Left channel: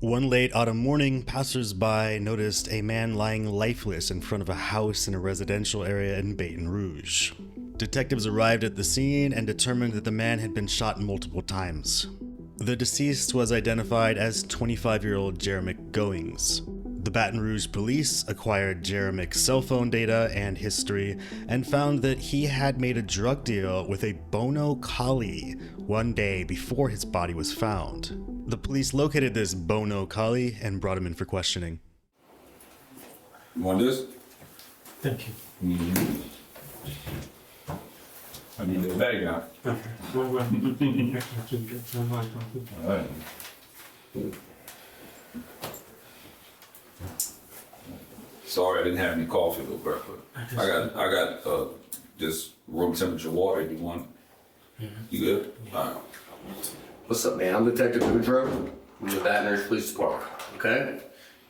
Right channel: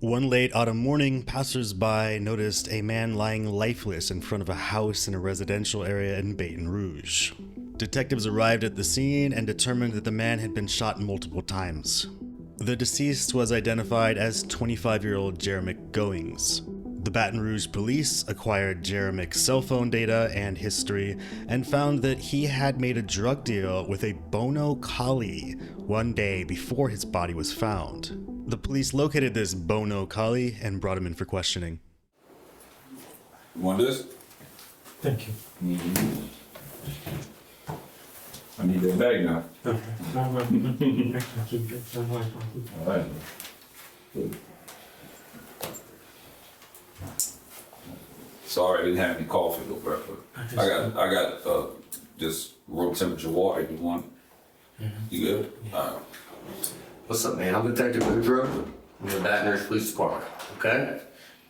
One late autumn morning, passers-by noticed a man lying lifeless in front of a house in a residential area in Baton Rouge. Detectives arrived at the scene and determined that the man had been shot multiple times. The deceased was identified as 25-year-old Jeremic Goings. The Baton Rouge police acquired Jeremic's cell phone data and history and found that he had made a drug deal with a Bono Kollie 1 day before his body was found. The police located this Bono Kollie and brought him in for questioning. You want this? Thank you. I need that bag now. Okay. All right. Sorry, I didn't have any coffee though, bro. I got just room temperature water. You want? You good? All right. What's up, man? I'm Detective Boudreaux from the Baton Rouge Police Department. Okay.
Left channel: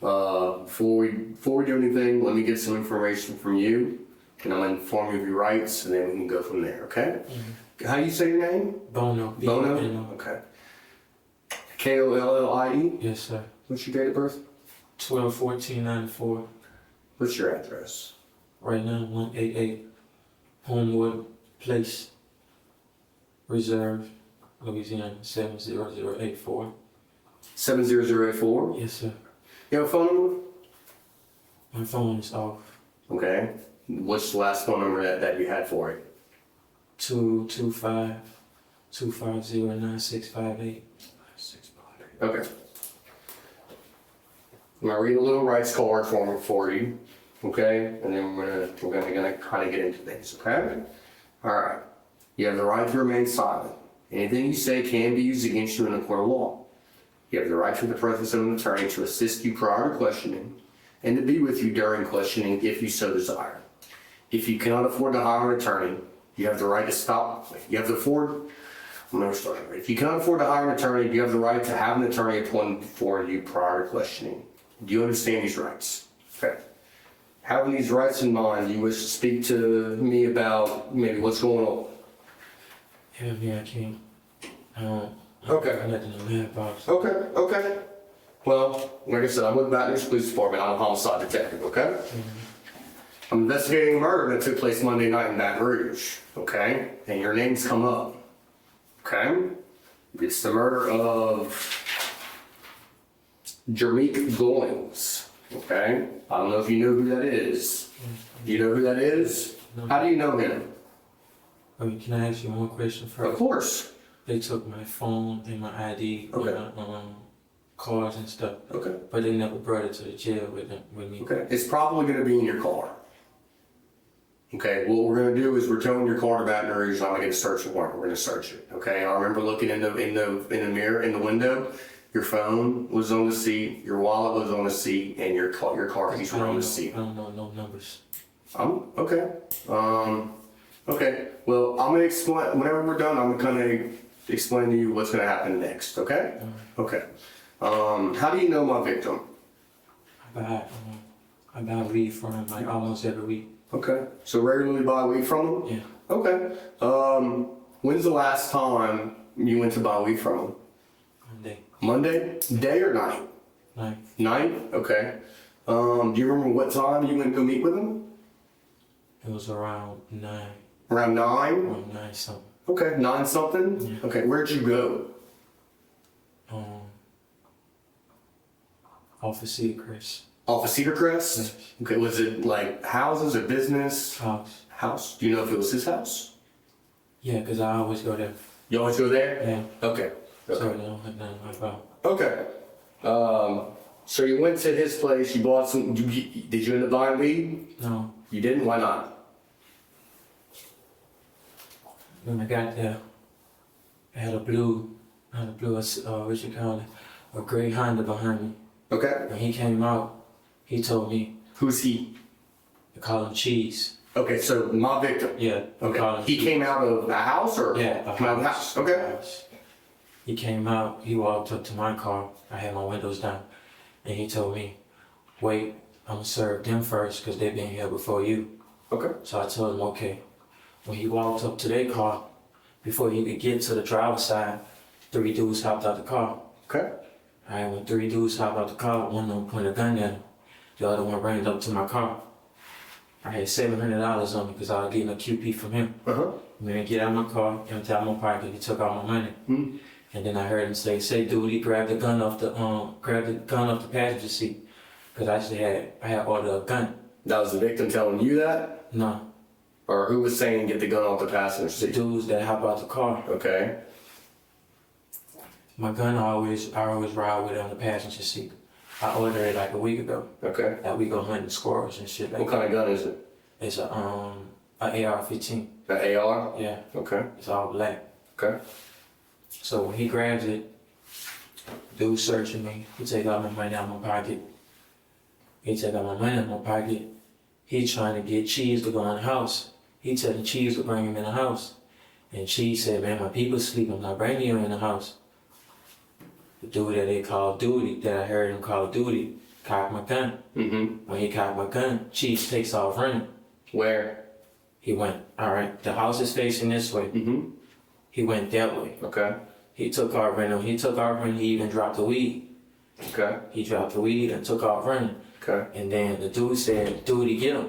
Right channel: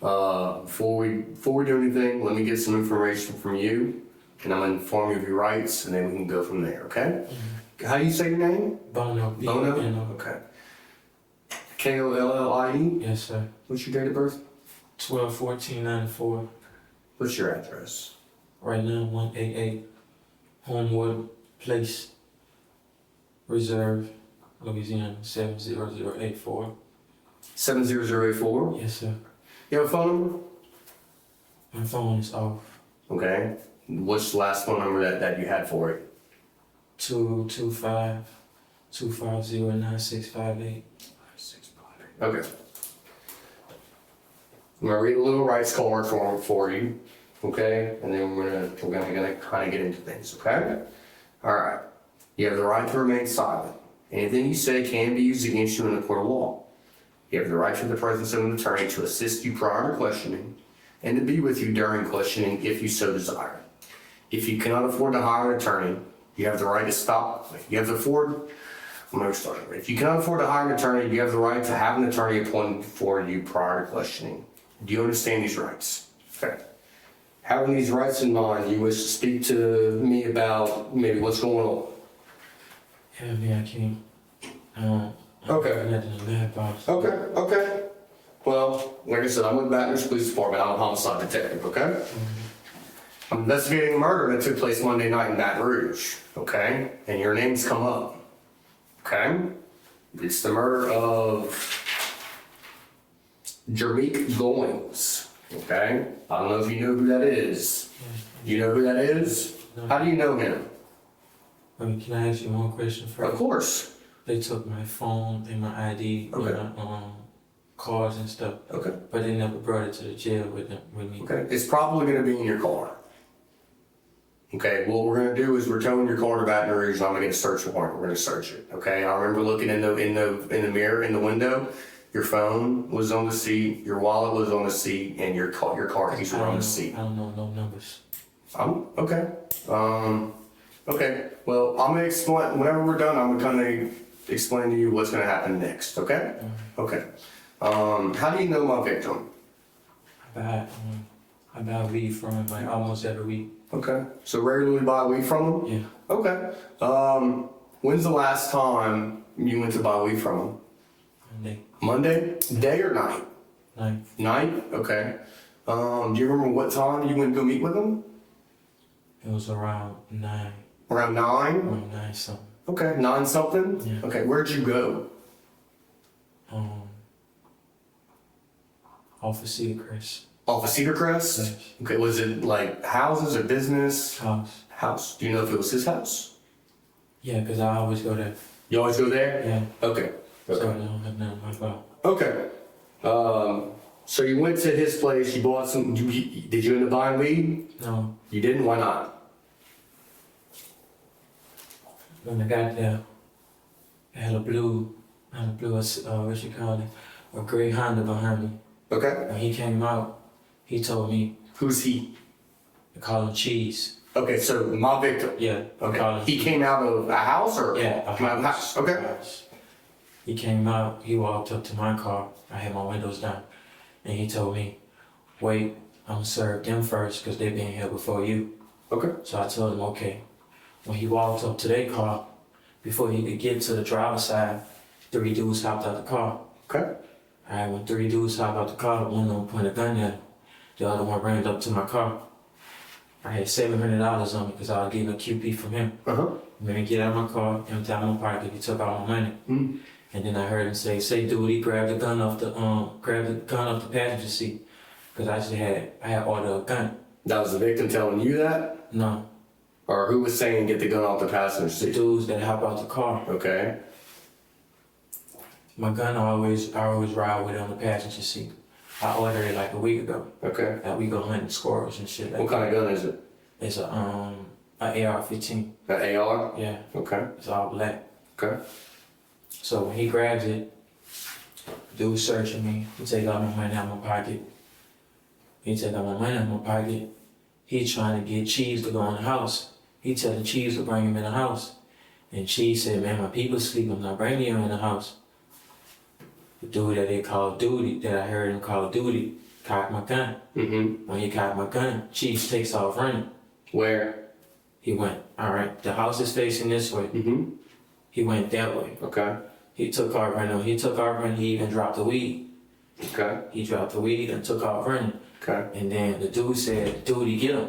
Before we do anything, let me get some information from you, and I'm gonna inform you of your rights, and then we can go from there. Okay. How do you say your name? Bono. Bono. Okay. Kollie. Yes, sir. What's your date of birth? 12/14/94. What's your address? Right now, 188 Homewood Place, Reserve, Louisiana, 70084. 70084. Yes, sir. You have a phone number? My phone is off. Okay. What's the last phone number that you had for it? 225-250-9658. Okay. I'm gonna read a little rights card for you, okay? And then we're gonna kind of get into things, okay? All right. You have the right to remain silent. Anything you say can be used against you in a court of law. You have the right to the presence of an attorney to assist you prior to questioning and to be with you during questioning if you so desire. If you cannot afford to hire an attorney, you have the right to stop. If you cannot afford to hire an attorney, you have the right to have an attorney appointed for you prior to questioning. Do you understand these rights? Okay. Having these rights in mind, you wish to speak to me about maybe what's going on? Yeah, I can't. Okay. Nothing in the mailbox. Okay. Well, like I said, I'm with Baton Rouge Police Department. I'm a homicide detective, okay? I'm investigating a murder that took place Monday night in Baton Rouge, okay? And your name's come up, okay? It's the murder of Jeremic Goings, okay? I don't know if you know who that is. Do you know who that is? No. How do you know him? Wait, can I ask you one question first? Of course. They took my phone and my ID, Okay. and my cards and stuff, Okay. but they never brought it to the jail with me. Okay. It's probably gonna be in your car. Okay, what we're gonna do is we're towing your car to Baton Rouge. I'm gonna get a search warrant. We're gonna search it. Okay. I remember looking in the mirror in the window. Your phone was on the seat. Your wallet was on the seat, and your car keys were on the seat. I don't know no numbers. Okay. Okay. Well, I'm gonna explain whenever we're done. I'm gonna kind of explain to you what's gonna happen next. Okay. Okay. How do you know my victim? I buy weed from him like almost every week. Okay. So regularly buy weed from him? Yeah. Okay. When's the last time you went to buy weed from him? Monday Monday? Day or night? night. Night? Okay. Do you remember what time you went to go meet with him? It was around 9. Around 9? Around 9 something. Okay. 9 something? Yeah. Okay. Where'd you go? Off of Seacrest Off of Cedar Crest? Yes. Okay. Was it like houses or business? house. House. Do you know if it was his house? Yeah, cause I always go there. You always go there? Yeah. Okay. So Okay. I don't have nothing to about. Okay. So you went to his place, you bought some, did you end up buying weed? No, You didn't? Why not? when I got there, I had a blue, what you call it, a gray Honda behind me. Okay. When he came out, he told me Who's he? to call him Cheese. Okay, so my victim. Yeah. Okay. Call him He Cheese. came out of a house or? Yeah, a From out of the house. Okay. A house. He came out, he walked up to my car, I had my windows down, and he told me, wait, I'm gonna serve them first because they been here before you. Okay. So I told him, okay. When he walked up to their car, before he could get to the driver's side, 3 dudes hopped out the car. Okay. I had when 3 dudes hop out the car, one of them pointed a gun at him. The other one ran up to my car. I had $700 on me because I was getting a QP from him. Uh-huh. And then he get out of my car, empty out my pocket, he took all my money. Mm. And then I heard him say, dude, he grabbed the gun off the passenger seat. Cause I had ordered a gun. That was the victim telling you that? No, Or who was saying get the gun off the passenger the seat? dudes that hop out the car. Okay. My gun, I always ride with it on the passenger seat. I ordered it like a week ago. Okay. That we go hunting squirrels and shit like What kind of gun is it? It's a AR-15. An AR? Yeah, Okay. it's all black. Okay. So when he grabs it, dude searching me. He take all my money out of my pocket. He trying to get Cheese to go in the house. He telling Cheese to bring him in the house. And Cheese said, man, my people sleep. I'm not bringing you in the house. The dude that they call Duty, that I heard him call Duty, cocked my gun. Mm-hmm. When he cocked my gun, Cheese takes off running. Where? He went, all right, the house is facing this way. Mm-hmm. He went that way. Okay. He took off running. He even dropped the weed. Okay. He dropped the weed and took off running. Okay. And then the dude said, Duty, get him.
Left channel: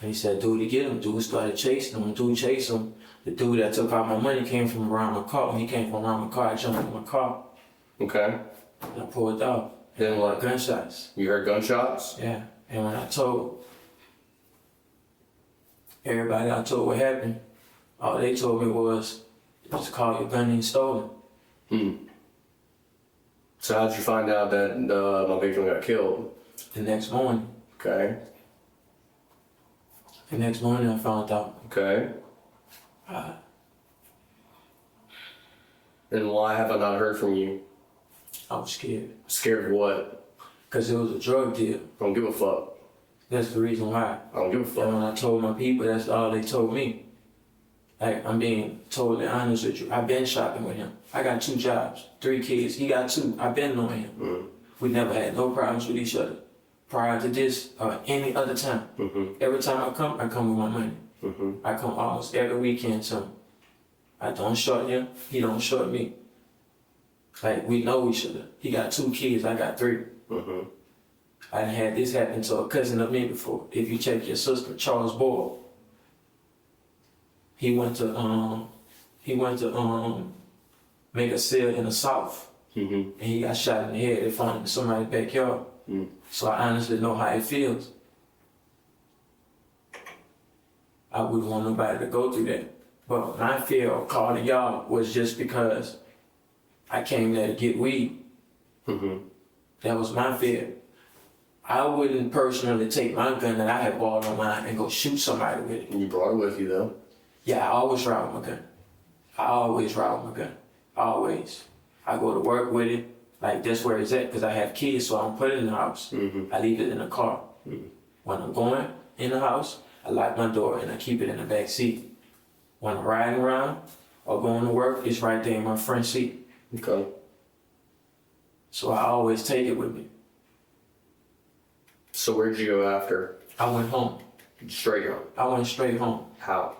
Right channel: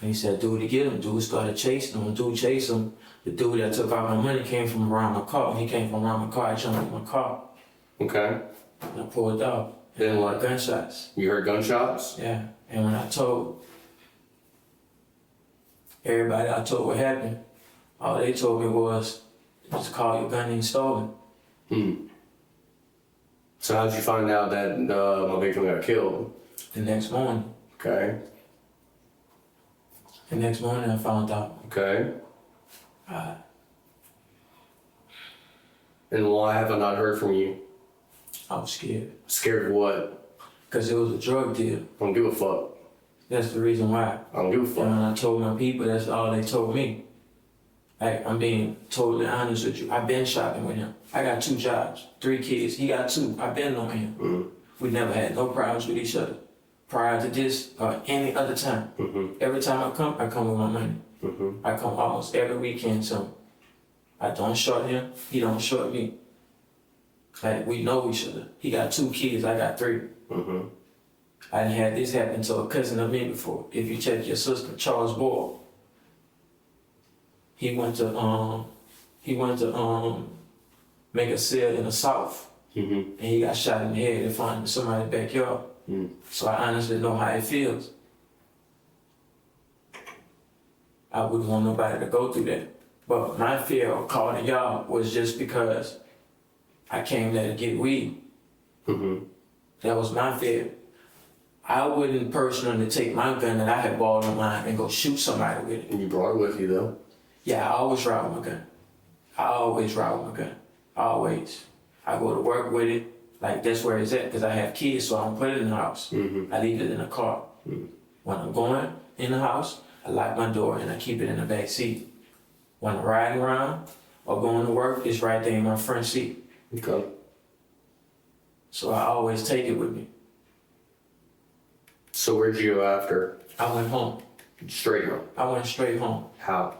And he said, Duty, get him. Dude started chasing him. When dude chased him, the dude that took all my money came from around my car. When he came from around my car, I jumped in my car. Okay. And I pulled off. Then what? Gunshots. You heard gunshots? Yeah. And when I told everybody what happened, all they told me was, just call your gun and stolen. Hmm. So how'd you find out that my victim got killed? The next morning. Okay. The next morning I found out. Okay. And why have I not heard from you? I was scared. Scared of what? Because it was a drug deal. I don't give a fuck. That's the reason why. I don't give a And fuck. when I told my people, that's all they told me. Like, I'm being totally honest with you. I've been shopping with him. I got 2 jobs, 3 kids. He got 2. I've been knowing him. Mm-hmm. We never had no problems with each other. Prior to this or any other time. Mm-hmm. Every time I come with my money. Mm-hmm. I come almost every weekend, so I don't short him. He don't short me. Like, we know each other. He got 2 kids, I got 3. Mm-hmm. I done had this happen to a cousin of me before. If you check your sister, Charles Boyle, he went to make a sale in the South, Mm-hmm. and he got shot in the head in front of somebody's backyard. Mm. So I honestly know how it feels. I wouldn't want nobody to go through that. But my fear of calling y'all was just because I came there to get weed. Mm-hmm. That was my fear. I wouldn't personally take my gun that I had bought online and go shoot somebody with it. And you brought it with you though? Yeah, I always ride with my gun. Always. I go to work with it. Like, that's where it's at, because I have kids, so I don't put it in the house. Mm-hmm. I leave it in the car. Mm-hmm. When I'm going in the house, I lock my door and I keep it in the back seat. When I'm riding around or going to work, it's right there in my front seat. Okay. So I always take it with me. So where'd you go after? I went home. Straight home. I went straight home. How?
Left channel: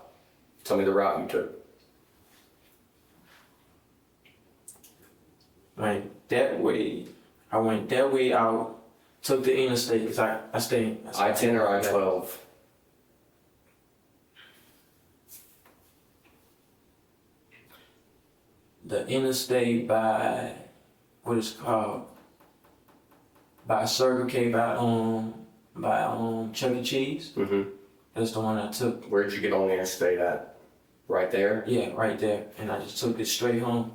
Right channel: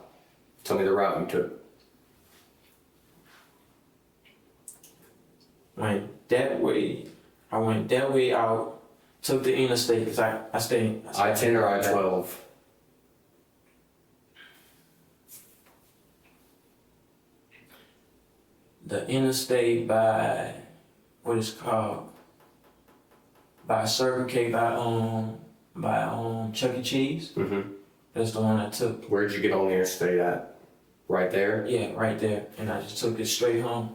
Tell me the route you took. I went that way out, took the interstate, because I stayed. I-10 or I-12? The interstate by, what it's called, by Circle K, by Chuck E. Cheese. Mm-hmm. That's the one I took. Where'd you get on the interstate at? Right there? Yeah, right there. And I just took it straight home.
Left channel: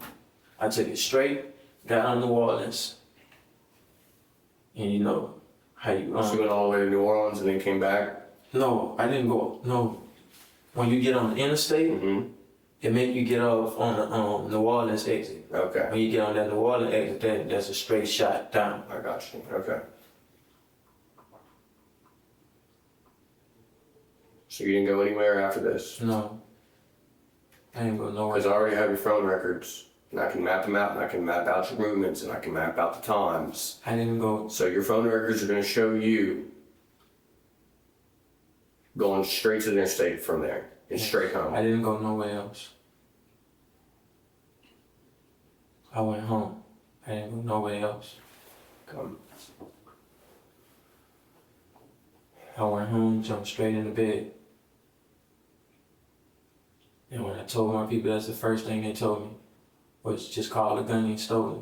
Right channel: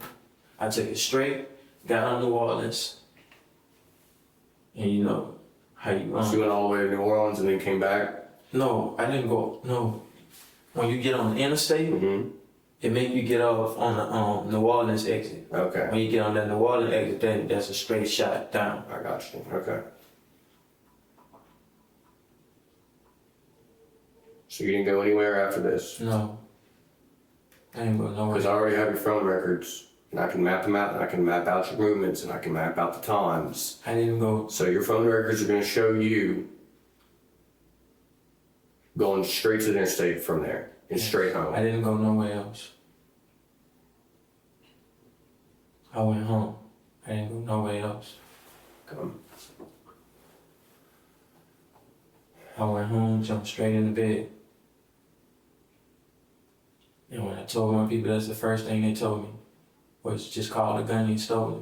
I took it straight, got on New Orleans. And you know how you So you went all the way to New Orleans and then came back? No, I didn't go. No. When you get on the interstate, Mm-hmm. it make you get off on the New Orleans exit. Okay. When you get on that New Orleans exit, then that's a straight shot down. I got you. Okay. So you didn't go anywhere after this? No. I ain't go nowhere. Because I already have your phone records. And I can map them out, and I can map out your movements, and I can map out the times. I didn't go. So your phone records are going to show you going straight to the interstate from there and straight home. I didn't go nowhere else. I went home. I didn't go nowhere else. Come. I went home, jumped straight into bed. And when I told my people, that's the first thing they told me, was just call the gun and stole it.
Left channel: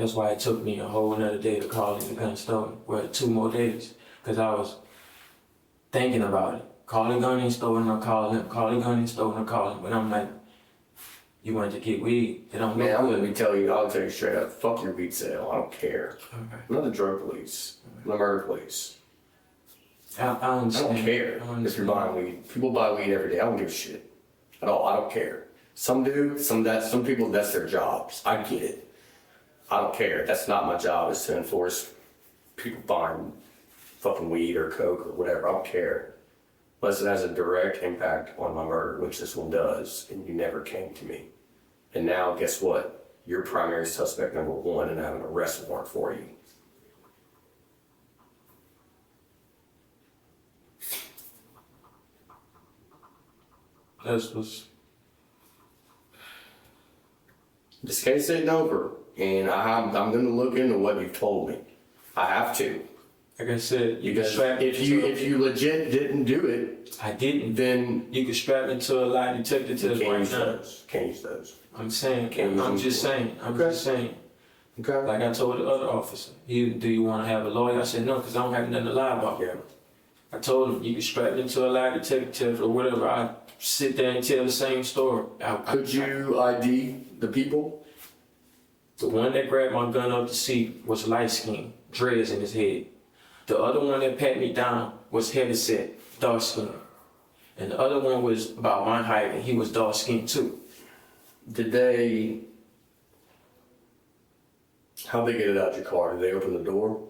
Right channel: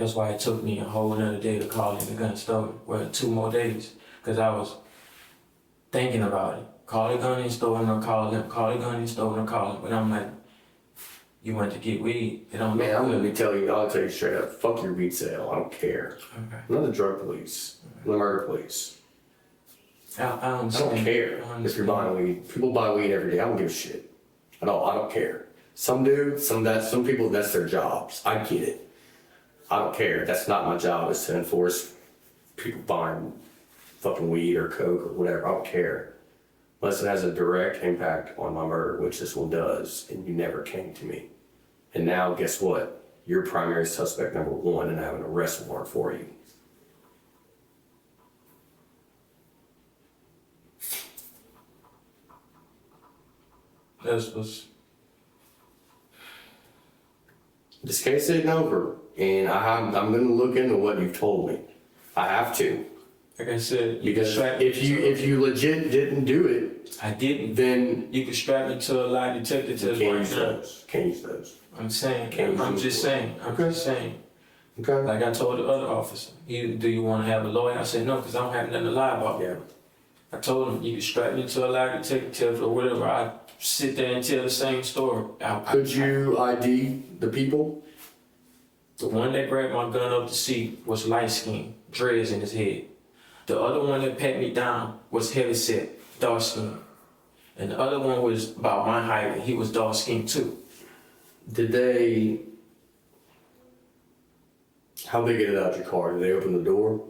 That's why it took me a whole another day to call in the gun stolen. Well, 2 more days, because I was thinking about it. Call the gun and stolen or call them. Call the gun and stolen or call them. But I'm like, you went to get weed. It don't Man, look I'm gonna good. I'll tell you straight up, fuck your weed sale. I don't care. Okay. I'm not the drug police. I'm the murder police. I I understand. don't care I if understand. you're buying weed. People buy weed every day. I don't give a shit. At all. I don't care. Some do. Some people. That's their jobs. I get it. I don't care. That's not my job. Is to enforce people buying fucking weed or coke or whatever. I don't care. Unless it has a direct impact on my murder, which this one does, and you never came to me. And now, guess what? You're primary suspect number 1, and I have an arrest warrant for you. This was, This case isn't over, and I'm going to look into what you've told me. I have to, like I said, you could because strap me if you legit didn't do it, I didn't. then You could strap me to a lie detector you test can't right use now. those. Can't use those. I'm saying, Can't I'm use just them. saying, I'm Okay. just saying. Okay. Like I told the other officer, do you want to have a lawyer? I said no, because I don't have nothing to lie about. Yeah. I told him you could strap me to a lie detector test or whatever. I sit there and tell the same story. Could you ID the people? The one that grabbed my gun up the seat was light skinned, dreads in his head. The other one that pat me down was heavy set, dark skinned. And the other one was about my height and he was dark skinned too. Did they? How'd they get it out your car? Did they open the door?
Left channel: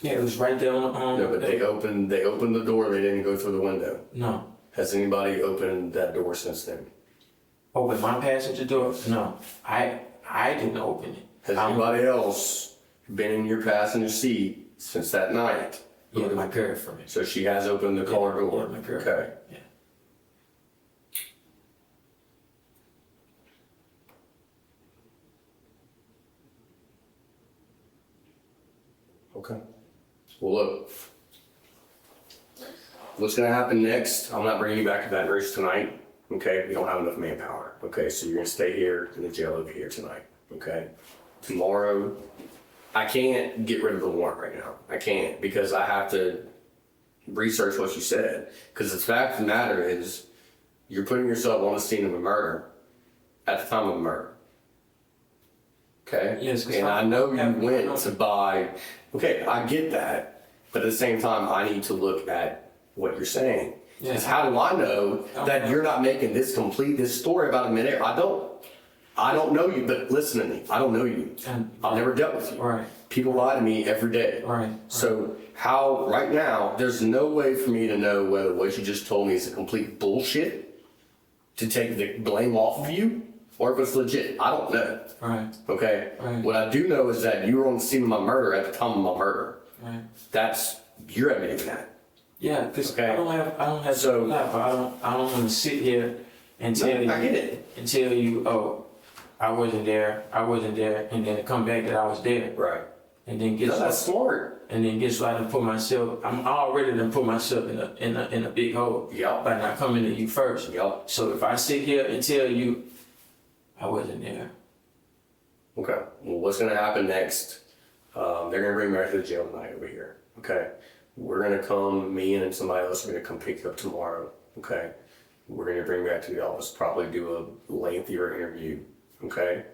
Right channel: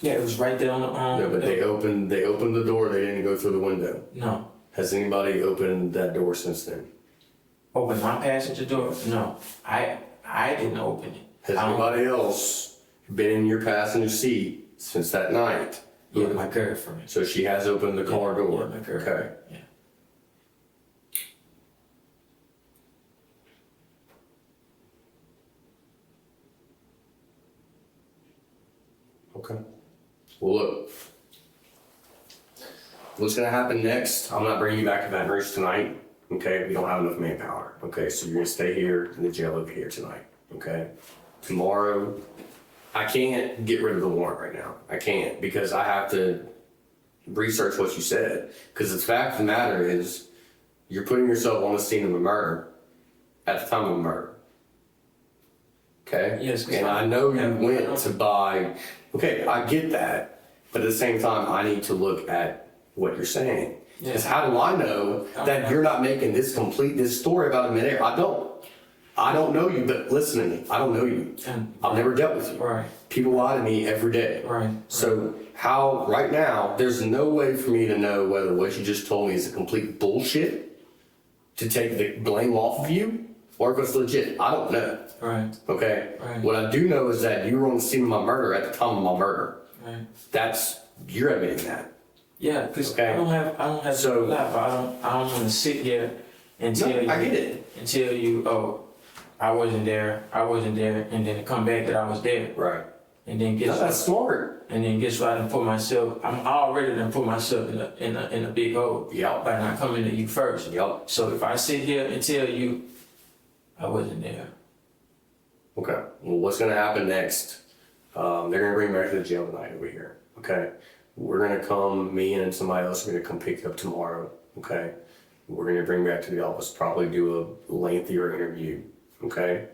Yeah, it was right there on the No, but they opened the door. They didn't go through the window. No. Has anybody opened that door since then? Open my passenger door? No. I didn't open it. Has I don't- anybody else been in your passenger seat since that night? Yeah, my girlfriend. So she has opened the car door. Yeah, my girl. Okay. Yeah. Okay. Well, look. What's gonna happen next? I'm not bringing you back to Baton Rouge tonight. Okay, we don't have enough manpower. Okay, so you're gonna stay here in the jail over here tonight. Okay. Tomorrow, I can't get rid of the warrant right now. I can't because I have to research what you said. Because the fact of the matter is, you're putting yourself on the scene of a murder at the time of a murder. Okay? Yes, 'cause and I know you Yeah, went to buy. Okay, I get that. But at the same time, I need to look at what you're saying. Because how do I know that you're not making this story about a minute? I don't know you, but listen to me. I don't know you. I've never dealt with you. Right. People lie to me every day. Right. So how, right now, there's no way for me to know whether what you just told me is a complete bullshit to take the blame off of you or if it's legit. I don't know. Right. Okay? Right. What I do know is that you were on the scene of my murder at the time of my murder. Right. You're admitting that. Yeah, because Okay. I don't have So- to lie, but I don't want to sit here and tell you I get it. and tell you, oh, I wasn't there, and then come back that I was there. Right. And then No, that's smart. guess what? I done put myself. I'm already done put myself in a big hole. Yup. By not coming to you first. Yup. So if I sit here and tell you I wasn't there. Okay. Well, what's going to happen next? They're going to bring me back to the jail tonight over here. Okay. We're going to come, me and somebody else are going to come pick you up tomorrow. Okay. We're going to bring you back to the office, probably do a lengthier interview. Okay.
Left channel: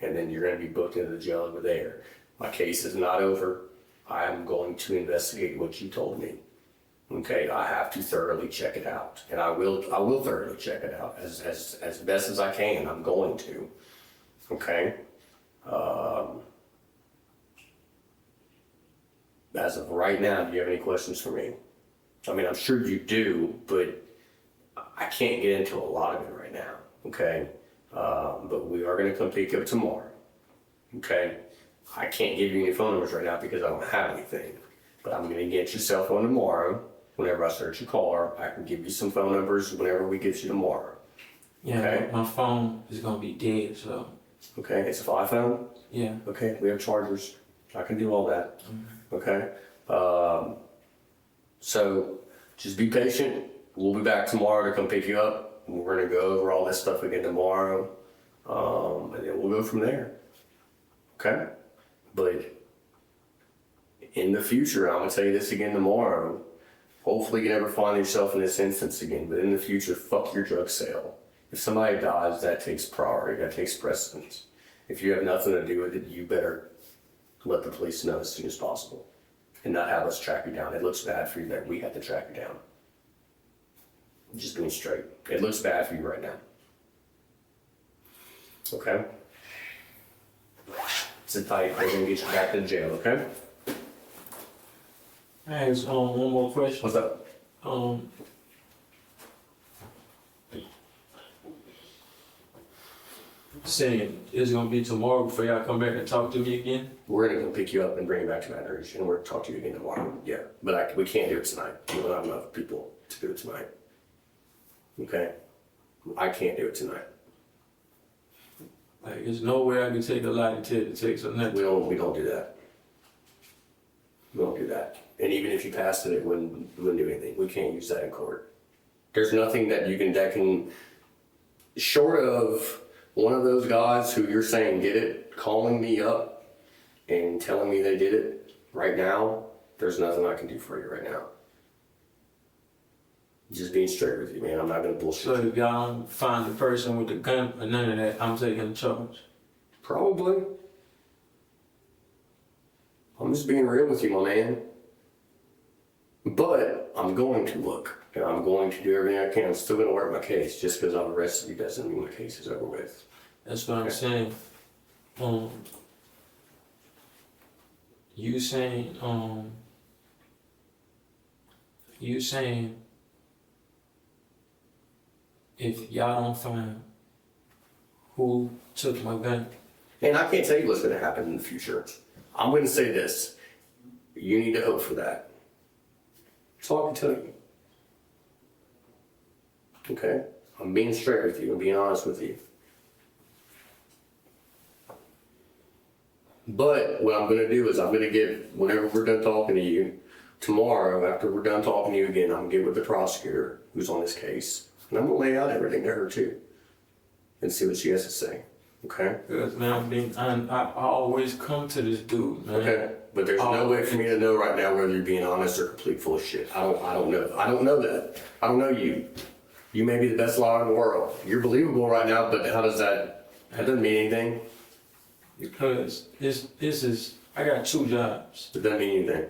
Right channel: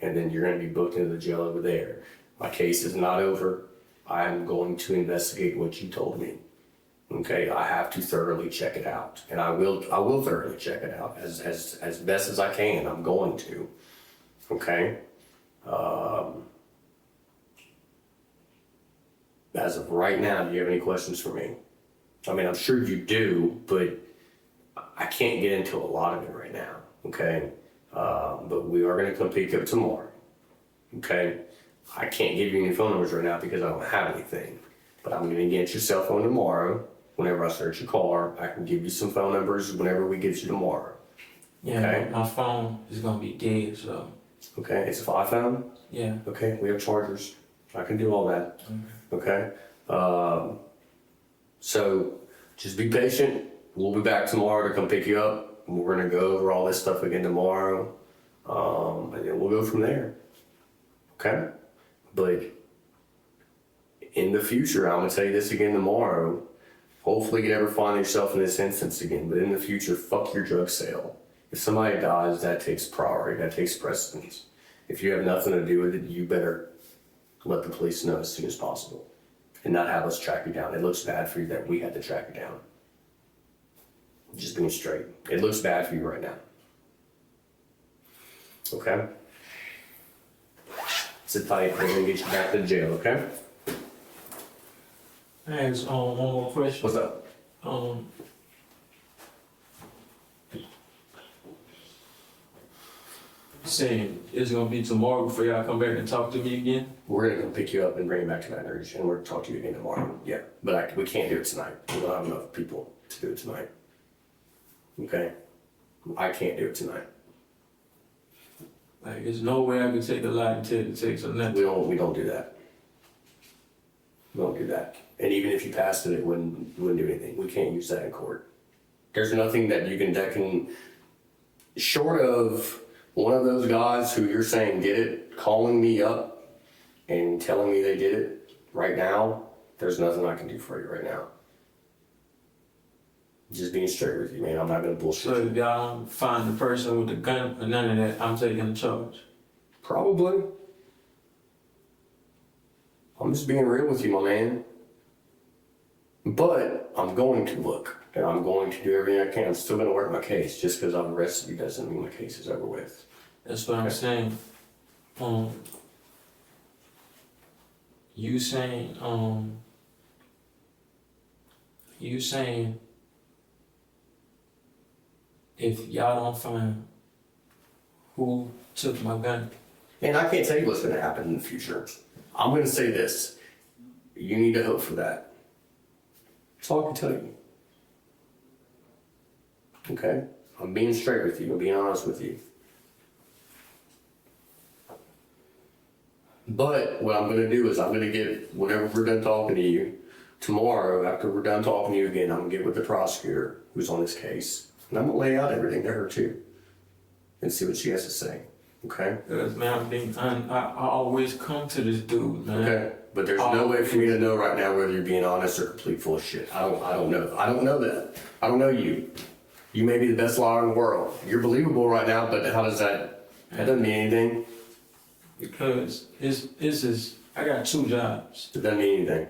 And then you're going to be booked into the jail over there. My case is not over. I am going to investigate what you told me. Okay. I have to thoroughly check it out. And I will thoroughly check it out as best as I can. I'm going to. Okay. As of right now, do you have any questions for me? I mean, I'm sure you do, but I can't get into a lot of it right now, okay? But we are gonna come pick you up tomorrow, okay? I can't give you any phone numbers right now because I don't have anything. But I'm gonna get your cell phone tomorrow. Whenever I search your car, I can give you some phone numbers whenever we get you tomorrow. Yeah, Okay. my phone is gonna be dead, so Okay, it's a 5 phone? Yeah. Okay, we have chargers. I can do all that. Okay. So just be patient. We'll be back tomorrow to come pick you up. We're gonna go over all this stuff again tomorrow, and then we'll go from there. Okay. But in the future, I'm gonna tell you this again tomorrow. Hopefully, you never find yourself in this instance again. But in the future, fuck your drug sale. If somebody dies, that takes priority. That takes precedence. If you have nothing to do with it, you better let the police know as soon as possible, and not have us track you down. It looks bad for you that we had to track you down. Just being straight. It looks bad for you right now. Okay? Sit tight. We're gonna get you back to jail, okay? I ask one more question. What's up? Saying it's gonna be tomorrow before y'all come back and talk to me again. We're gonna come pick you up and bring you back to Baton Rouge, and we're gonna talk to you again tomorrow. Yeah, but we can't do it tonight. We don't have enough people to do it tonight. Okay? I can't do it tonight. Like, there's no way I can take a lie detector takes or nothing. We don't do that. We don't do that. And even if you passed it wouldn't do anything. We can't use that in court. There's nothing that can, short of one of those guys who you're saying did it, calling me up and telling me they did it right now, there's nothing I can do for you right now. Just being straight with you, man. I'm not gonna bullshit So you. if y'all don't find the person with the gun or none of that, I'm taking the charge. Probably. I'm just being real with you, my man. But I'm going to look, and I'm going to do everything I can. I'm still going to work my case. Just because I've arrested you doesn't mean my case is over with. That's what I'm saying. You saying if y'all don't find who took my gun, And I can't tell you what's going to happen in the future. I'm going to say this. You need to hope for that. That's all I can tell you. Okay? I'm being straight with you. I'm being honest with you. But what I'm going to do is I'm going to get, whenever we're done talking to you, tomorrow, after we're done talking to you again, I'm going to get with the prosecutor who's on this case. And I'm going to lay out everything to her too. And see what she has to say. Okay? because man, I always come to this dude, man. Okay, but there's no way for me to know right now whether you're being honest or complete full of shit. I don't know. I don't know that. I don't know you. You may be the best liar in the world. You're believable right now, but how does that doesn't mean anything. Because this is, I got 2 jobs. It doesn't mean anything.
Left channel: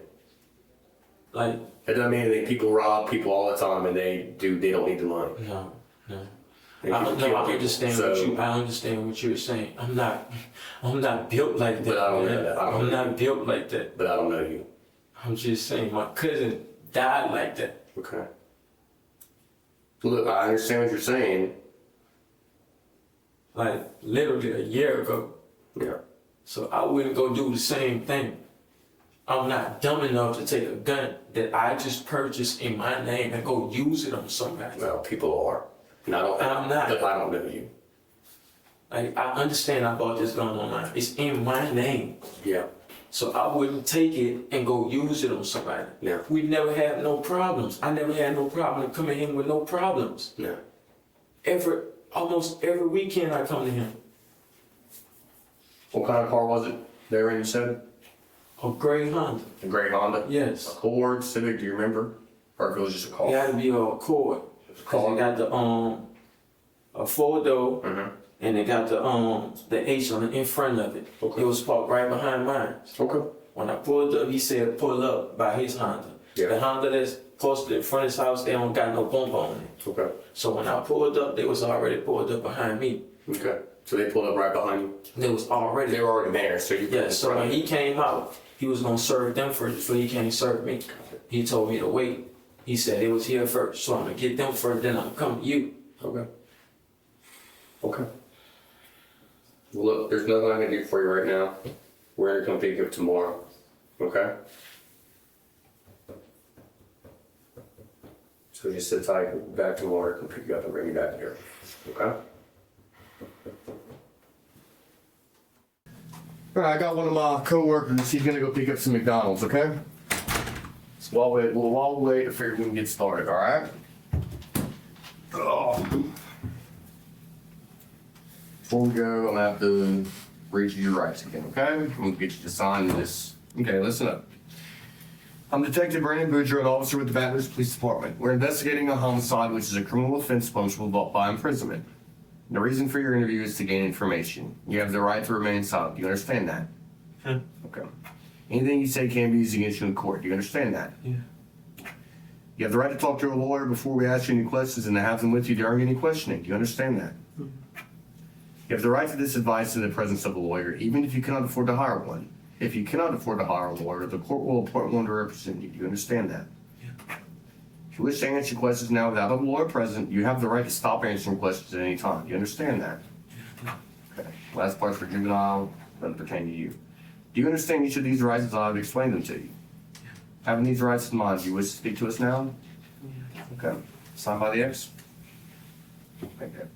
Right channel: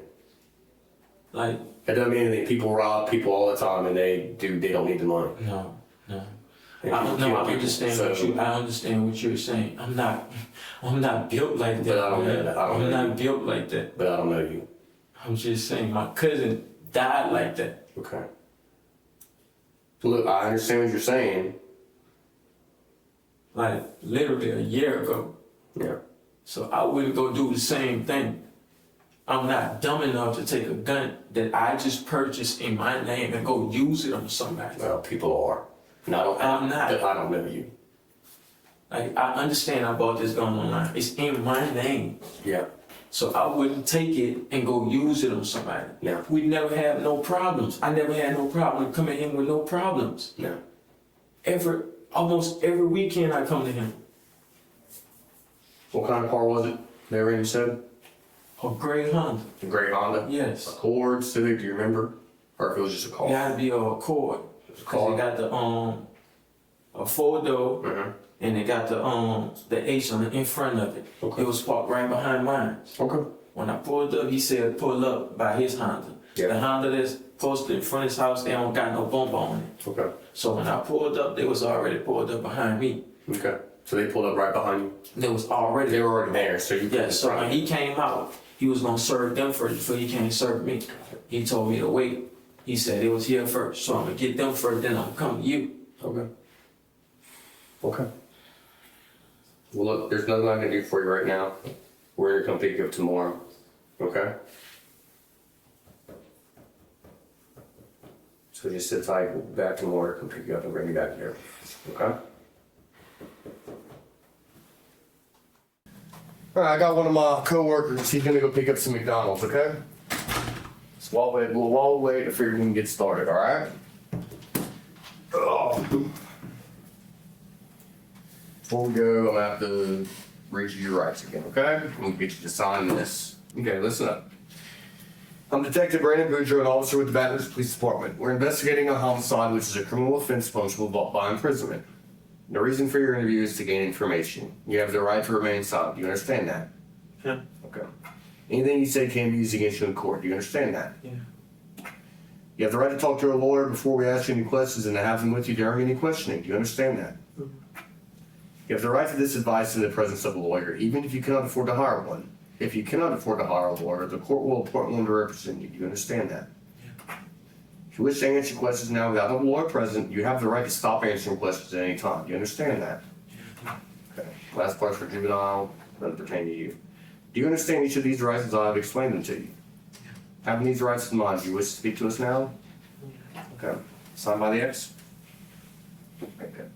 Like, It doesn't mean anything. People rob people all the time and they don't need the money. no. And I people don't know. kill I people, understand so- I understand what you're saying. I'm not built like that. But I don't man. know that. I don't I'm know. not built like that. But I don't know you. I'm just saying my cousin died like that. Okay. Look, I understand what you're saying. Like literally a year ago. Yeah. So I wouldn't go do the same thing. I'm not dumb enough to take a gun that I just purchased in my name and go use it on somebody. Well, people are. And I'm not. But I don't know you. Like, I understand I bought this gun online. It's in my name. Yeah. So I wouldn't take it and go use it on somebody. Yeah. We never have no problems. I never had no problem coming in with no problems. Yeah. Almost every weekend I come to him. What kind of car was it they were in, you said? A gray Honda. A gray Honda? Yes. Accord, Civic, do you remember? Or if it was just a car? It had to be a Accord. Cause it got the a 4-door Mm-hmm. and it got the H on it in front of it. Okay. It was parked right behind mine. Okay. When I pulled up, he said pull up by his Honda. Yeah. The Honda that's posted in front of his house, they don't got no bump on it. Okay. So when I pulled up, they was already pulled up behind me. Okay. So they pulled up right behind you? They was already. They were already there, so you Yeah, so when he came out, he was gonna serve them first before he came to serve me. He told me to wait. He said it was here first, so I'm gonna get them first, then I'm coming to you. Okay. Okay. Well, look, there's nothing I can do for you right now. We're gonna come pick you up tomorrow. Okay? So just sit tight, we'll be back tomorrow, come pick you up and bring you back here. Okay? All right, I got one of my coworkers. He's gonna go pick up some McDonald's, okay? So while we wait to figure we can get started, all right? Oh. Before we go, I'm gonna have to read you your rights again, okay? We'll get you to sign this. Okay, listen up. I'm Detective Brandon Boudreaux, an officer with the Baton Rouge Police Department. We're investigating a homicide, which is a criminal offense punishable by imprisonment. The reason for your interview is to gain information. You have the right to remain silent. Do you understand that? Yeah. Okay. Anything you say can be used against you in court. Do you understand that? Yeah. You have the right to talk to a lawyer before we ask you any questions and to have them with you during any questioning. Do you understand that? You have the right to this advice in the presence of a lawyer, even if you cannot afford to hire one. If you cannot afford to hire a lawyer, the court will appoint one to represent you. Do you understand that? Yeah. If you wish to answer questions now without a lawyer present, you have the right to stop answering questions at any time. Do you understand that? Okay. Last part's for juvenile, doesn't pertain to you. Do you understand each of these rights as I have explained them to you? Yeah. Having these rights in mind, do you wish to speak to us now? Okay. Signed by the X? Okay, good.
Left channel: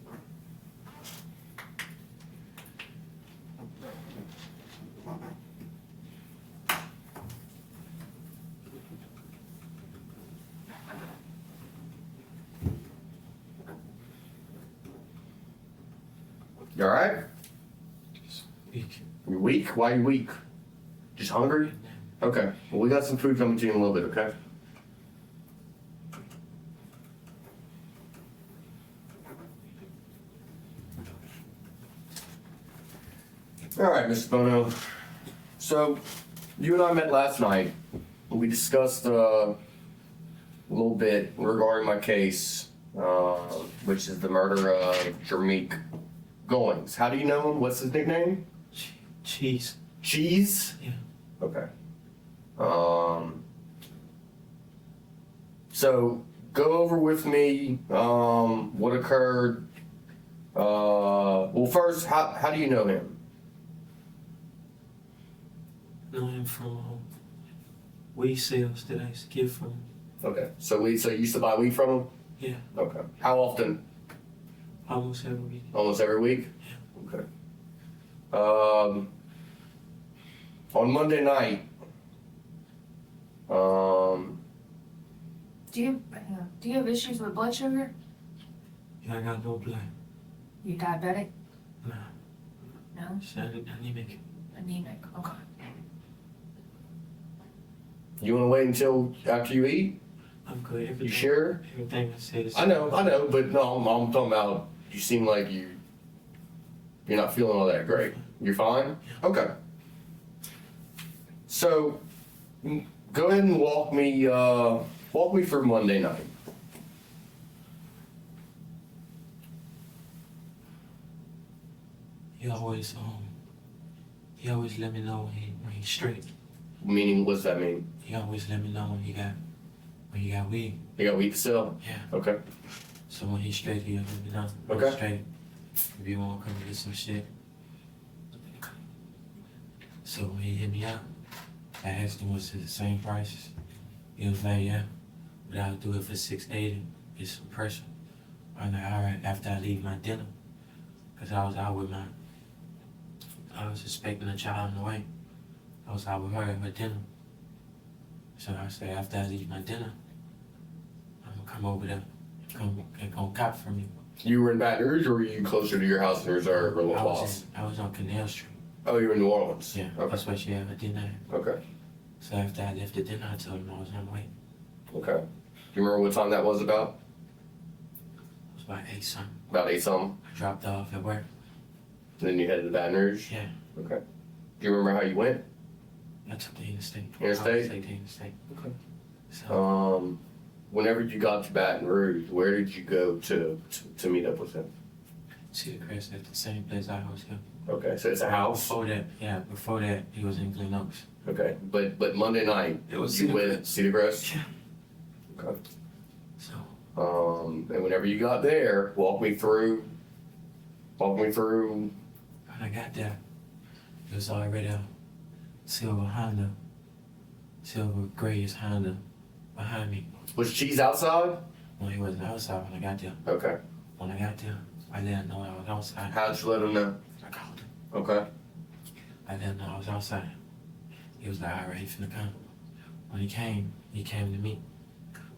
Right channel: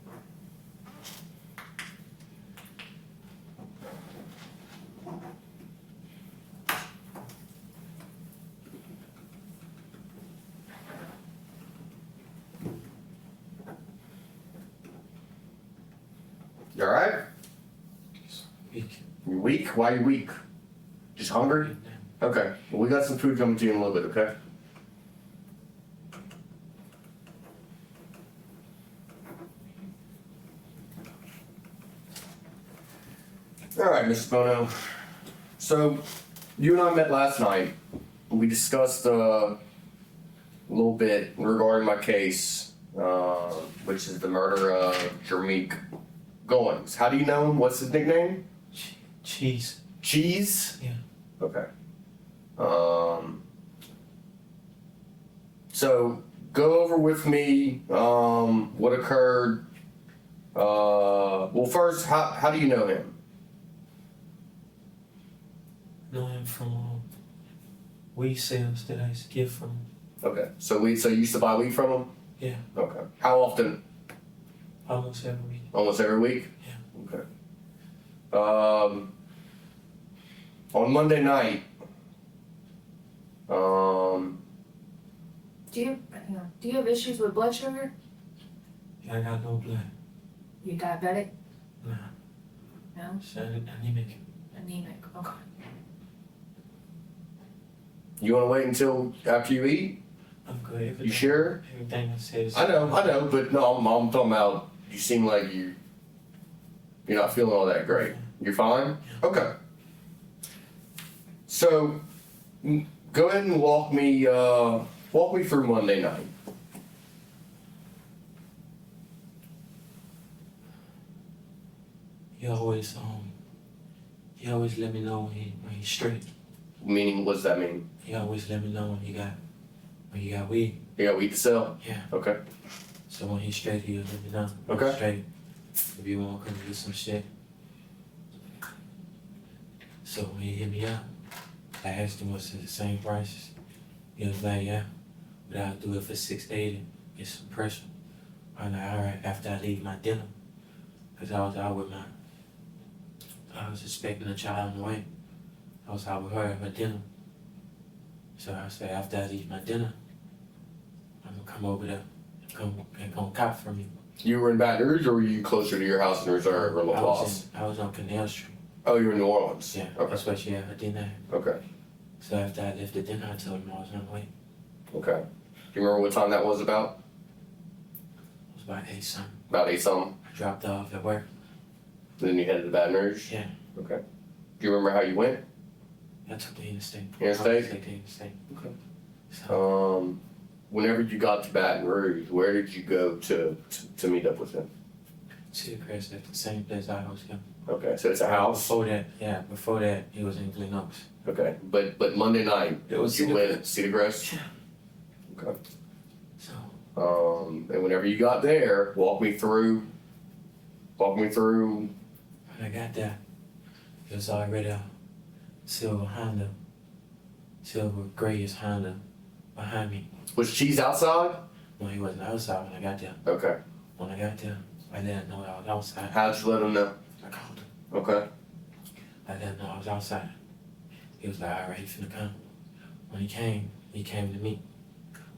You alright? Weak. You weak? Why are you weak? Just hungry? Okay. Well, we got some food coming to you in a little bit, okay? Alright, Mr. Bono. So, you and I met last night. We discussed a little bit regarding my case, which is the murder of Jermeek Goins. How do you know him? What's his nickname? Cheese. Cheese? Yeah. Okay. So go over with me what occurred. Well, first, how do you know him? Know him from weed sales that I used to get from. Okay. So you used to buy weed from him? Yeah. Okay. How often? Almost every week. Almost every week? Yeah. Okay. On Monday night, Do you have issues with blood sugar? Yeah, I got no blood. You diabetic? Nah. No? It's anemic. Anemic. Okay. you want to wait until after you eat? I'm good. Everything, You sure? Everything I said is. I know, but no, I'm talking about, you seem like you're not feeling all that great. You're fine? Okay. So, go ahead and walk me through Monday night. He always let me know when he's straight. Meaning, what does that mean? He always let me know when you got weed. You got weed to sell? Yeah. Okay. So when he's straight, he'll let me know. Okay. He's straight. If you want to come get some shit. So when he hit me up, I asked him was it the same prices. He was like, yeah, but I'll do it for $680. Get some pressure. I'm like, all right, after I leave my dinner. Cause I was out with I was expecting a child on the way. I was out with her at my dinner. So I said, after I leave my dinner, I'm gonna come over there, come cop from you. You were in Baton Rouge, or were you closer to your house in Reserve or La Place? I was on Canal Street. Oh, you were in New Orleans? Yeah, Okay. that's why she had her dinner. Okay. So after I left the dinner, I told him I was on the way. Okay. Do you remember what time that was about? It was about 8 something. About 8 something? I dropped off at work. And then you headed to Baton Rouge? Yeah. Okay. Do you remember how you went? I took the interstate. Interstate? I took the interstate. Okay. So, Whenever you got to Baton Rouge, where did you go to meet up with him? see the crest at the same place I was going. Okay, so it's a house? Before that, he was in Glen Oaks. Okay, but Monday night, It was you Cedar went Crest. Cedar Crest? Yeah. Okay. So, And whenever you got there, walk me through. when I got there, it was already a silver grayish Honda behind me. Was Cheese outside? No, he wasn't outside when I got there. Okay. When I got there, I didn't know I was outside. How'd you let him know? I called him. Okay. I let him know I was outside. He was like, all right, he finna come. When he came to me.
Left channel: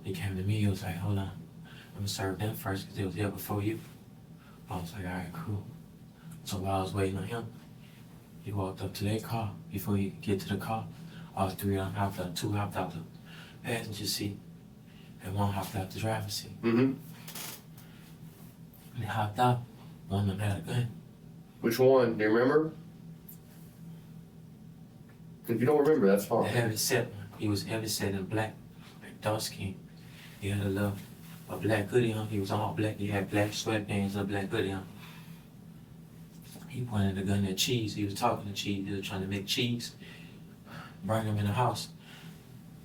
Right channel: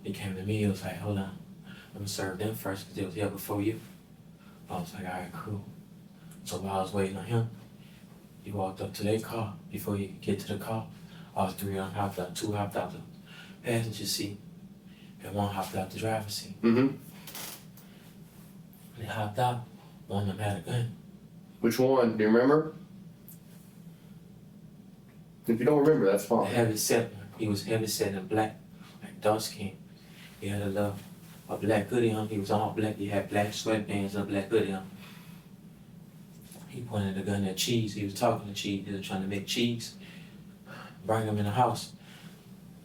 He came to me, he was like, hold on. I'm gonna serve them first because they was here before you. I was like, all right, cool. So while I was waiting on him, he walked up to their car. Before he could get to the car, all three of them hopped out. Two hopped out the passenger seat, and one hopped out the driver's seat. Mm-hmm. They hopped out. One of them had a gun. Which one? Do you remember? If you don't remember, that's The fine. heavy set one. He was heavy set in black, like dark skin. He had a black hoodie on. He was all black. He had black sweatpants and a black hoodie on. He pointed the gun at Cheese. He was talking to Cheese. He was trying to make Cheese bring him in the house.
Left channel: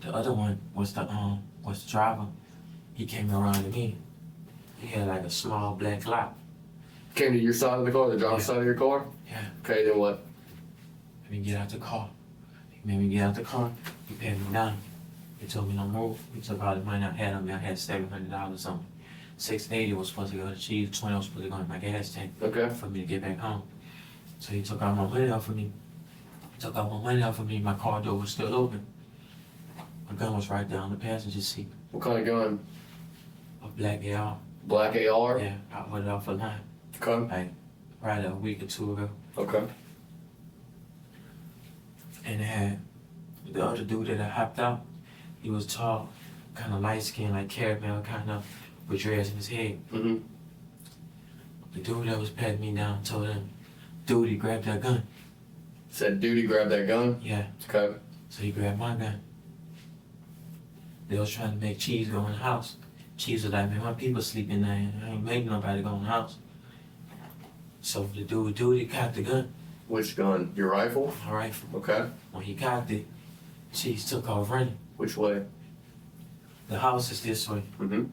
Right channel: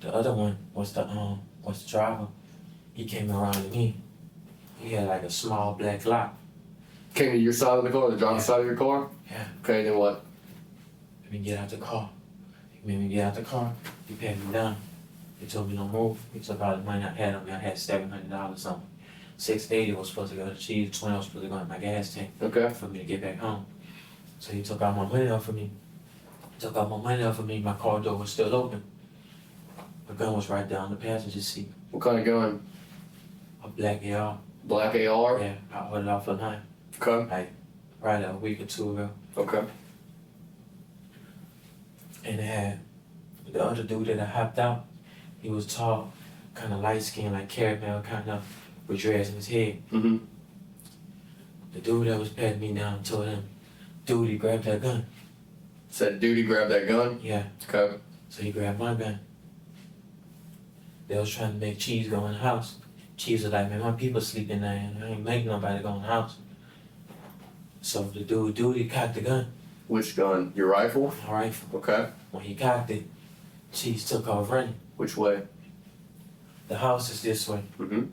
The other one was the driver. He came around to me. He had like a small black lock. Came to your side of the car, the driver's side of your car? Yeah. Okay, then what? Let me get out the car. He made me get out the car. He pat me down. He told me no move. He took all the money I had on me. I had $700 on me. $680 was supposed to go to Cheese. $20 was supposed to go in my gas tank Okay. for me to get back home. So he took all my money off of me. My car door was still open. My gun was right down the passenger seat. What kind of gun? A black AR. Black AR? Yeah, I ordered off a line. Okay. Like, right a week or two ago. Okay. And it had the other dude that I hopped out. He was tall, kind of light skinned, like caramel, kind of, with dreads in his head. Mm-hmm. The dude that was patting me down told him, dude, he grabbed that gun. Said, dude, he grabbed that gun? Yeah, Okay. so he grabbed my gun. They was trying to make Cheese go in the house. Cheese was like, man, my people sleeping there. I ain't making nobody go in the house. So the dude, he cocked the gun. Which gun? Your rifle? My rifle. Okay. When he cocked it, Cheese took off running. Which way? The house is this way. Mm-hmm.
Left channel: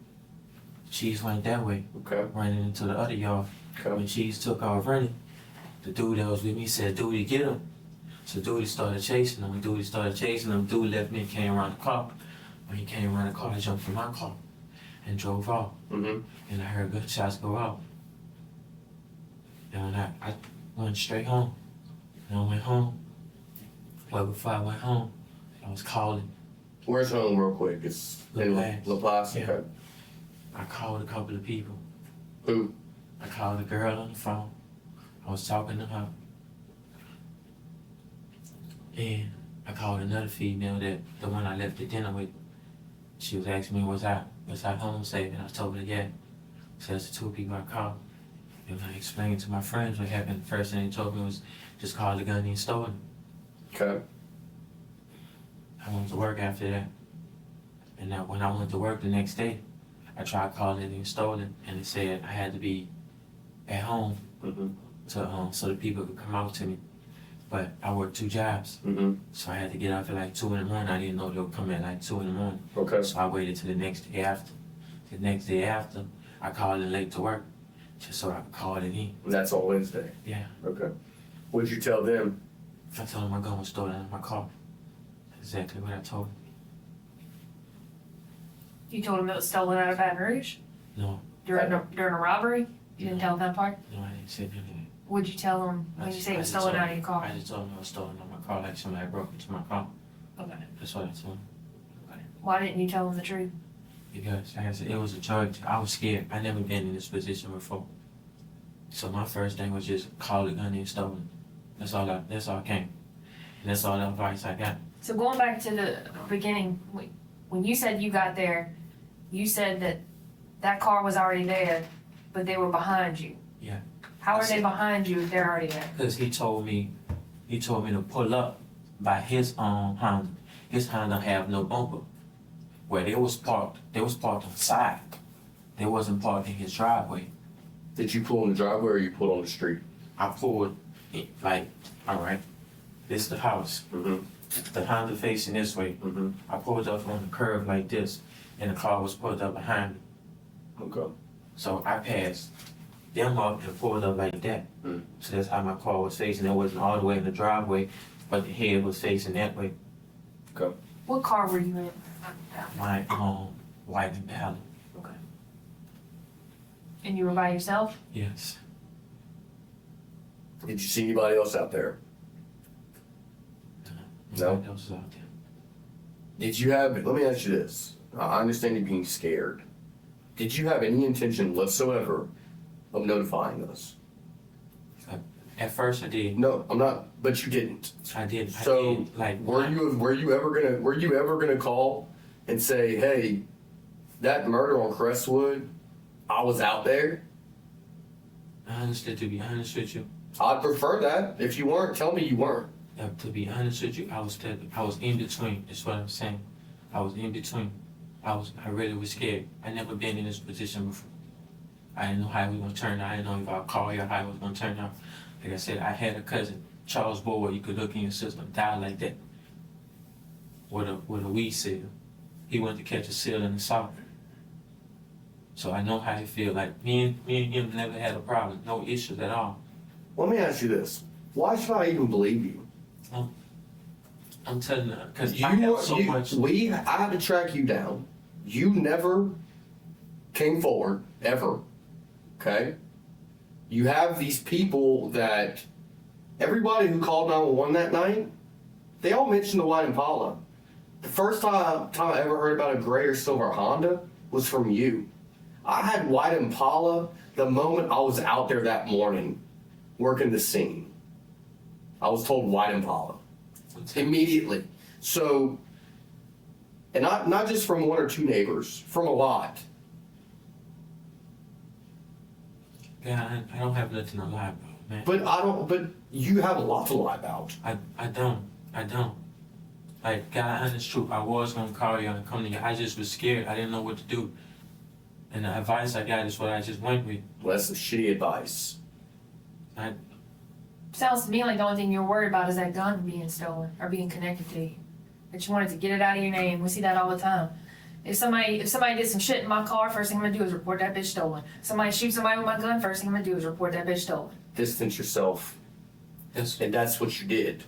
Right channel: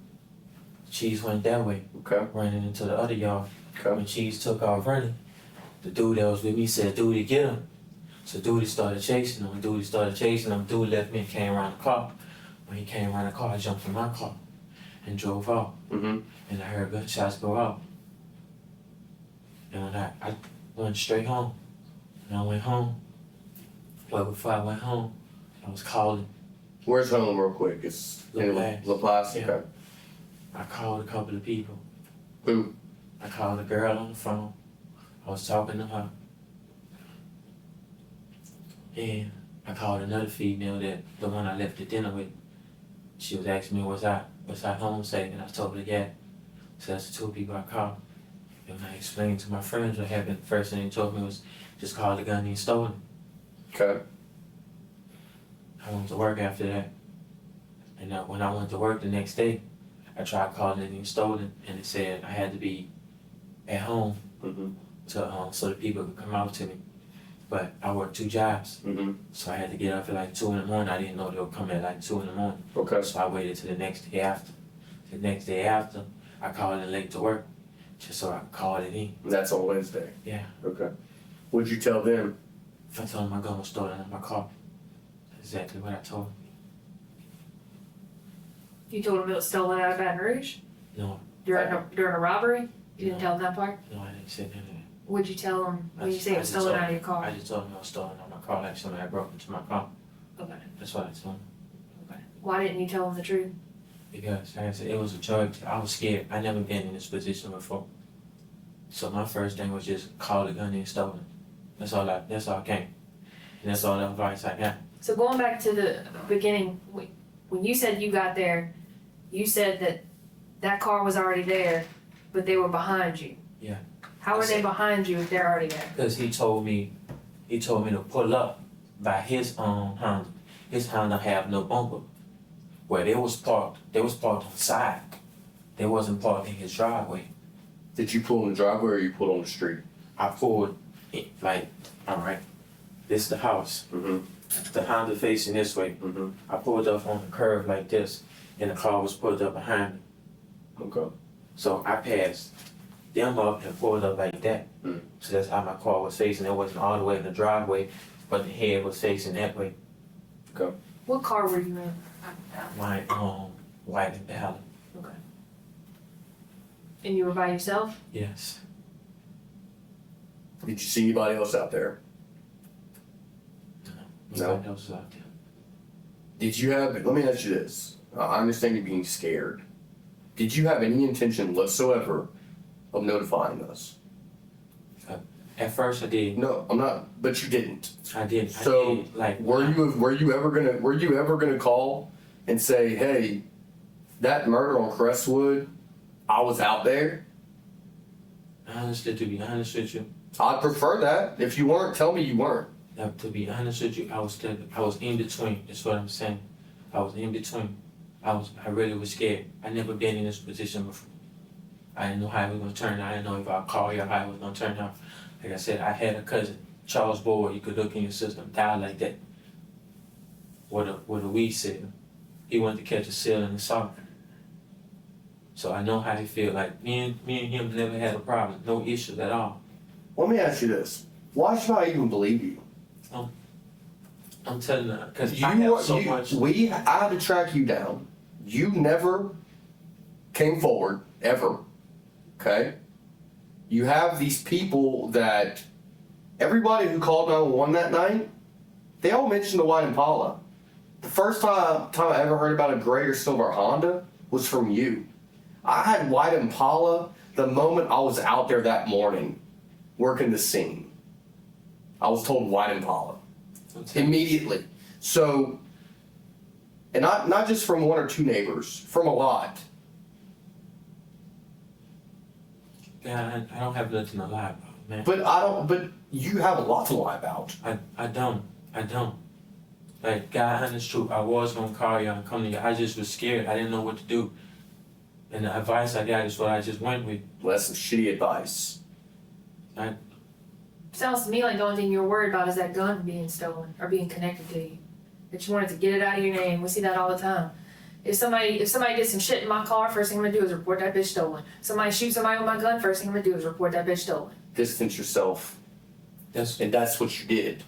Cheese went that way, Okay. running into the other yard. Okay. When Cheese took off running, the dude that was with me said, Dude, get him. So Dude started chasing him. Dude left me and came around the car. When he came around the car, I jumped in my car and drove off. Mm-hmm. And I heard gunshots go off. And I went straight home. And I went home. But before I went home, I was calling. Where's home real quick? It's in La Place. La Place? Yeah. Okay. I called a couple of people. Who? I called a girl on the phone. I was talking to her. And I called another female, the one I left the dinner with. She was asking me, was I home safe? And I told her, yeah. So that's the two people I called. And I explained to my friends what happened. First thing they told me was, just call the gun and stole it. Okay. I went to work after that. And when I went to work the next day, I tried calling it and stole it. And it said I had to be at home Mm-hmm. so the people could come out to me. But I worked 2 jobs. Mm-hmm. So I had to get up at like 2 in the morning. I didn't know they would come at like 2 in the morning. Okay. So I waited till the next day after. The next day after, I called in late to work, just so I could call it in. And that's on Wednesday? Yeah. Okay. What'd you tell them? I told them my gun was stolen in my car. That's exactly what I told them. You told him it was stolen out of Baton Rouge? No, During a robbery? You didn't tell him that part? no, I didn't say none of that. What'd you tell him when you say it was I just stolen told out of your I car? just told them it was stolen on my car, like somebody broke into my car. Okay. That's what I told them. Why didn't you tell him the truth? Because like I said, it was a charge. I was scared. I never been in this position before. So my first thing was just call the gun and stole it. That's all I came. And that's all the advice I got. So going back to the beginning, when you said you got there, you said that car was already there, but they were behind you. Yeah. How are they behind you if they're already there? Because he told me to pull up by his Honda. His Honda have no bumper. Where they was parked on the side. They wasn't parked in his driveway. Did you pull in the driveway or you pulled on the street? I pulled like, all right, this is the house. Mm-hmm. The Honda facing this way. Mm-hmm. I pulled up on the curb like this, and the car was pulled up behind me. Okay. So I passed them up and pulled up like that. Mm. So that's how my car was facing. It wasn't all the way in the driveway, but the head was facing that way. Okay. What car were you in? My white and powder. Okay. And you were by yourself? Yes. Did you see anybody else out there? Nobody else was out there. Did you have, let me ask you this. I understand you being scared. Did you have any intention whatsoever of notifying us? At first I did. No, I'm not, but you didn't. I did. So, I did. Like, were you ever gonna call and say, hey, that murder on Crestwood, I was out there? Honestly, to be honest with you, I'd prefer that. If you weren't, tell me you weren't. to be honest with you, I was in between. That's what I'm saying. I was in between. I really was scared. I never been in this position before. I didn't know how it was gonna turn out. I didn't know if I'd call you or how it was gonna turn out. Like I said, I had a cousin, Charles Boyd. You could look in your system, died like that. With a weed seal. He wanted to catch a seal in the south. So I know how they feel. Like me and him never had a problem, no issues at all. Let me ask you this. Why should I even believe you? I'm telling you, because I have so much. I had to track you down. You never came forward, ever. Okay? You have these people that everybody who called 911 that night, they all mentioned the white Impala. The first time I ever heard about a gray or silver Honda was from you. I had white Impala the moment I was out there that morning working the scene. I was told white Impala. Immediately. So, and not just from one or two neighbors, from a lot. Yeah, I don't have nothing to lie about, man. But you have a lot to lie about. I don't. Like, God, honest truth, I was gonna call you and come to you. I just was scared. I didn't know what to do. And the advice I got is what I just went with. Well, that's some shitty advice. Sounds to me like the only thing you're worried about is that gun being stolen or being connected to you. That you wanted to get it out of your name. We see that all the time. If somebody did some shit in my car, first thing I'm gonna do is report that bitch stolen. Somebody shoots somebody with my gun, first thing I'm gonna do is report that bitch stolen. Distance yourself. And that's what you did.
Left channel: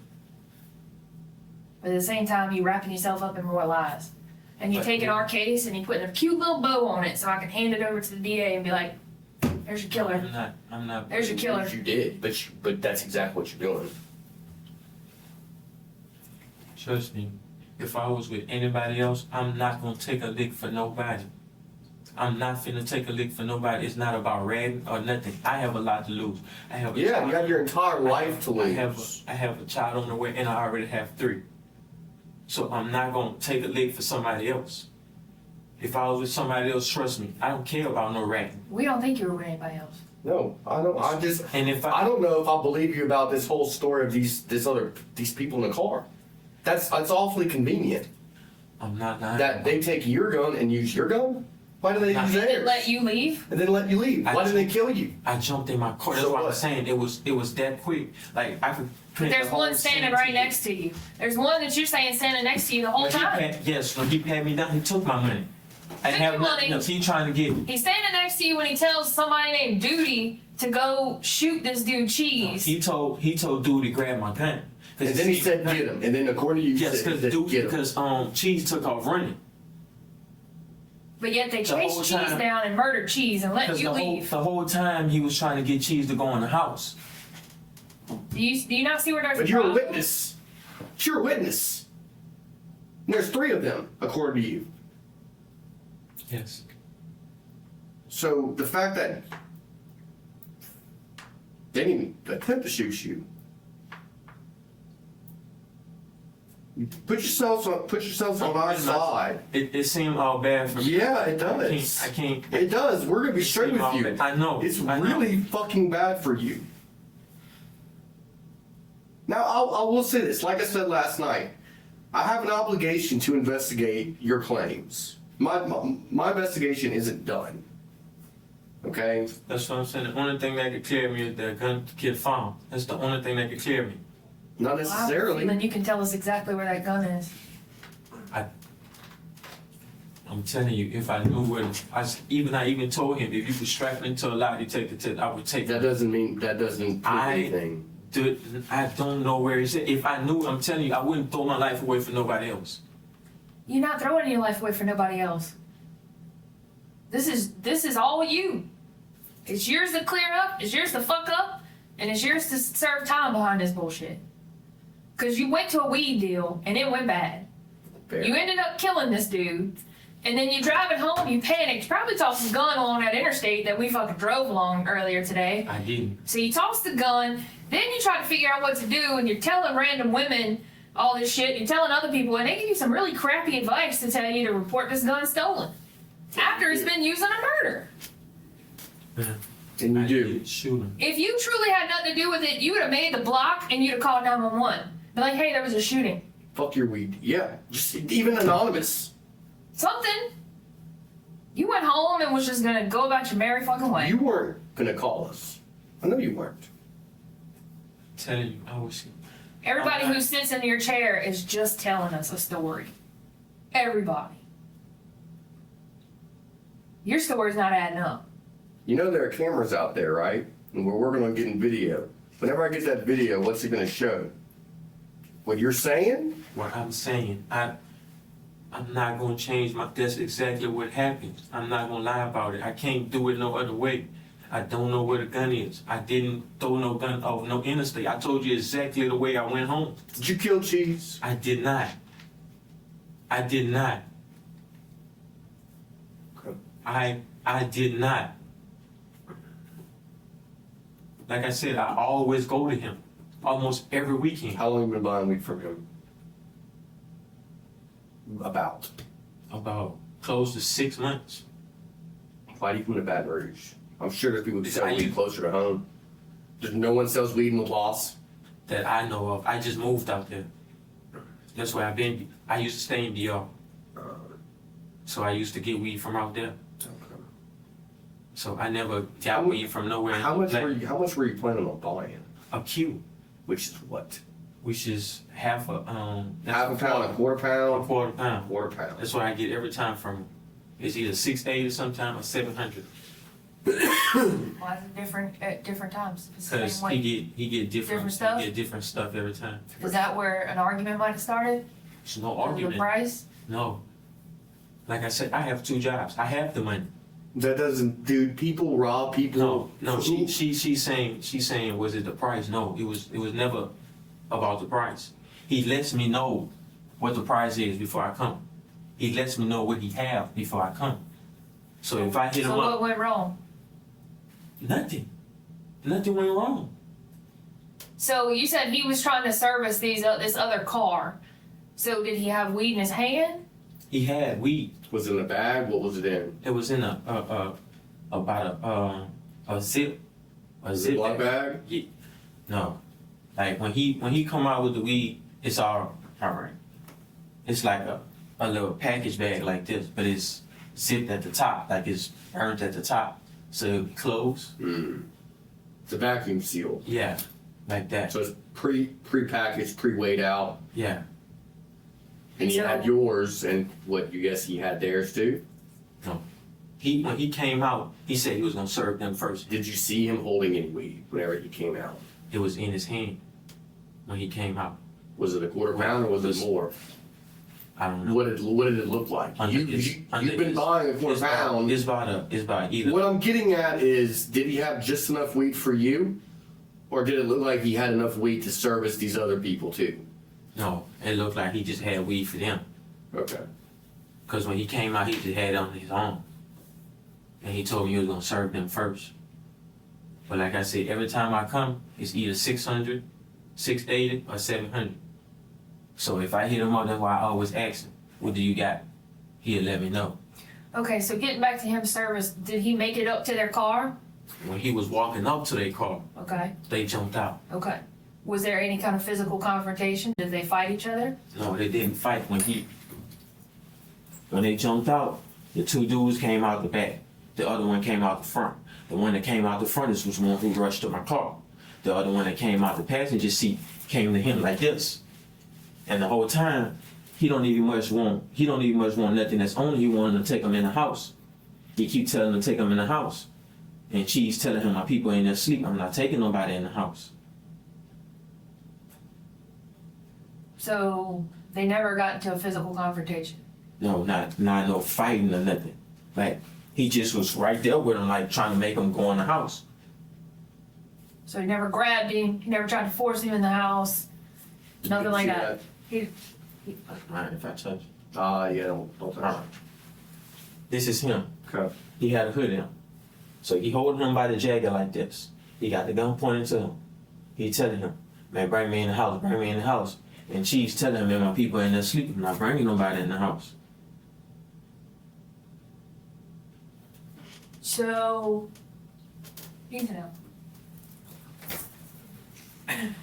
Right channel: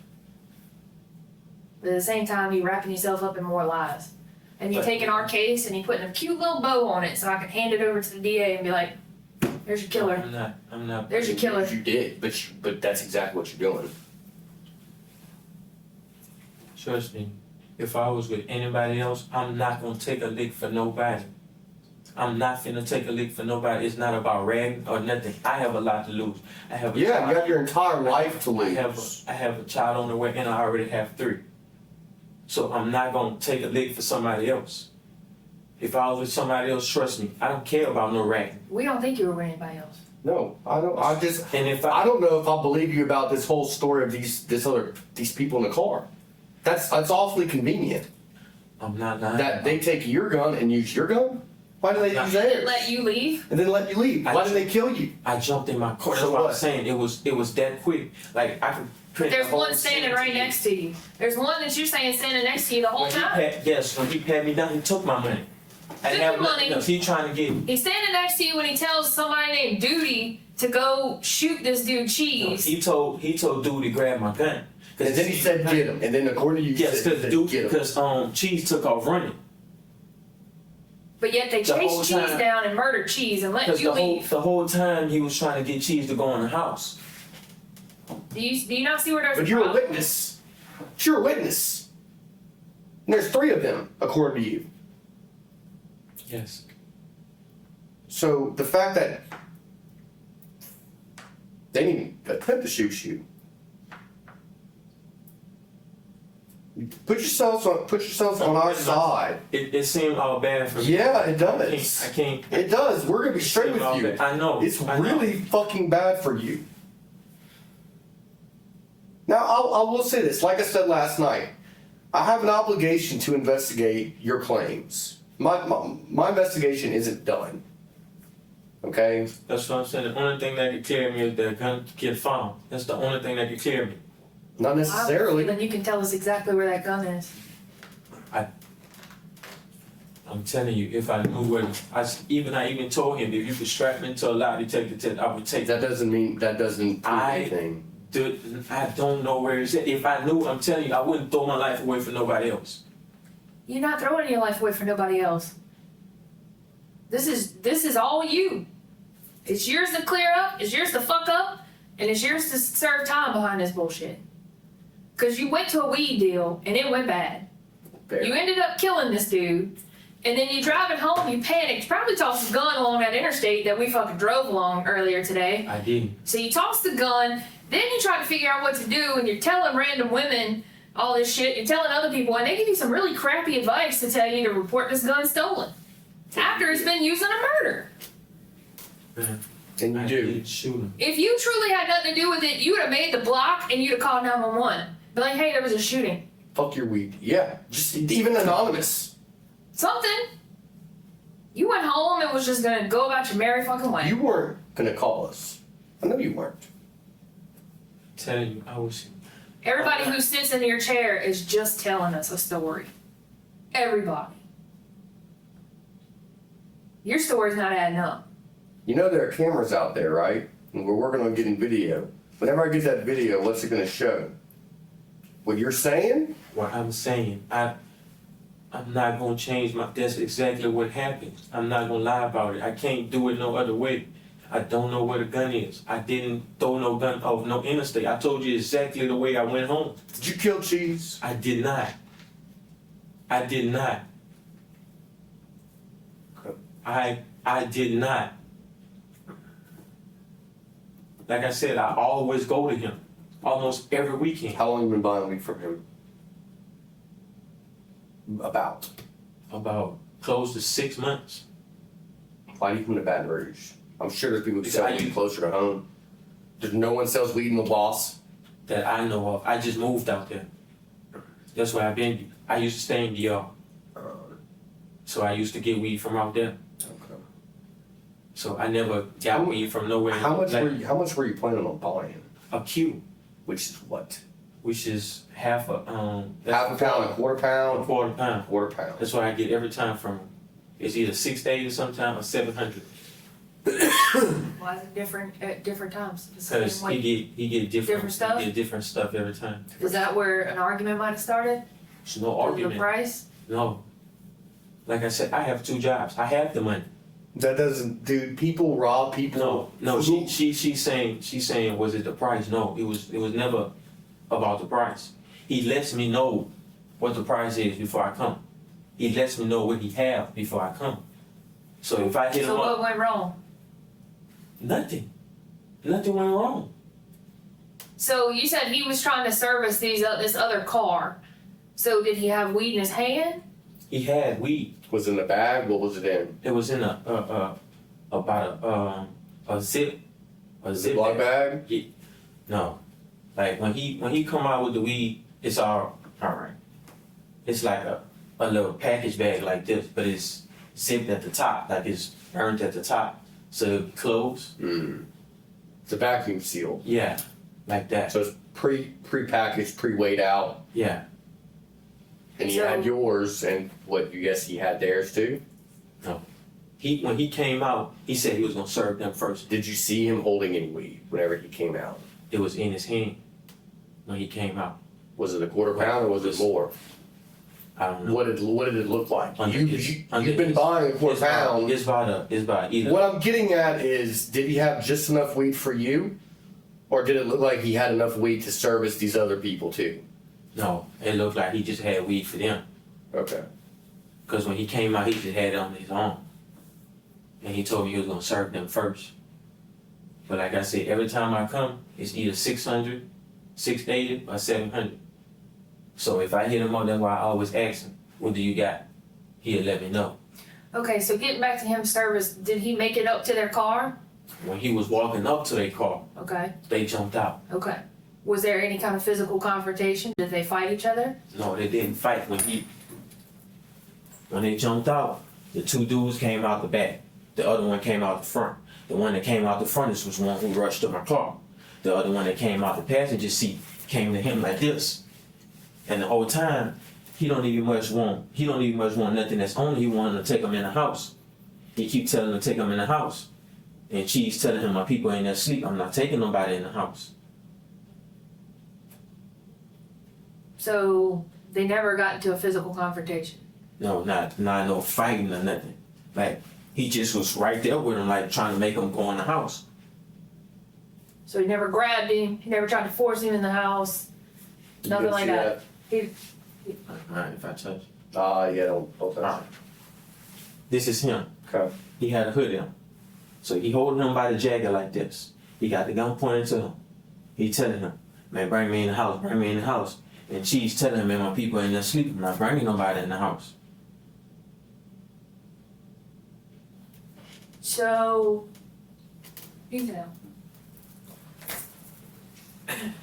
But at the same time, you wrapping yourself up in more lies. And you taking our case and you putting a cute little bow on it so I can hand it over to the DA and be like, there's your killer. I'm not. There's your killer. You did, but that's exactly what you're doing. Trust me, if I was with anybody else, I'm not gonna take a lick for nobody. I'm not finna take a lick for nobody. It's not about ragging or nothing. I have a lot to lose. I have a You child. have your entire life to lose. I have a child on the way, and I already have 3. So I'm not gonna take a lick for somebody else. If I was with somebody else, trust me, I don't care about no ragging. We don't think you were with anybody else. No, I don't. And I don't know if I believe you about this whole story of these people in the car. That's awfully convenient. I'm not lying. That they take your gun and use your gun. Why do they use theirs? And let you leave? And then let you leave. Why did they kill you? I jumped in my car. That's So what what? I'm saying. It was that quick. Like I could. But there's one standing right next to you. There's one that you're saying standing next to you the whole time. When he pat me down, he took my money. I Took have your nothing money. else. He trying to get. He's standing next to you when he tells somebody named Duty to go shoot this dude Cheese. He told dude to grab my gun. And then he said get him. And then according to you, Yes, said get him. because Cheese took off running. But yet they The whole chased Cheese time- down and murdered Cheese and let Because you leave. the whole time he was trying to get Cheese to go in the house. Do you not see where there's But a you're a problem? witness. You're a witness. And there's 3 of them, according to you. Yes. So the fact that they didn't even attempt to shoot you. Put yourselves on our side. It seemed all bad for me. Yeah, it does. I can't. It does. We're gonna be straight with all you. bad. I know. It's I know. really fucking bad for you. Now, I will say this. Like I said last night, I have an obligation to investigate your claims. My investigation isn't done. Okay? That's what I'm saying. The only thing that could clear me is the gun get found. That's the only thing that could clear me. Not necessarily. Then you can tell us exactly where that gun is. I'm telling you, if I knew where, I even told him if you could strap me into a lie detector test, I would take That doesn't prove anything. Dude, I don't know where it's at. If I knew, I'm telling you, I wouldn't throw my life away for nobody else. You're not throwing your life away for nobody else. This is all you. It's yours to clear up, it's yours to fuck up, and it's yours to serve time behind this bullshit. Because you went to a weed deal and it went bad. Fair. You ended up killing this dude. And then you driving home, you panicked, probably tossed the gun along that interstate that we fucking drove along earlier today. I didn't. So you tossed the gun, then you try to figure out what to do, and you're telling random women all this shit, you're telling other people, and they give you some really crappy advice to tell you to report this gun stolen. After it's been used in a murder. And you I do. didn't shoot him. If you truly had nothing to do with it, you would have made the block and you'd have called 911. Be like, hey, there was a shooting. Fuck your weed. Yeah. Just even anonymous. Something. You went home and was just gonna go about your merry fucking way. You weren't gonna call us. I know you weren't. Telling you, I was. Everybody who sits in your chair is just telling us a story. Everybody. Your story's not adding up. You know there are cameras out there, right? And we're working on getting video. Whenever I get that video, what's it gonna show? What you're saying? What I'm saying, I'm not gonna change my. That's exactly what happened. I'm not gonna lie about it. I can't do it no other way. I don't know where the gun is. I didn't throw no gun off no interstate. I told you exactly the way I went home. Did you kill Cheese? I did not. I did not. I did not. Like I said, I always go to him, almost every weekend. How long have you been buying weed from him? About. About close to 6 months. Why do you come to Baton Rouge? I'm sure there's people who Because sell I weed use- closer to home. There's no one sells weed in the Loss. That I know of. I just moved out there. That's where I've been. I used to stay in DR. So I used to get weed from out there. Okay. So I never got weed from nowhere. How much Like, were you planning on buying? a Q, Which is what? which is half a Half a pound, a quarter a pound, quarter pound. quarter pound. That's what I get every time from him. It's either 680 sometime or 700. Why is it different at different times? It's the Cause same way. he get different Different stuff? He get different stuff every time. Is that where an argument might have started? There's no Over the argument. price? No. Like I said, I have 2 jobs. I have the money. That doesn't, dude. People rob people. No. She's saying was it the price? No, it was never about the price. He lets me know what the price is before I come. He lets me know what he have before I come. So if I hit So him what up, went wrong? nothing went wrong. So you said he was trying to service this other car. So did he have weed in his hand? He had weed. Was it in a bag? What was it in? It was in about a zip Ziploc bag? Yeah. No, like when he come out with the weed, it's all right. It's like a little package bag like this, but it's zipped at the top, like it's burned at the top, so it close. It's a vacuum seal. Yeah, like that. So it's pre-packaged, pre-weighed out. Yeah, And he So- had yours, and what, you guess he had theirs too? when he came out, he said he was gonna serve them first. Did you see him holding any weed whenever he came out? It was in his hand when he came out. Was it a quarter pound or was it more? I don't know. What did it look like? Under You've been buying a quarter pound. It's about either. What I'm getting at is, did he have just enough weed for you? Or did it look like he had enough weed to service these other people too? No, it looked like he just had weed for them. Okay. Cause when he came out, he just had it on his own, and he told me he was gonna serve them first. But like I said, every time I come, it's either 600, 680, or 700. So if I hit him up, that's why I always ask him, "What do you got?" He'll let me know. Okay, so getting back to him service, did he make it up to their car? When he was walking up to their car, Okay, they jumped out. okay. Was there any kind of physical confrontation? Did they fight each other? No, they didn't fight. When they jumped out, the 2 dudes came out the back. The other one came out the front. The one that came out the front was the one who rushed to my car. The other one that came out the passenger seat came to him like this. And the whole time, he don't even much want nothing that's on him. He wanted to take him in the house. He keep telling him to take him in the house. And she's telling him, my people ain't asleep. I'm not taking nobody in the house. So they never got into a physical confrontation. No, not no fighting or nothing. Like, he just was right there with him, like trying to make him go in the house. So he never grabbed him, he never tried to force him in the house. Nothing You like see that. He, Alright, if I touch. Yeah, don't touch. Alright. This is him. Okay. He had a hoodie on. So he holding him by the jacket like this. He got the gun pointed to him. He telling him, man, bring me in the house, bring me in the house. And she's telling him, man, my people in there sleeping. I'm not bringing nobody in the house. so, detail. And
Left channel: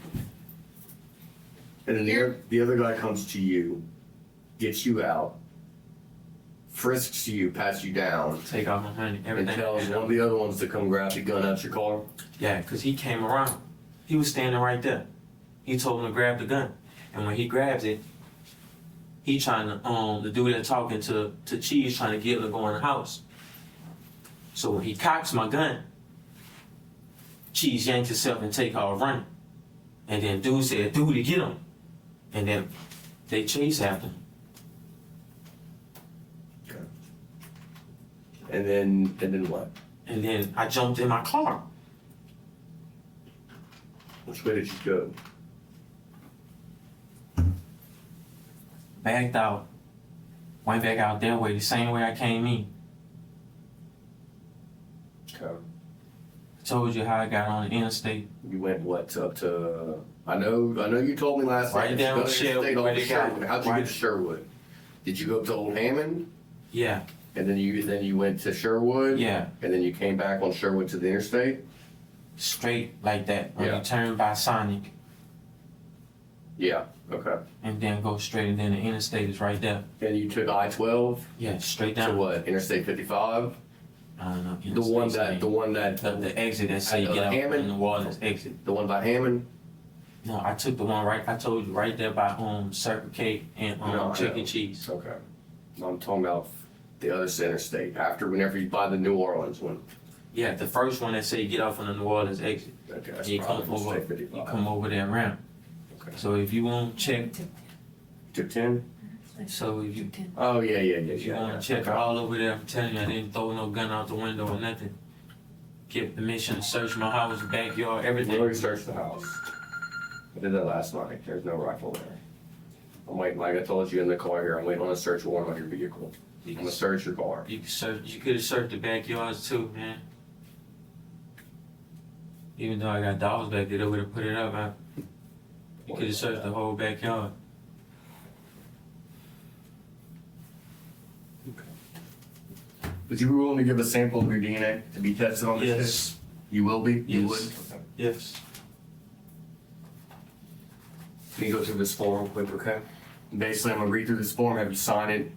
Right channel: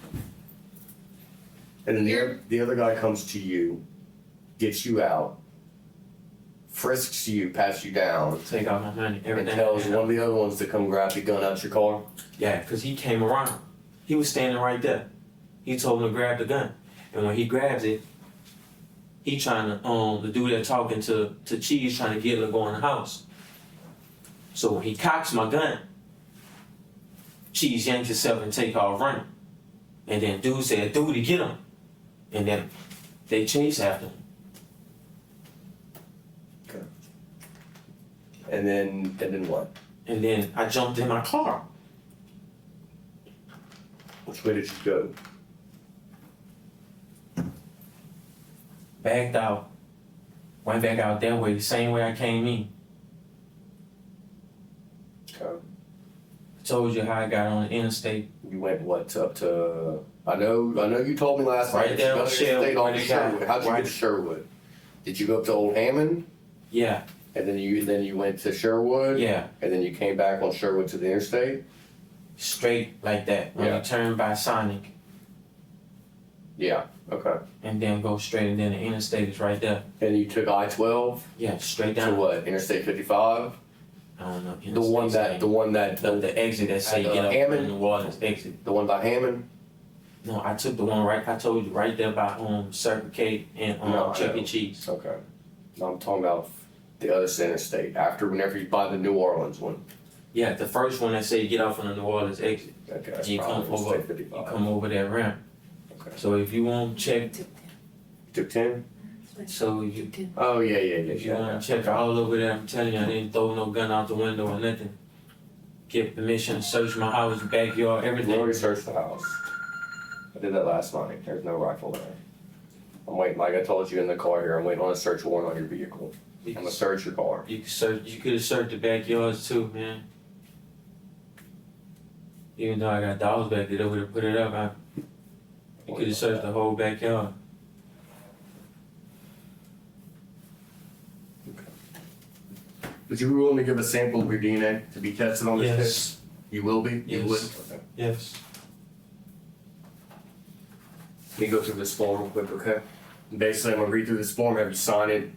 then the other guy comes to you, gets you out, frisks you, pats you down, Take out my money, and everything. tells one of the other ones to come grab the gun out your car. Yeah, because he came around. He was standing right there. He told him to grab the gun. And when he grabs it, he trying to, the dude that talking to Cheese trying to get him to go in the house. So when he cocks my gun, Cheese yanked himself and take off running. And then dude said, dude, get him. And then they chase after him. And then what? And then I jumped in my car. Which way did you go? Backed out. Went back out that way, the same way I came in. Okay. Told you how I got on the interstate. You went what up to? I know you told me last Right night. there You on go to Sherwood, State on where they got- Sherwood. How'd you right. get to Sherwood? Did you go up to Old Hammond? Yeah, And then you went to Sherwood? yeah. And then you came back on Sherwood to the interstate? Straight like that. When Yeah. you turn by Sonic Yeah. Okay. and then go straight, and then the interstate is right there. And you took I-12 Yeah, straight to down. what? Interstate 55? I don't know. The one that the exit that say At, get up Hammond? on the Waters exit. the one by Hammond? No, I took the one right. I told you right there by Circle K and No, I Chuck know. E. Cheese. Okay. I'm talking about the other interstate. After whenever you buy the New Orleans one. Yeah, the first one that say get off on the New Orleans exit. Okay. That's You come probably over. Interstate You 55. come over that ramp. Okay. So if you want to check, You took 10? so if you Oh yeah. if you want to check all over there, I'm telling you, I didn't throw no gun out the window or nothing. Give permission to search my house, backyard, We everything. already searched the house. I did that last night. There's no rifle there. I'm waiting, like I told you in the car here, I'm waiting on a search warrant on your vehicle. I'm gonna search your car. You could search. You could have searched the backyards too, man. Even though I got dogs back there, they would have put it up. You could have searched the whole backyard. Would you be willing to give a sample of your DNA to be tested on this Yes. test? You will be? You would? Yes. Okay. Yes. Let me go through this form real quick, okay? Basically, I'm gonna read through this form, have you sign it,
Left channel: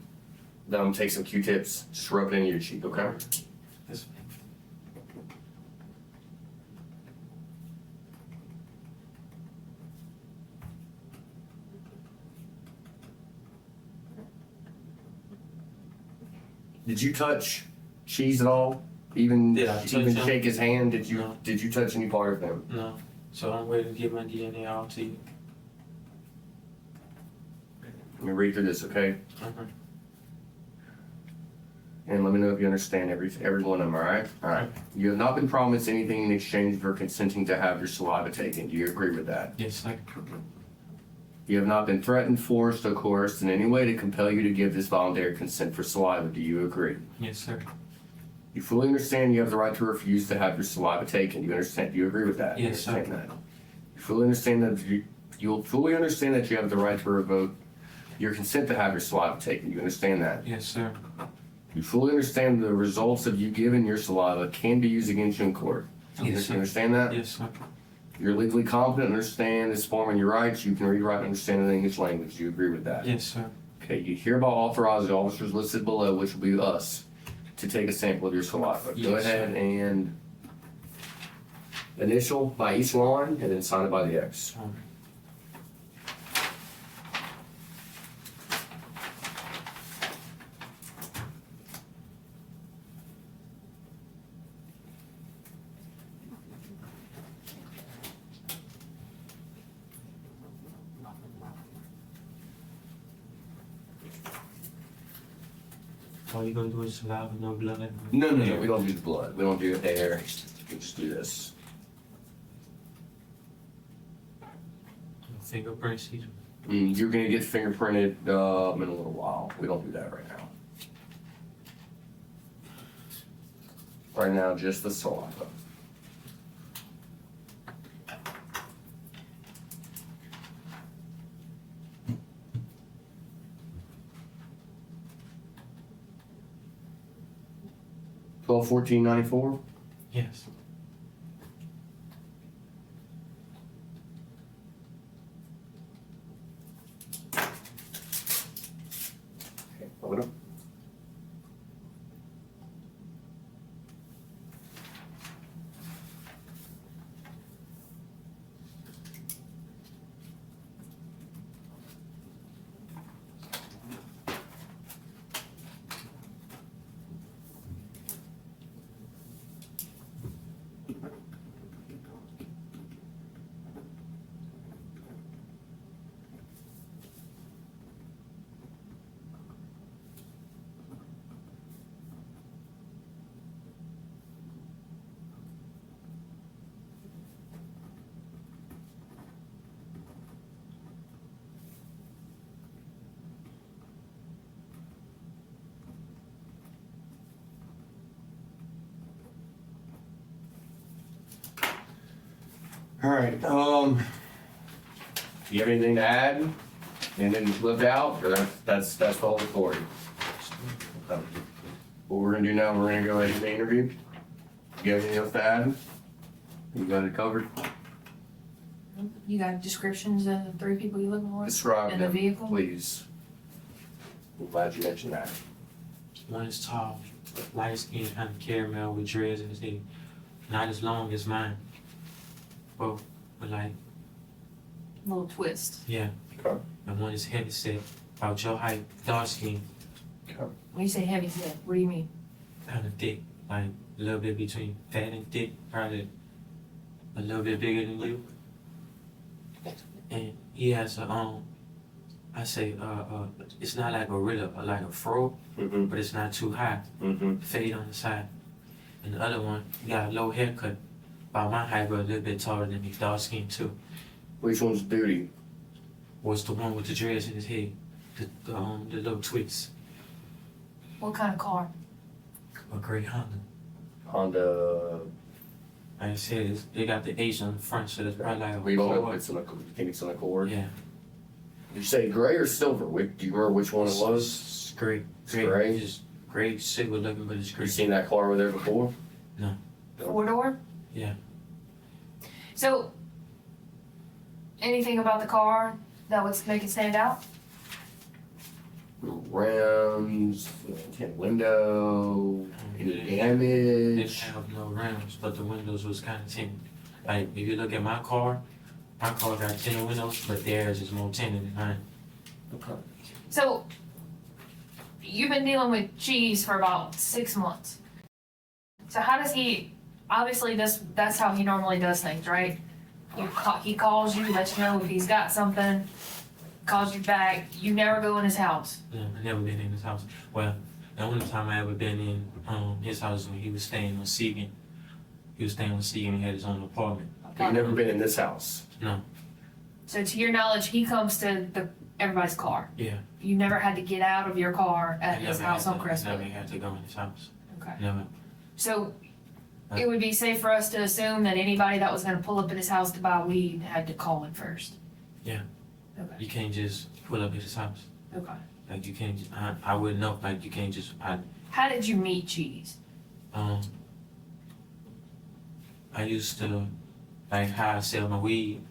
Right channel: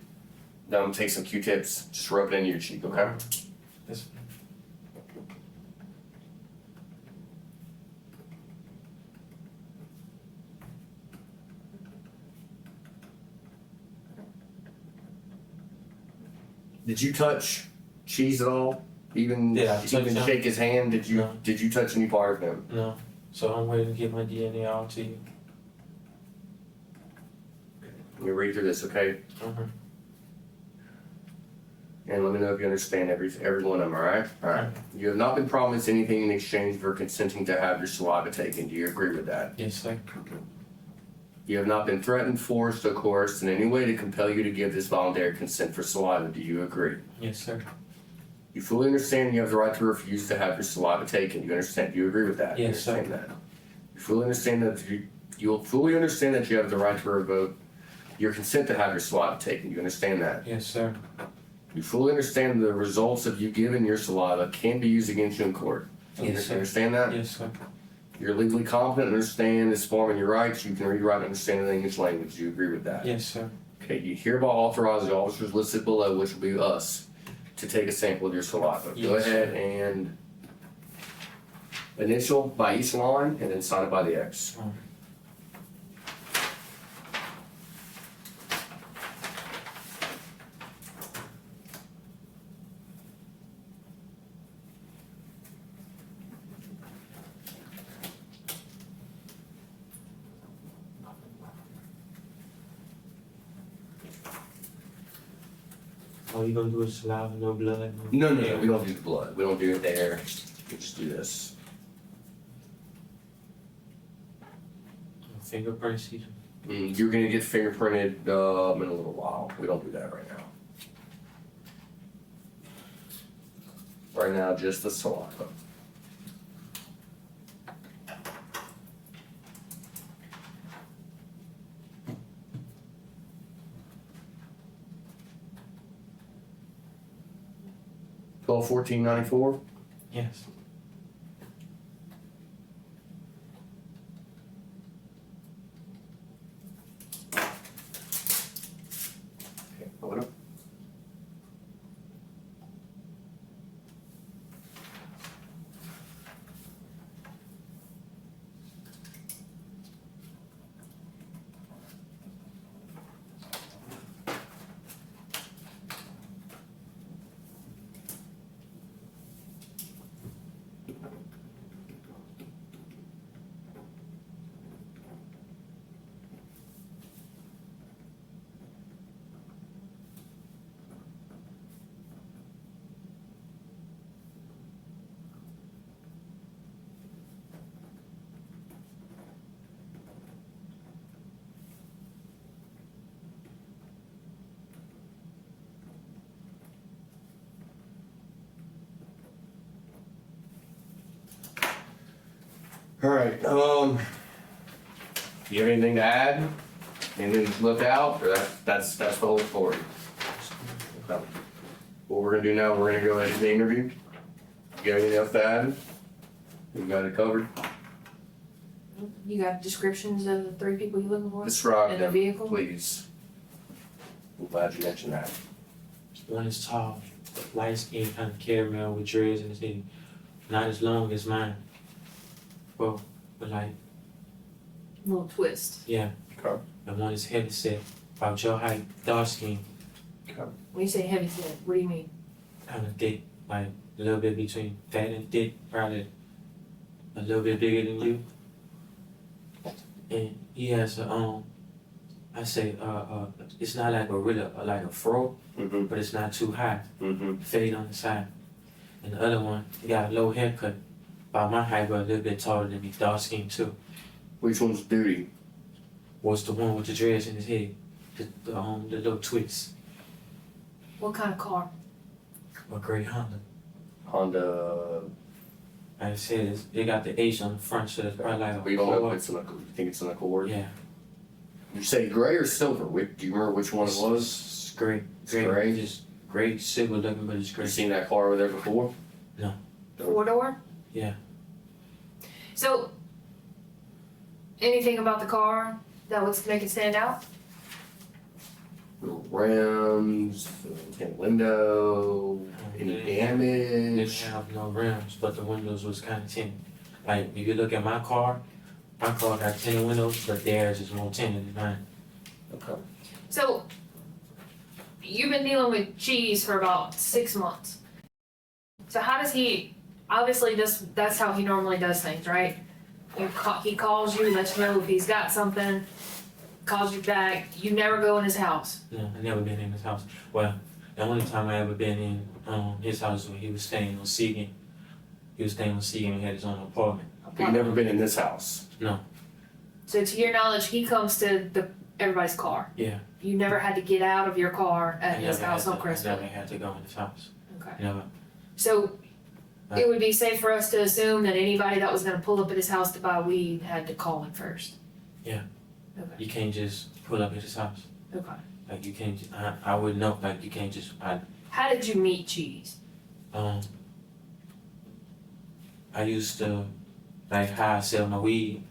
then I'm gonna take some Q-tips, just rub it in your cheek, okay? Yes. Did you touch Cheese at all? Even Yeah, I touched even him. shake his hand? No. Did you touch any part of him? No. So I'm waiting to get my DNA out to you. Let me read through this, okay? Uh-huh. And let me know if you understand every one of them, alright? Alright. You have not been promised anything in exchange for consenting to have your saliva taken. Do you agree with that? Yes, sir. You have not been threatened, forced, or coerced in any way to compel you to give this voluntary consent for saliva. Do you agree? Yes, sir. You fully understand you have the right to refuse to have your saliva taken. You understand? Do you agree with that? Yes, you sir. understand that? You fully understand that you'll fully understand that you have the right to revoke your consent to have your saliva taken. You understand that? Yes, sir. You fully understand the results of you giving your saliva can be used against you in court. You Yes, sir. understand that? Yes, sir. You're legally competent, understand this form and your rights. You can read, write, and understand the English language. Do you agree with that? Yes, sir. Okay, you hereby authorize the officers listed below, which will be us, to take a sample of your saliva. Go Yes, sir. ahead and initial by each line and then sign it by the X. All you gonna do is saliva, no blood? No, we don't do the blood. We don't do air. We just do this. fingerprints either. You're gonna get fingerprinted in a little while. We don't do that right now. Right now, just the saliva. $1214.94. Yes. Okay, photo. All right. You have anything to add? Anything left out? Or that's the whole recording. Okay. What we're gonna do now, we're gonna go ahead and interview. You have anything else to add? You got it covered? You got descriptions of the 3 people you looking for? Describe And the them, vehicle? please. I'm glad you mentioned that. One is tall, light skin, kind of caramel with dreads in his head. Not as long as mine. Both, but like, Little twist. yeah. Okay. And one is heavy set, about your height, dark skin, When you say heavy set, what do you mean? kind of thick, like a little bit between fat and thick, probably a little bit bigger than you. And he has a I say it's not like a really like a fro, Mm-hmm. but it's not too high. Mm-hmm. Fade on the side. And the other one, he got a low haircut, about my height, but a little bit taller than me, dark skin too. Which one's duty? Was the one with the dreads in his head, the little twists, What kind of car? a gray Honda. Honda. Like I said, they got the H on the front, so it's probably like a We don't know if Accord. it's an Accord. You think it's an Accord? Yeah, Did you say gray or silver? Do you remember which one it was? It's gray, It's gray? just gray, silver looking, but it's gray. You seen that car over there before? 4-door? Yeah. So, anything about the car that would make it stand out? Rims, tint window, any Didn't damage? have no rims, but the windows was kind of tinted. Like if you look at my car got tinted windows, but theirs is more tinted than mine. Okay. So, you've been dealing with Cheese for about 6 months. So how does he, obviously that's how he normally does things, right? He calls you, lets you know if he's got something, calls you back, you never go in his house. No, I never been in his house. Well, the only time I ever been in his house was when he was staying on Segan. He was staying on Segan. He had his own apartment. You've never been in this house? No. So to your knowledge, he comes to everybody's car. Yeah. You never had to get out of your car I at his never house had on to- Christmas. Never had to go in his house. Okay. Never. So it would be safe for us to assume that anybody that was gonna pull up at his house to buy weed had to call him first. Yeah. Okay. You can't just pull up at his house. Okay. Like you can't. I wouldn't know. Like you can't just. How did you meet Cheese? I used to like how I sell my weed.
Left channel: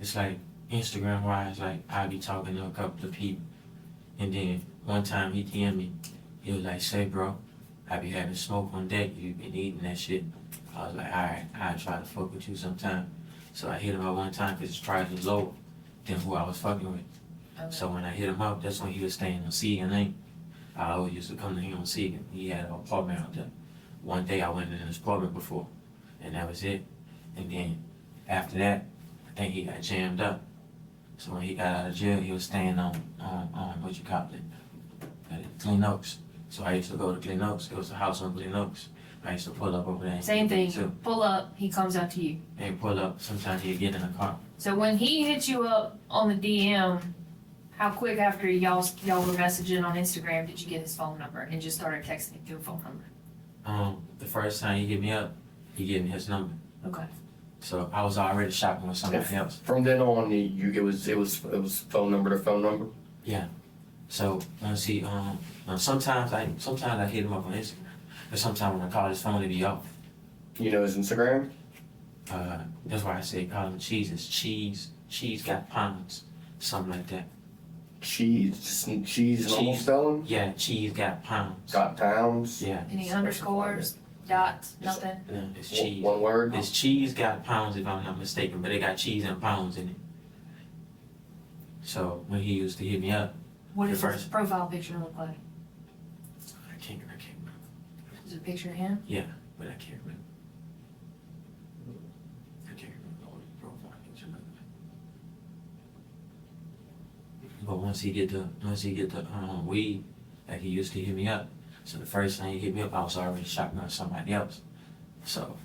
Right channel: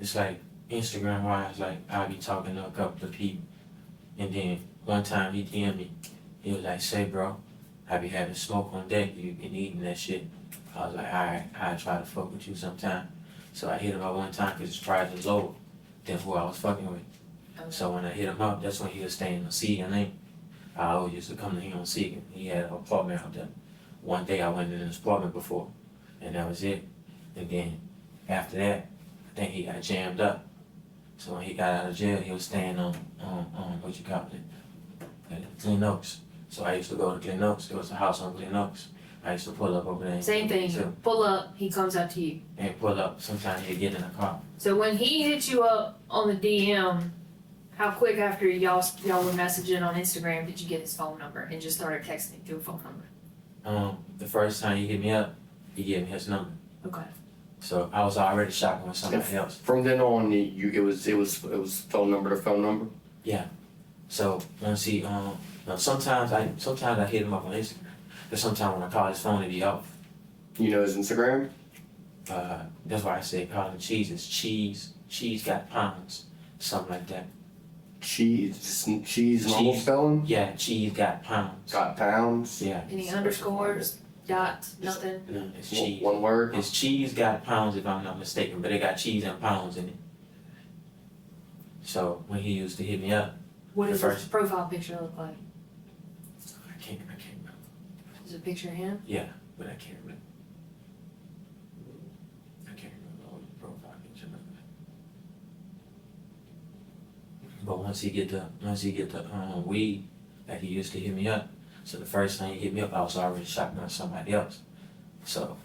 It's like Instagram wise. Like I'll be talking to a couple of people, and then one time he DM'd me. He was like, "Say, bro, I be having smoke on deck. You been eating that shit." I was like, "Alright, I'll try to fuck with you sometime." So I hit him up one time because his price was lower than who I was fucking with. So when I hit him up, that's when he was staying on Segan Lane. I always used to come to him on Segan. He had an apartment out there. One day I went in his apartment before, and that was it. And then after that, I think he got jammed up. So when he got out of jail, he was staying on what you call it, Glen Oaks. So I used to go to Glen Oaks. It was a house on Glen Oaks. I used to pull up over there. Same thing. So, Pull up, he comes up to you. and pull up. Sometimes he'd get in the car. So when he hit you up on the DM, how quick after y'all were messaging on Instagram did you get his phone number and just started texting through a phone number? The first time he hit me up, he gave me his number. Okay. So I was already shopping with somebody else. From then on, it was phone number to phone number. Yeah. So once he sometimes I hit him up on Instagram, but sometimes when I call his phone, it'd be off. You know his Instagram? That's why I say call him cheese. It's cheese. Cheese got pounds, something like that. Cheese, just cheese, normal Cheese. spelling. Yeah, cheese got pounds. Got pounds. Yeah. Any underscores, dots, nothing? No, it's cheese. One word. It's cheese got pounds if I'm not mistaken, but it got cheese and pounds in it. So when he used to hit me up, What does The his profile picture look like? I can't remember. Is it a picture of him? Yeah, but I can't remember. I can't remember all the profile picture looked like. But once he get the weed, like he used to hit me up. So the first time he hit me up, I was already shopping with somebody else. So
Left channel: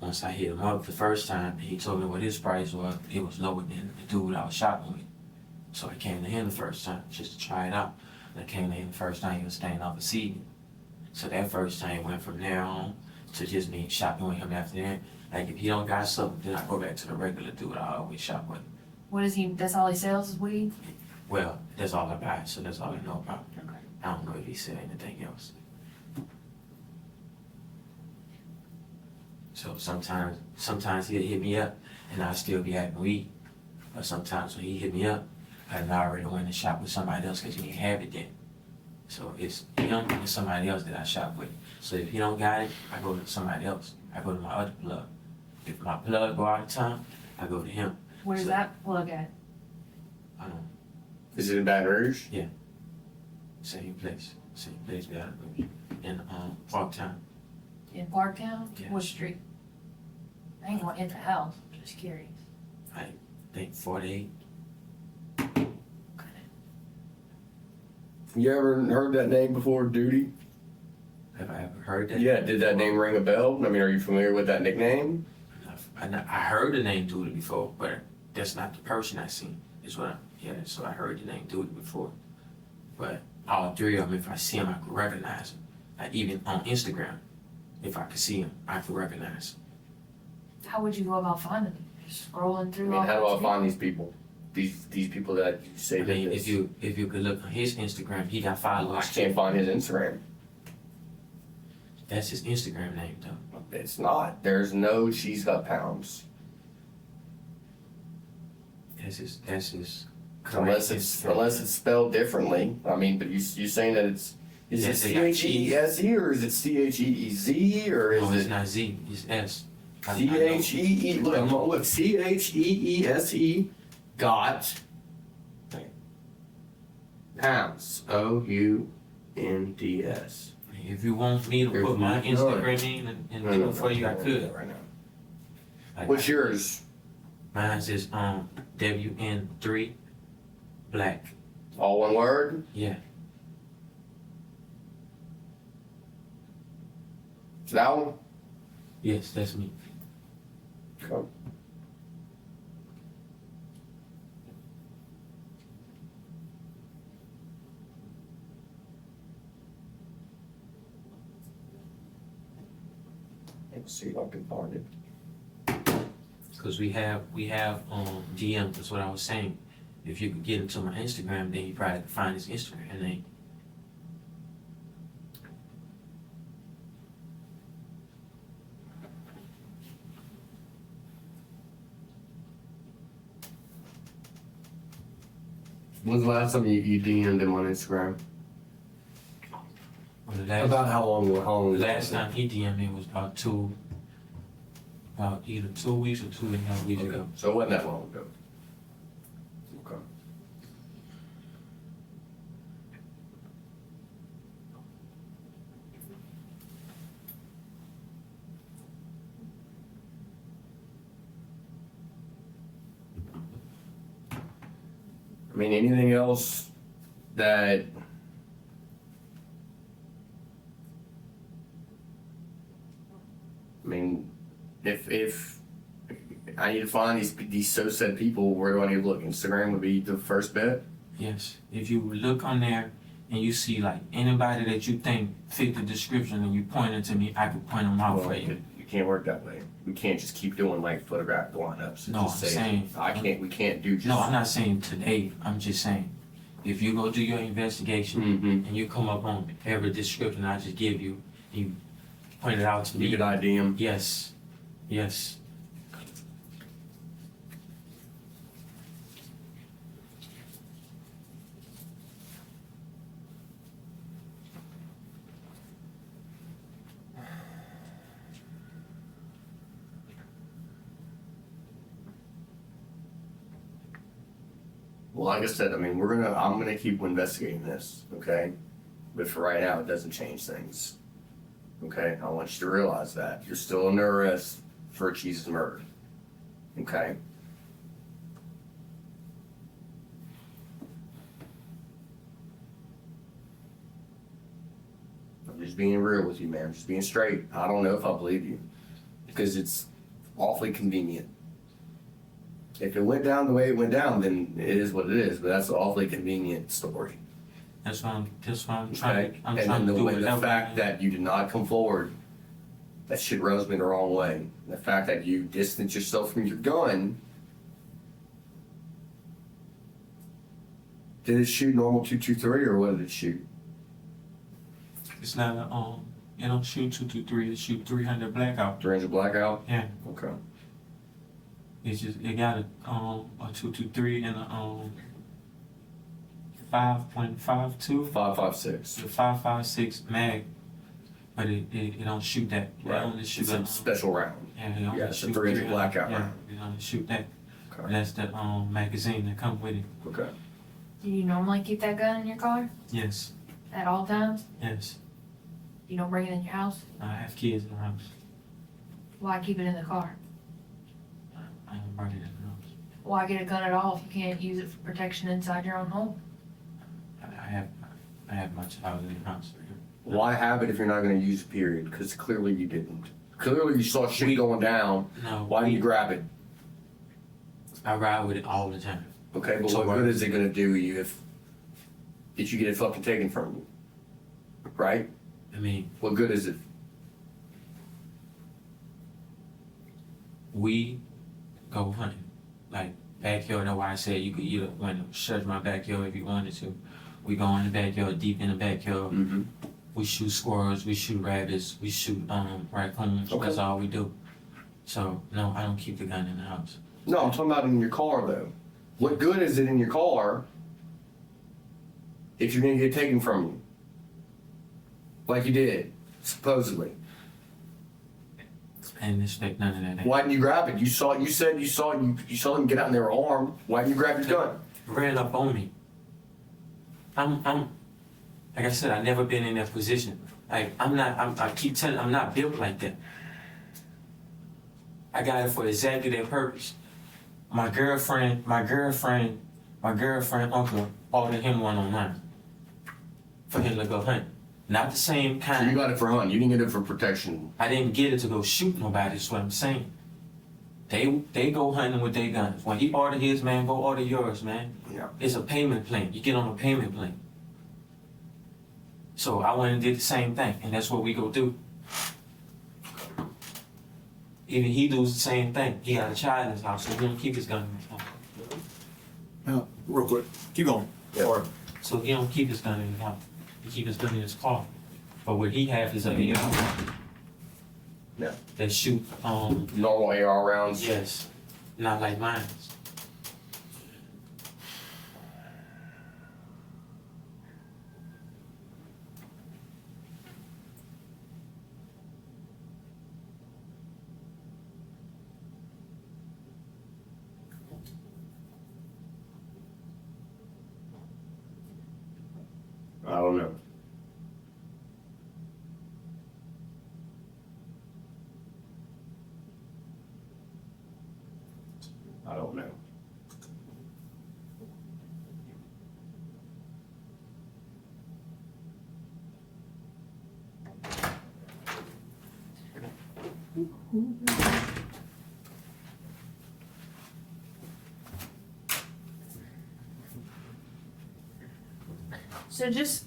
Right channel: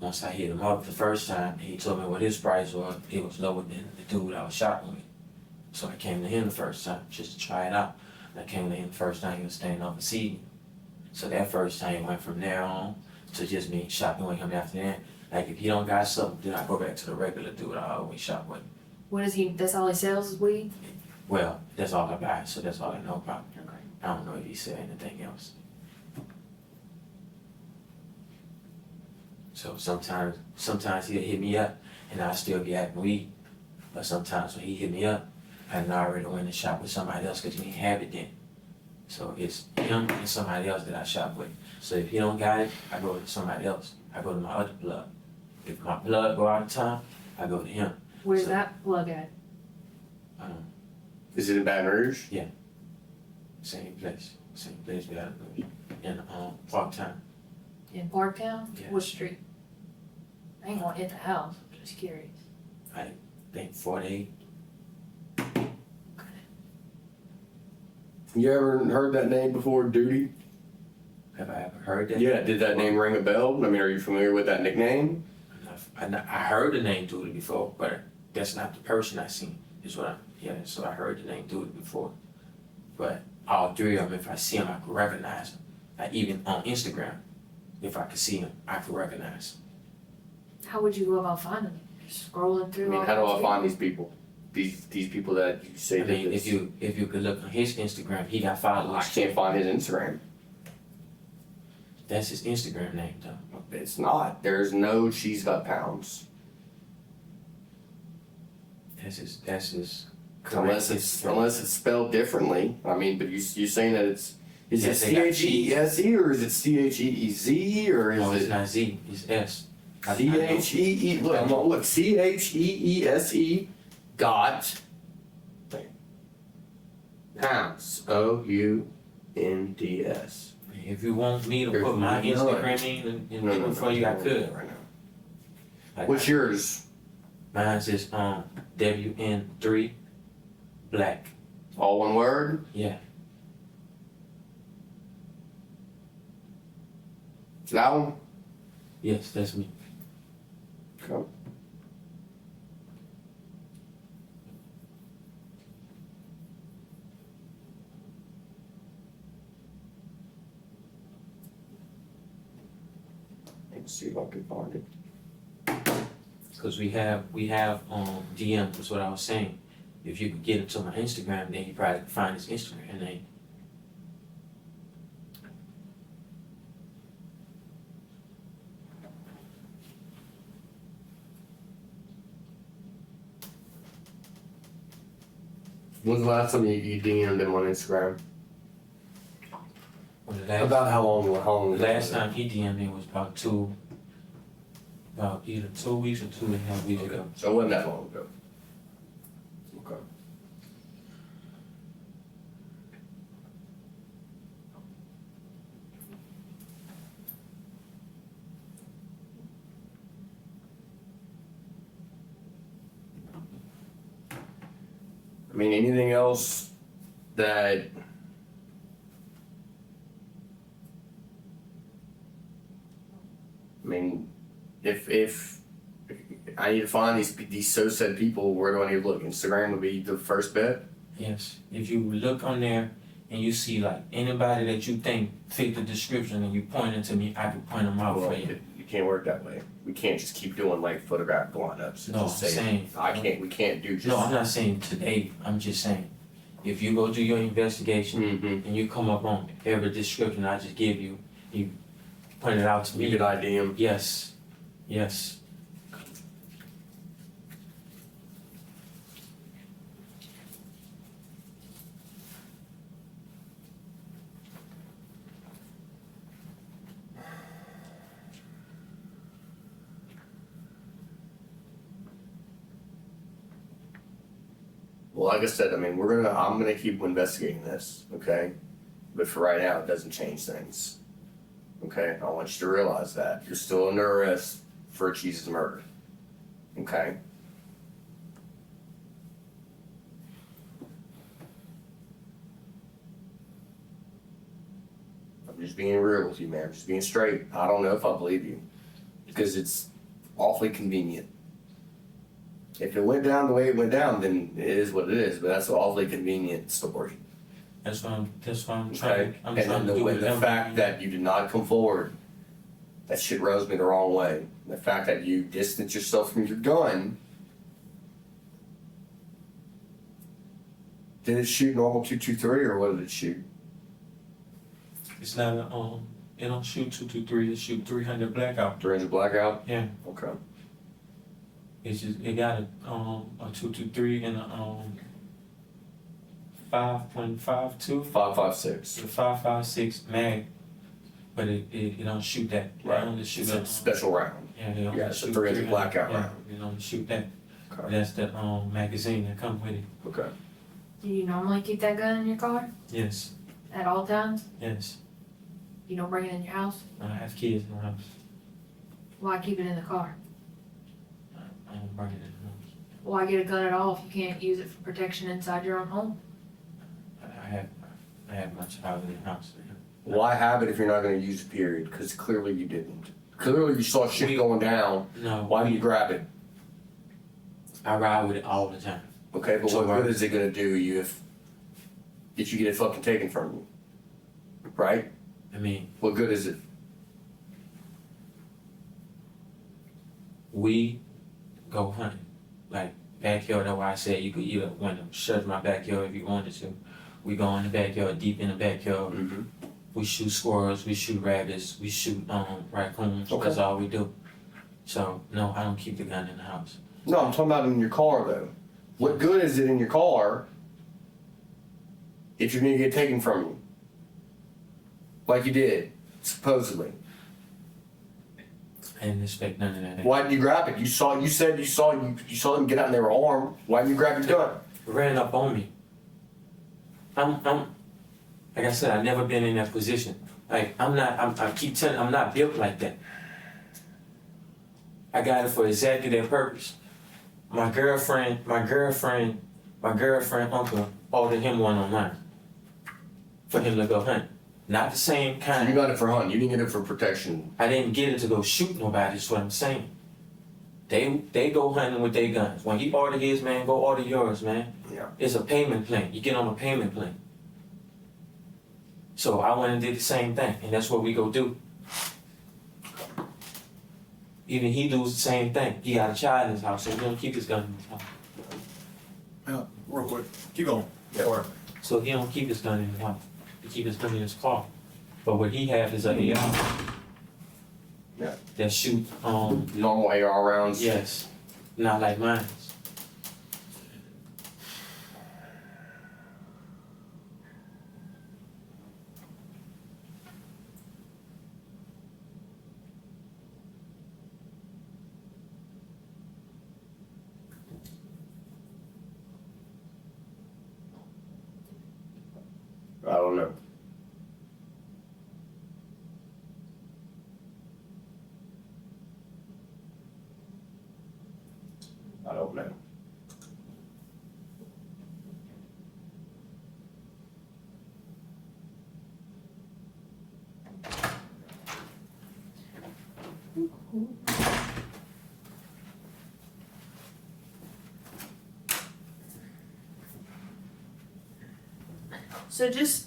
once I hit him up the first time, he told me what his price was. It was lower than the dude I was shopping with. So I came to him the first time just to try it out. And I came to him the first time he was standing off a seat. So that first time went from there on to just me shopping with him after that. Like if he don't got something, then I go back to the regular dude I always shop with. What is he? That's all he sells is weed? Well, that's all I buy, so that's all I know about. Okay. I don't know if he said anything else. So sometimes he'll hit me up and I'll still be having weed. But sometimes when he hit me up, I already went to shop with somebody else because he didn't have it then. So it's him and somebody else that I shop with. So if he don't got it, I go to somebody else. I go to my other plug. If my plug go out of town, I go to him. Where's So- that plug at? Is it in Baton Rouge? Same place Baton Rouge. In Parktown. In Parktown? Yeah. What street? I ain't going in the house. I'm just curious. I think 48. You ever heard that name before, Duty? Have I ever heard that? Yeah. Did that name ring a bell? I mean, are you familiar with that nickname? I heard the name Duty before, but that's not the person I seen. Is what so I heard the name Duty before. But all three of them, if I see them, I can recognize them. Like even on Instagram, if I could see them, I could recognize them. How would you go about finding them? Just scrolling I through mean, all how do I those find people? these people? These people that you say I that mean, this- if you could look on his Instagram, he got I followers. can't find his Instagram. That's his Instagram name though. It's not. There's no she's got pounds. That's his Unless it's spelled differently. I mean, but you saying that is Yes, it they got CHEESE or is it CHEEZ or is No, it's it not Z, it's S. CHEE? Look, I'm gonna look CHEESE got pounds. OUNDS. If you want me to There's put my none. Instagram in and do it for you, I could. Right now. Like, What's yours? Mine's is WN3 Black. All one word? Yeah. That one? Yes, that's me. Okay. Let's see if I can find it. Cause we have DM, that's what I was saying. If you could get into my Instagram, then you probably can find his Instagram name. When's the last time you DM'd him on Instagram? Well, the last, About how long was it? last time he DM'd me was about either 2 weeks or 2.5 weeks ago. So it wasn't that long ago. Okay. I mean, anything else that mean, if I need to find these so said people, where do I need to look? Instagram would be the first bet. Yes. If you look on there and you see like anybody that you think fit the description and you point it to me, I can point them out for you. You can't work that way. We can't just keep doing like photograph lineups. And No, just I'm say, saying- we can't do just. No, I'm not saying today. I'm just saying, if you go do your investigation Mm-hmm. and you come up on every description I just give you, you point it out to You me. could ID them. Yes. Yes. Well, like I said, I mean, I'm gonna keep investigating this, okay? But for right now, it doesn't change things. Okay, I want you to realize that you're still under arrest for Cheese's murder. Okay. I'm just being real with you, man. I'm just being straight. I don't know if I believe you because it's awfully convenient. If it went down the way it went down, then it is what it is. But that's an awfully convenient story. That's what I'm Okay. trying. I'm And trying then to do the whatever. fact that you did not come forward, that shit rubs me the wrong way. The fact that you distance yourself from your gun. Did it shoot normal 223 or what did it shoot? It's not a it don't shoot 223. It shoot 300 blackout. 300 blackout? Yeah. Okay. It's just it got a 223 and a 5.52. 5.56. The 5.56 mag, but it don't shoot that. Right. It only shoot It's a special round. Yeah, it only Yeah, it's a shoot 300 300. blackout Yeah, round. it only shoot that. Okay. That's the magazine that come with it. Okay. Do you normally keep that gun in your car Yes, at all times? yes. You don't bring it in your house? I have kids in the house. Why Why keep it in the car? I don't bring it in the house. Why get a gun at all if you can't use it for protection inside your own home? I have my child in the house. Why have it if you're not going to use it, period? Because clearly you didn't. Clearly you saw shit going down. No, Why didn't you grab it? I ride with it all the time. Okay, but what good is it going to do you if you get it fucking taken from you? Right? I mean, What good is it? we go hunting. Like backyard, that's why I said you could either want to search my backyard if you wanted to. We go in the backyard, deep in the backyard. Mm-hmm. We shoot squirrels, we shoot rabbits, we shoot raccoons. Okay. That's all we do. So no, I don't keep the gun in the house. No, I'm talking about in your car though. What good is it in your car if you're going to get taken from you? Like you did, supposedly. I didn't expect none of that. Why didn't you grab it? You said you saw them get out and they were armed. Why didn't you grab your gun? Ran up on me. I'm like I said, I've never been in that position. Like I keep telling, I'm not built like that. I got it for exactly that purpose. My girlfriend uncle ordered him one on mine. For him to go hunt. Not the same You kind. got it for hunting. You didn't get it for protection. I didn't get it to go shoot nobody, is what I'm saying. They go hunting with their guns. When he ordered his, man, go order yours, man. Yeah. It's a payment plan. You get on a payment plan. So I went and did the same thing, and that's what we go do. Even he does the same thing. He got a child in his house, so he don't keep his gun in his house. Real quick, keep going. Yeah. Or So he don't keep his gun in his house. He keep his gun in his car. But what he have is a AR Yeah. that shoot Normal AR rounds. yes, not like mine. I don't know. I don't know. So just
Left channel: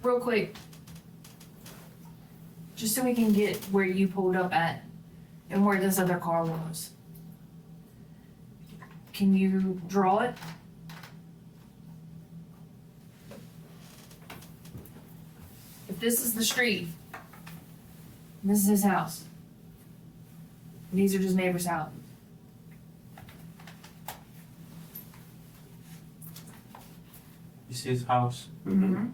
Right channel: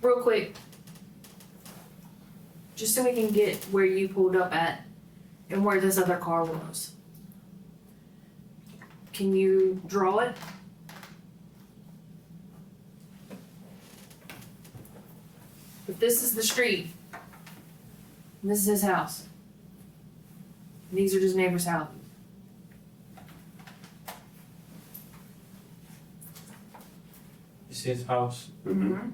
real quick, just so we can get where you pulled up at and where this other car was. Can you draw it? If this is the street, and this is his house, and these are just neighbors' houses. It's his house. Mm-hmm.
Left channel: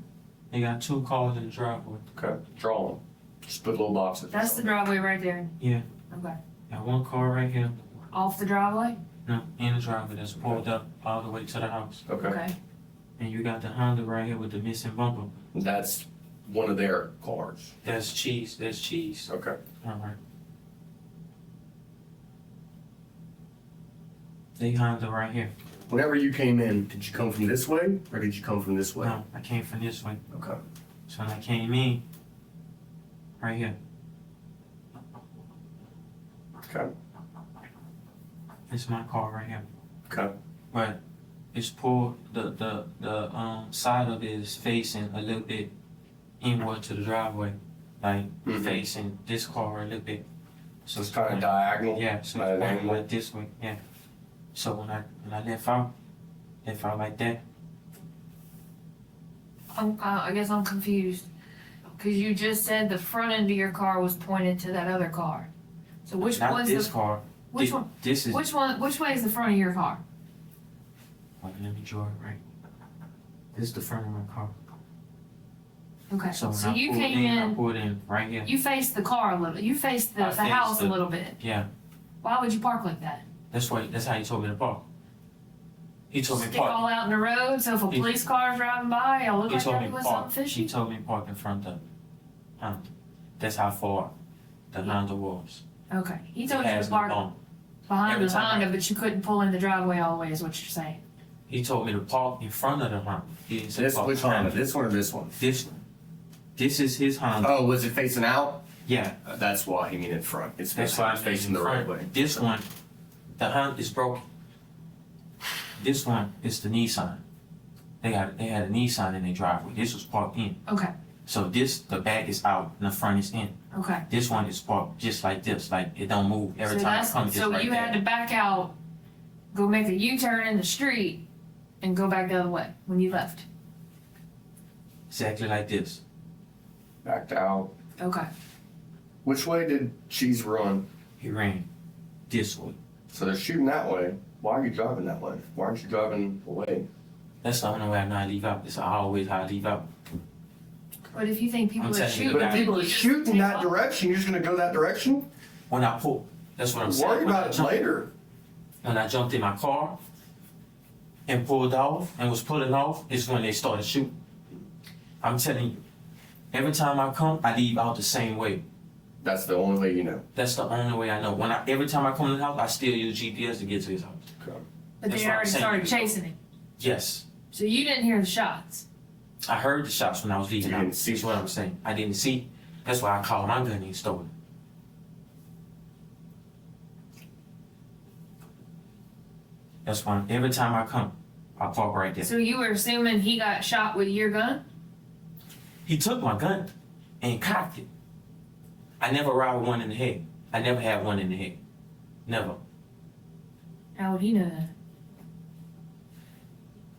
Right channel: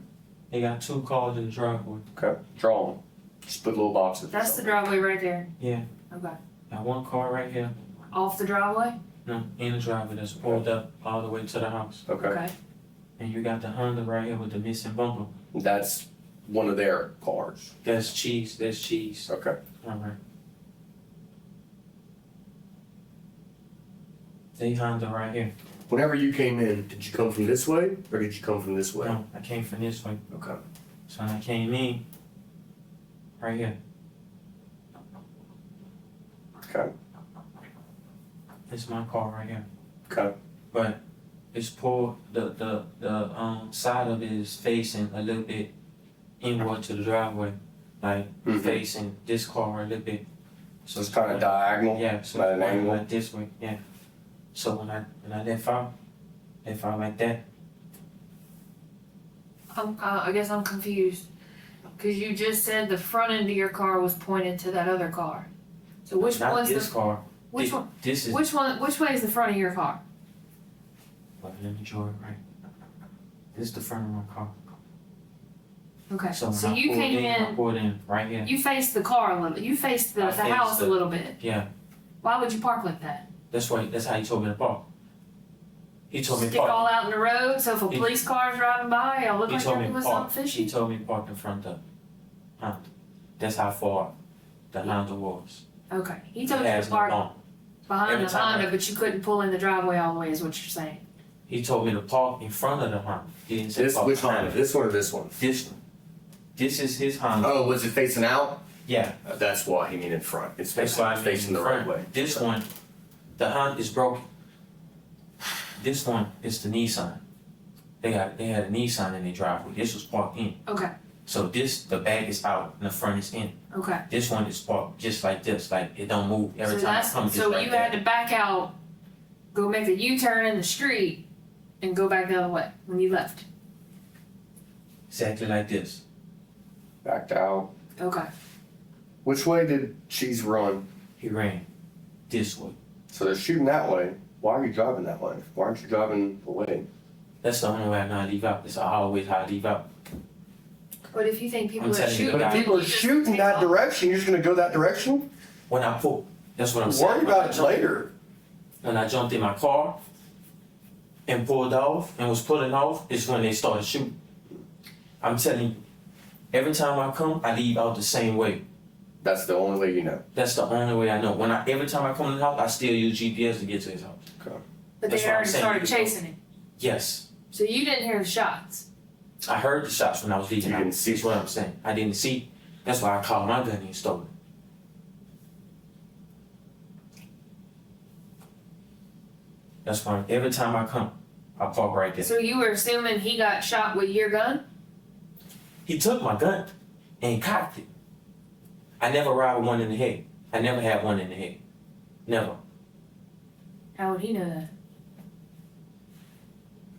They got 2 cars in the driveway. Okay, draw them. Just put little boxes. That's the driveway right there. Yeah. Okay. Got 1 car right here. Off the driveway? No, in the driveway that's pulled up all the way to the house. Okay. And you got the Honda right here with the missing bumper. That's one of their cars. That's cheese. That's cheese. Okay. All right. They Honda right here. Whenever you came in, did you come from this way or did you come from this way? No, I came from this way. Okay. So when I came in, right here. Okay. It's my car right here. Okay. But it's pulled. The side of it is facing a little bit inward to the driveway, like Mhm. facing this car a little bit. So it's kind of diagonal. Yeah, so at it's an pointing angle. like this way. Yeah. So when I left out like that. I guess I'm confused. Cause you just said the front end of your car was pointed to that other car. So which Not one's this the, car. which Thi- one, This is. which way is the front of your car? Wait, let me draw it right. This is the front of my car. Okay, So when so I you pulled came I in, pulled in right here. you faced the car a little, you faced the I faced house a the- little bit. Yeah, Why would you park like that? that's how he told me to park. He told me to Stick all park. out in the road, so if a He- police car is driving by, y'all look He like told y'all me to doing park. something He fishy? told me to park in front of Honda. That's how far the Honda was. Okay, he told It you has to no park bump. behind every the time Honda, I- but you couldn't pull in the driveway all the way is what you're saying. He told me to park in front of the Honda. He didn't say This park which behind Honda? it. This one or this one? This is his Honda. Oh, was it facing out? Yeah, That's why he mean in front. It's that's facing, why I it's made facing in the front. right way. This one, the Honda is broken. This one is the Nissan. They had a Nissan in their driveway. This was parked in. Okay, So the back is out and the front is in. okay. This one is parked just like this, like it don't move every So time that's, it comes just so right you there. had to back out, go make a U-turn in the street, and go back the other way when you left. Exactly like this. Backed out. Okay. Which way did Cheese run? He ran this way. So they're shooting that way. Why are you driving that way? Why aren't you driving away? That's the only way I know how to leave out. It's always how I leave out. But if you think people I'm are telling you, shooting, But if people are you just shooting take that off. direction, you're just gonna go that direction? When I pull, that's what I'm saying. Worry about it later. When I jumped in my car and pulled off and was pulling off, is when they started shooting. I'm telling you, every time I come, I leave out the same way. That's the only way you know. That's the only way I know. Every time I come to the house, I still use GPS to get to his house. But That's they what I'm already saying. started chasing it. Yes. So you didn't hear the shots. I heard the shots when I was leaving You out. didn't see That's what I'm saying. I didn't see. That's why I called my gun and stole it. That's why every time I come, I park right there. So you were assuming he got shot with your gun? He took my gun and cocked it. I never ride with one in the head. I never had one in the head. Never. How would he know that?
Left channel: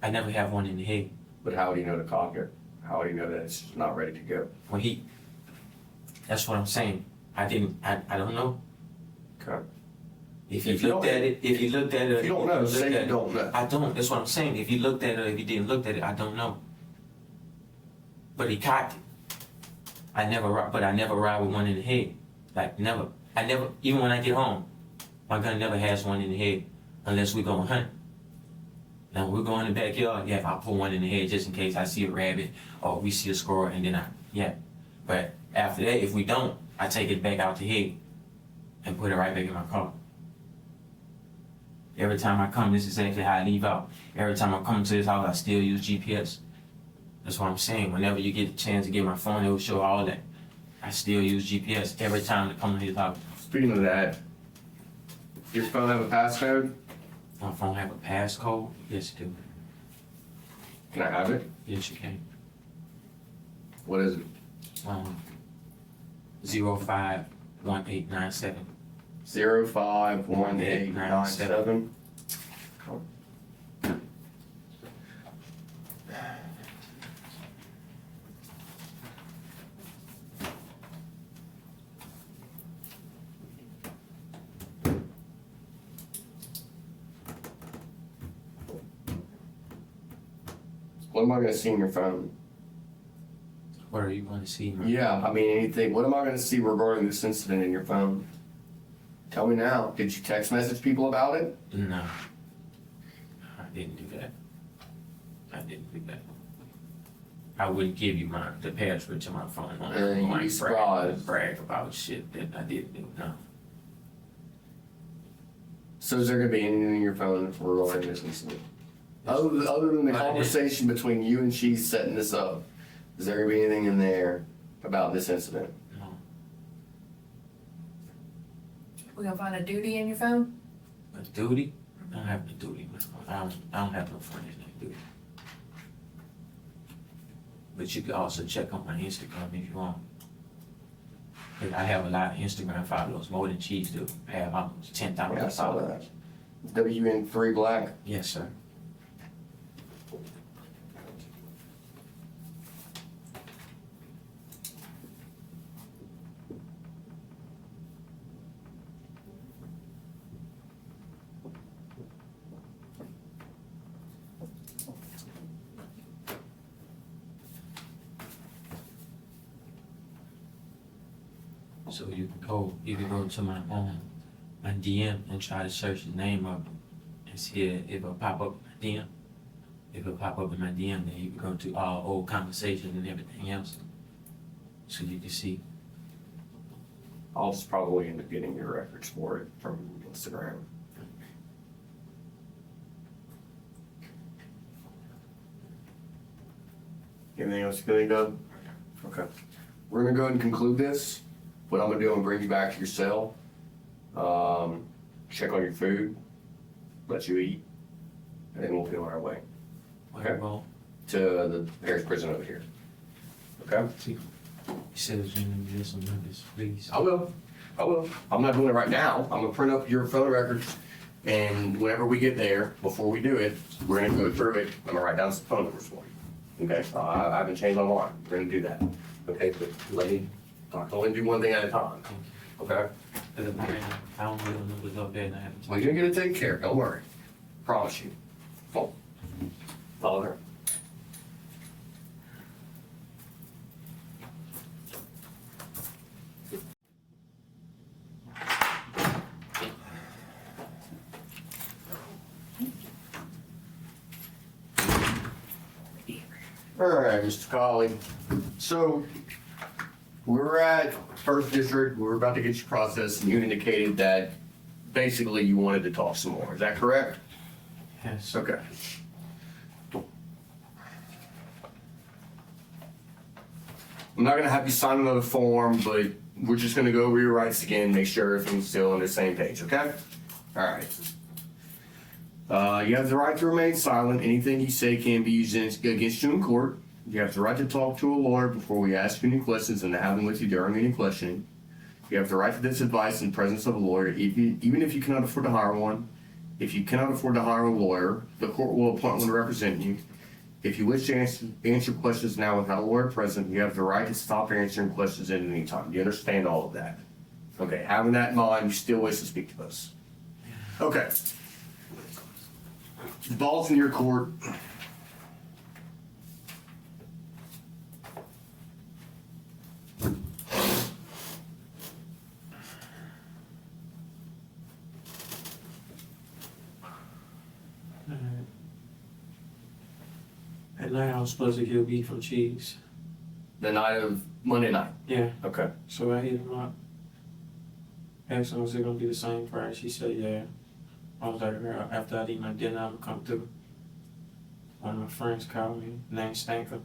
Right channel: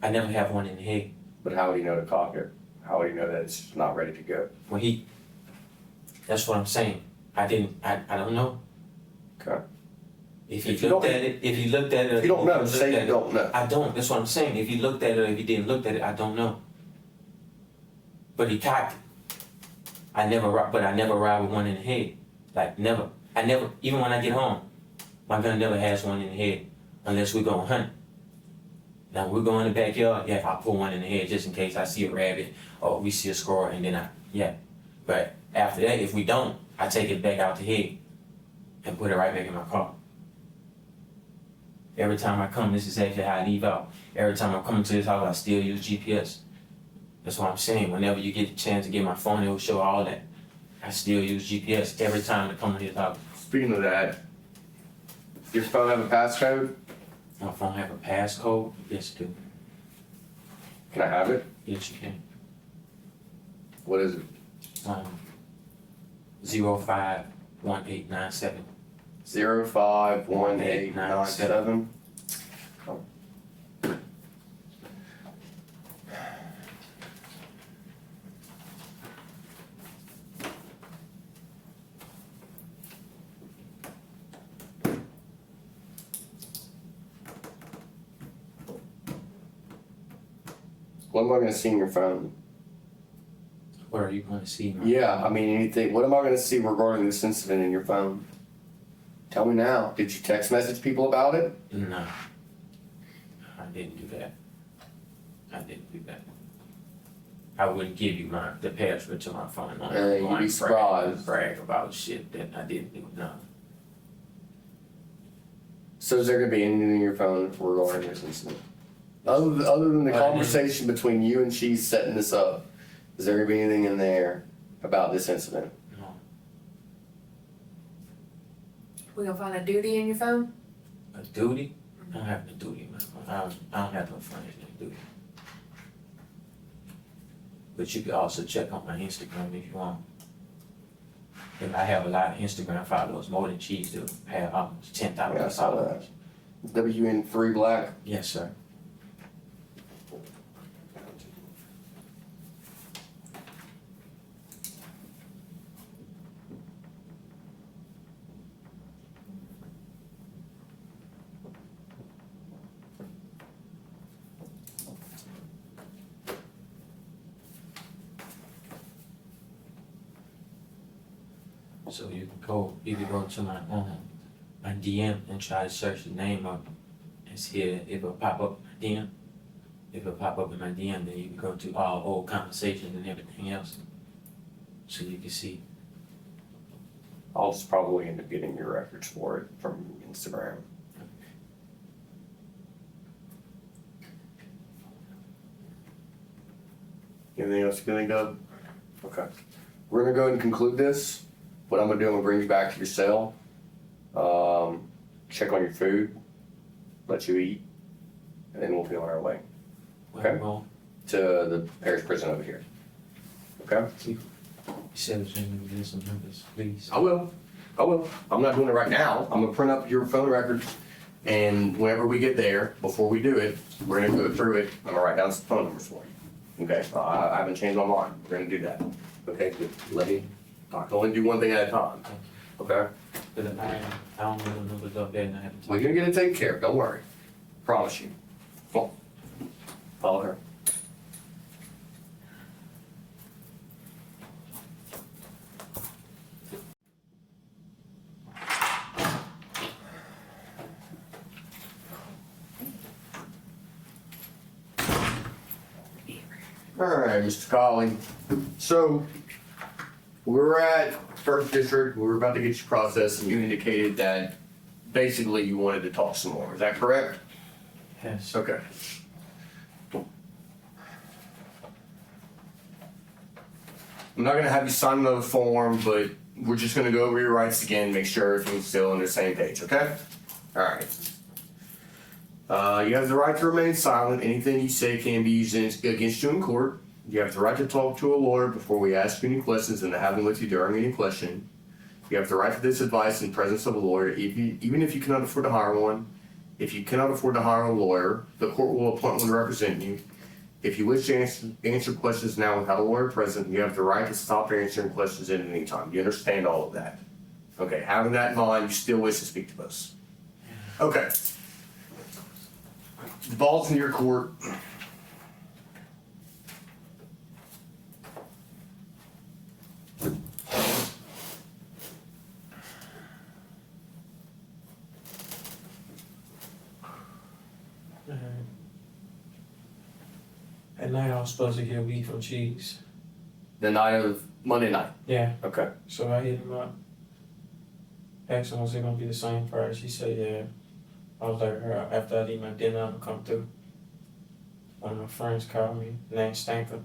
I never have one in the head. But how would he know to cock it? How would he know that it's not ready to go? When he, that's what I'm saying. I don't know. Okay. If he If you looked don't- at it, if he looked at it, If you don't know, looked say at you it, don't know. I don't. That's what I'm saying. If he looked at it or if he didn't look at it, I don't know. But he cocked it. I never ride with one in the head. Like never. Even when I get home, my gun never has one in the head unless we're going hunt. Now we're going in the backyard, yeah, I pull one in the head just in case I see a rabbit or we see a squirrel and then But after that, if we don't, I take it back out the head and put it right back in my car. Every time I come, this is exactly how I leave out. Every time I come to this house, I still use GPS. That's what I'm saying. Whenever you get the chance to get my phone, it will show all that. I still use GPS every time I come to his house. Speaking of that, your phone have a passcode? My phone have a passcode? Yes, it do. Can I have it? Yes, you can. What is it? 051897. 051897. What am I gonna see in your phone? What are you going to see? Yeah, I mean anything. What am I gonna see regarding this incident in your phone? Tell me now. Did you text message people about it? No. I didn't do that. I didn't do that. I wouldn't give you the password to my phone. You'd be surprised. Brag about shit that I didn't do. No. So is there gonna be anything in your phone regarding this incident? Other than the conversation between you and she setting this up, is there gonna be anything in there about this incident? No. We gonna find a duty in your phone? A duty? I don't have a duty, man. I don't have no friends named Duty. But you can also check on my Instagram if you want. And I have a lot of Instagram followers, more than Cheese do. I have almost 10,000 Yeah, I saw that. followers. WN3 Black. Yes, sir. So you can go to my DM and try to search the name of it and see if it'll pop up in my DM. If it'll pop up in my DM, then you can go to all old conversations and everything else, so you can see. I'll just probably end up getting your records for it from Instagram. Anything else you can think of? Okay. We're gonna go ahead and conclude this. What I'm gonna do, I'm gonna bring you back to your cell. Check on your food, let you eat, and then we'll be on our way Okay. Well, to the parish prison over here. Okay? you said it was going to do some numbers, please. I will. I'm not doing it right now. I'm gonna print up your phone records, and whenever we get there, before we do it, we're gonna go through it. I'm gonna write down some phone numbers for you. Okay? I haven't changed my mind. We're gonna do that. Okay? But I can only do one thing at a time. Okay? Because I don't know the numbers up there and I haven't. Well, you're gonna get it taken care of. Don't worry. Promise you. Come on. Follow her. All right, Mr. Kollie. So, we're at First District. We're about to get you processed, and you indicated that basically you wanted to talk some more. Is that correct? Yes. Okay. I'm not gonna have you sign another form, but we're just gonna go over your rights again, make sure everything's still on the same page, okay? All right. You have the right to remain silent. Anything you say can be used against you in court. You have the right to talk to a lawyer before we ask you any questions and to have them with you during any questioning. You have the right to this advice in the presence of a lawyer, even if you cannot afford to hire one. If you cannot afford to hire a lawyer, the court will appoint one to represent you. If you wish to answer questions now without a lawyer present, you have the right to stop answering questions at any time. You understand all of that? Okay, having that in mind, you still wish to speak to us? Okay. The ball's in your court. At night I was supposed to get weed from Cheese. The night of Monday night. Yeah. Okay. So I hit him up. Asked him, was it gonna be the same price? He said, yeah. I was like, after I eat my dinner, I'm gonna come through. One of my friends called me, named Stanker.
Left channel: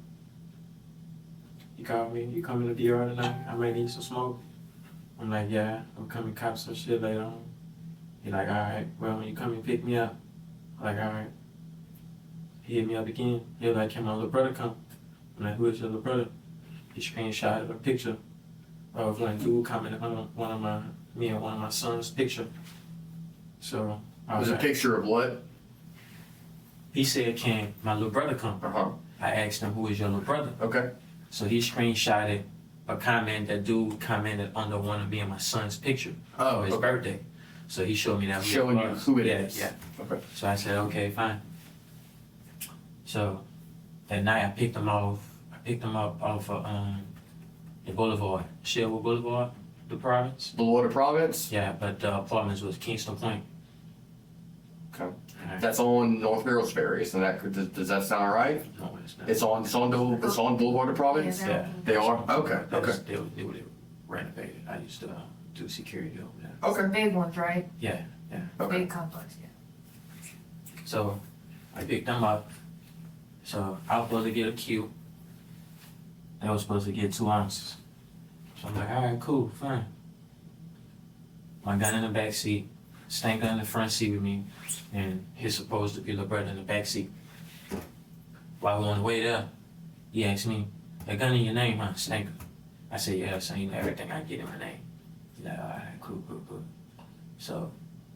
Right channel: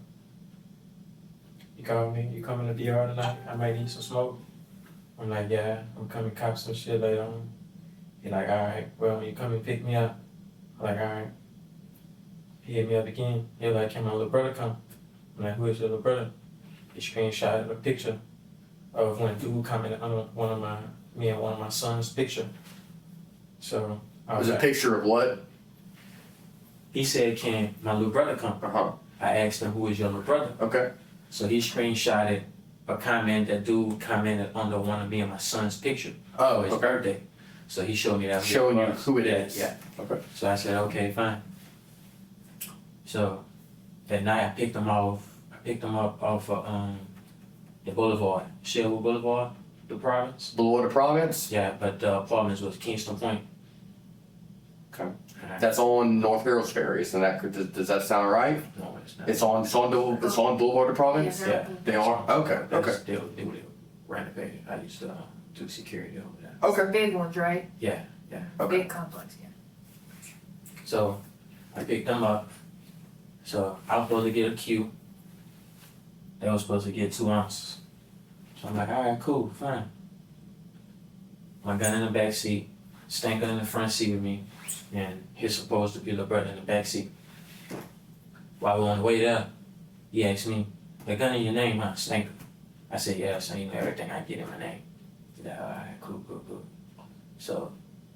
He called me, you coming to the yard tonight? I might need some smoke. I'm like, yeah, I'm coming cop some shit later on. He like, alright, well, when you come and pick me up, I'm like, alright. He hit me up again. He like, can my little brother come? I'm like, who is your little brother? He screenshotted a picture of when dude commented on me and one of my son's picture. So I It was was a like, picture of what? he said, "Can my little brother come?" Uh-huh. I asked him, "Who is your little brother?" Okay. So he screenshotted a comment that dude commented under one of me and my son's picture Oh, for his okay. birthday. So he showed me that. Showing you was. who it Yeah, is. Yeah. Okay. So I said, okay, fine. So that night I picked him up off of the boulevard, Sherwood Boulevard, the province. Bluewater Province? Yeah, but the apartments was Kingston Point. Okay. That's on North Harrow's Ferry, isn't that, does that sound right? No, it's not. It's on Bluewater Province? Yeah. They are? Okay, okay. They were renovated. I used to do security over there. Okay. Big ones, right? Yeah. Okay. Big complex, yeah. So I picked them up. So I was supposed to get a Q. They were supposed to get 2 ounces. So I'm like, all right, cool, fine. My gun in the back seat, Stanker in the front seat with me, and his supposed to be little brother in the back seat. While we were on the way there, he asked me, "The gun in your name, huh, Stanker?" I said, "Yeah, so you know everything I get in my name." He's like, all right, cool. So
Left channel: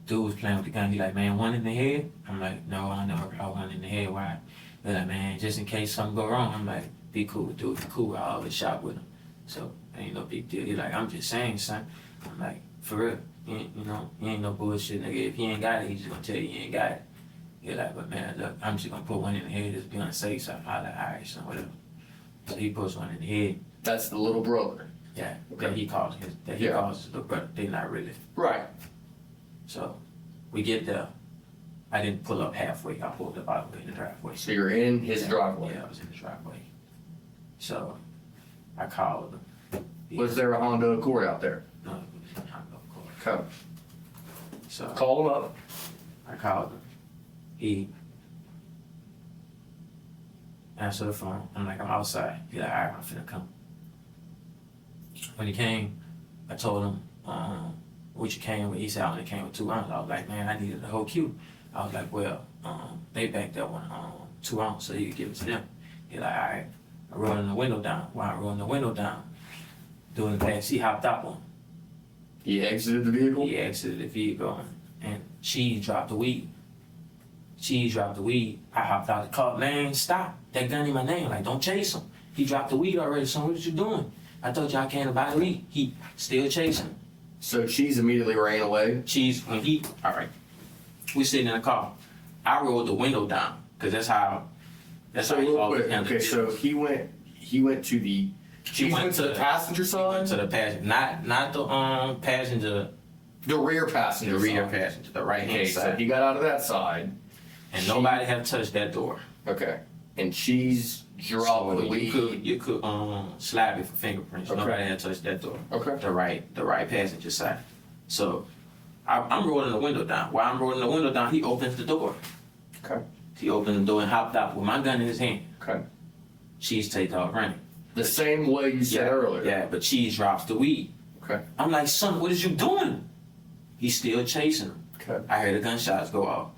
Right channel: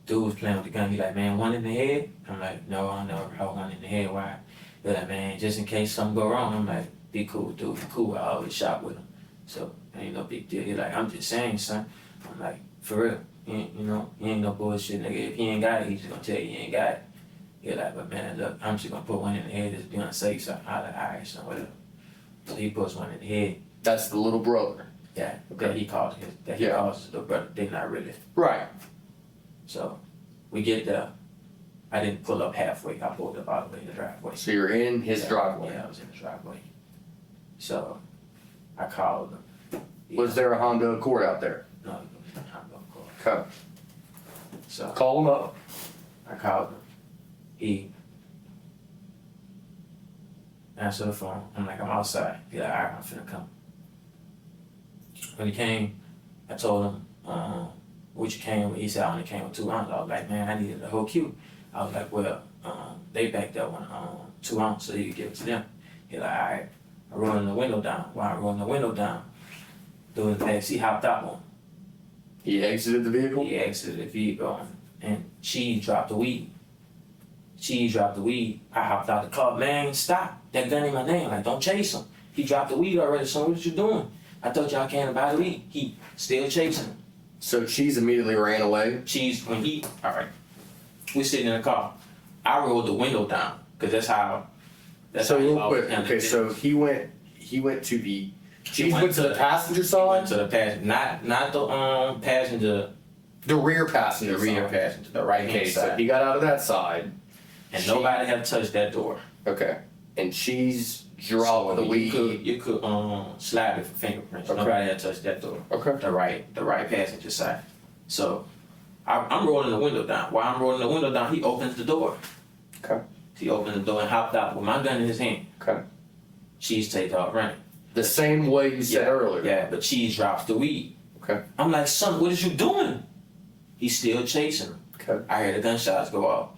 dude was playing with the gun. He like, "Man, one in the head?" I'm like, "No, I never got one in the head. Why?" They're like, "Man, just in case something go wrong." I'm like, "Be cool, dude. Be cool. I always shot with him, so ain't no big deal." He like, "I'm just saying, son." I'm like, "For real, you ain't no bullshit, nigga. If he ain't got it, he's just gonna tell you he ain't got it." He like, "But man, look, I'm just gonna put one in the head just be on the safe side." I like, "All right, son, whatever." So he puts one in the head. That's the little brother. Yeah, Okay. that he calls his little brother. They not really. Right. So we get there. I didn't pull up halfway. I pulled up all the way in the driveway. So you're in his driveway. Yeah, I was in the driveway. So I called him. Was there a Honda Accord out there? No, it was not no call. Okay. So Call him up. I called him. He answered the phone. I'm like, "I'm outside." He like, "All right, I'm finna come." When he came, I told him, what you came with. He said, "I only came with 2 ounces." I was like, "Man, I needed the whole queue." I was like, "Well, they backed that one 2 ounces so you could give it to them." He like, "All right." I rolled the window down. While I rolled the window down, doing the back, he hopped out on. He exited the vehicle? He exited the vehicle and Cheese dropped the weed. Cheese dropped the weed. I hopped out the car. "Man, stop. That gun in my name. Like, don't chase him. He dropped the weed already, son. What you doing? I thought y'all came to buy the weed." He still chasing him. So Cheese immediately ran away? Cheese, all right, we sitting in the car. I rolled the window down, because that's how So he real always quick, handled okay, business. so he went to the, Cheese went went to the passenger He side? went to the passenger, not the passenger, The rear passenger the rear side. passenger, the right hand Okay, so side. he got out of that side. And nobody had touched that door. Okay. And Cheese dropped the weed. You could slap it for fingerprints. Okay. Nobody had touched that door. Okay. The right passenger side. So I'm rolling the window down. While I'm rolling the window down, he opens the door. Okay. He opened the door and hopped out with my gun in his hand. Okay. Cheese takes off running. The same way you said earlier. Yeah, but Cheese drops the weed. Okay. I'm like, "Son, what is you doing?" He's still chasing him. Okay. I hear the gunshots go off.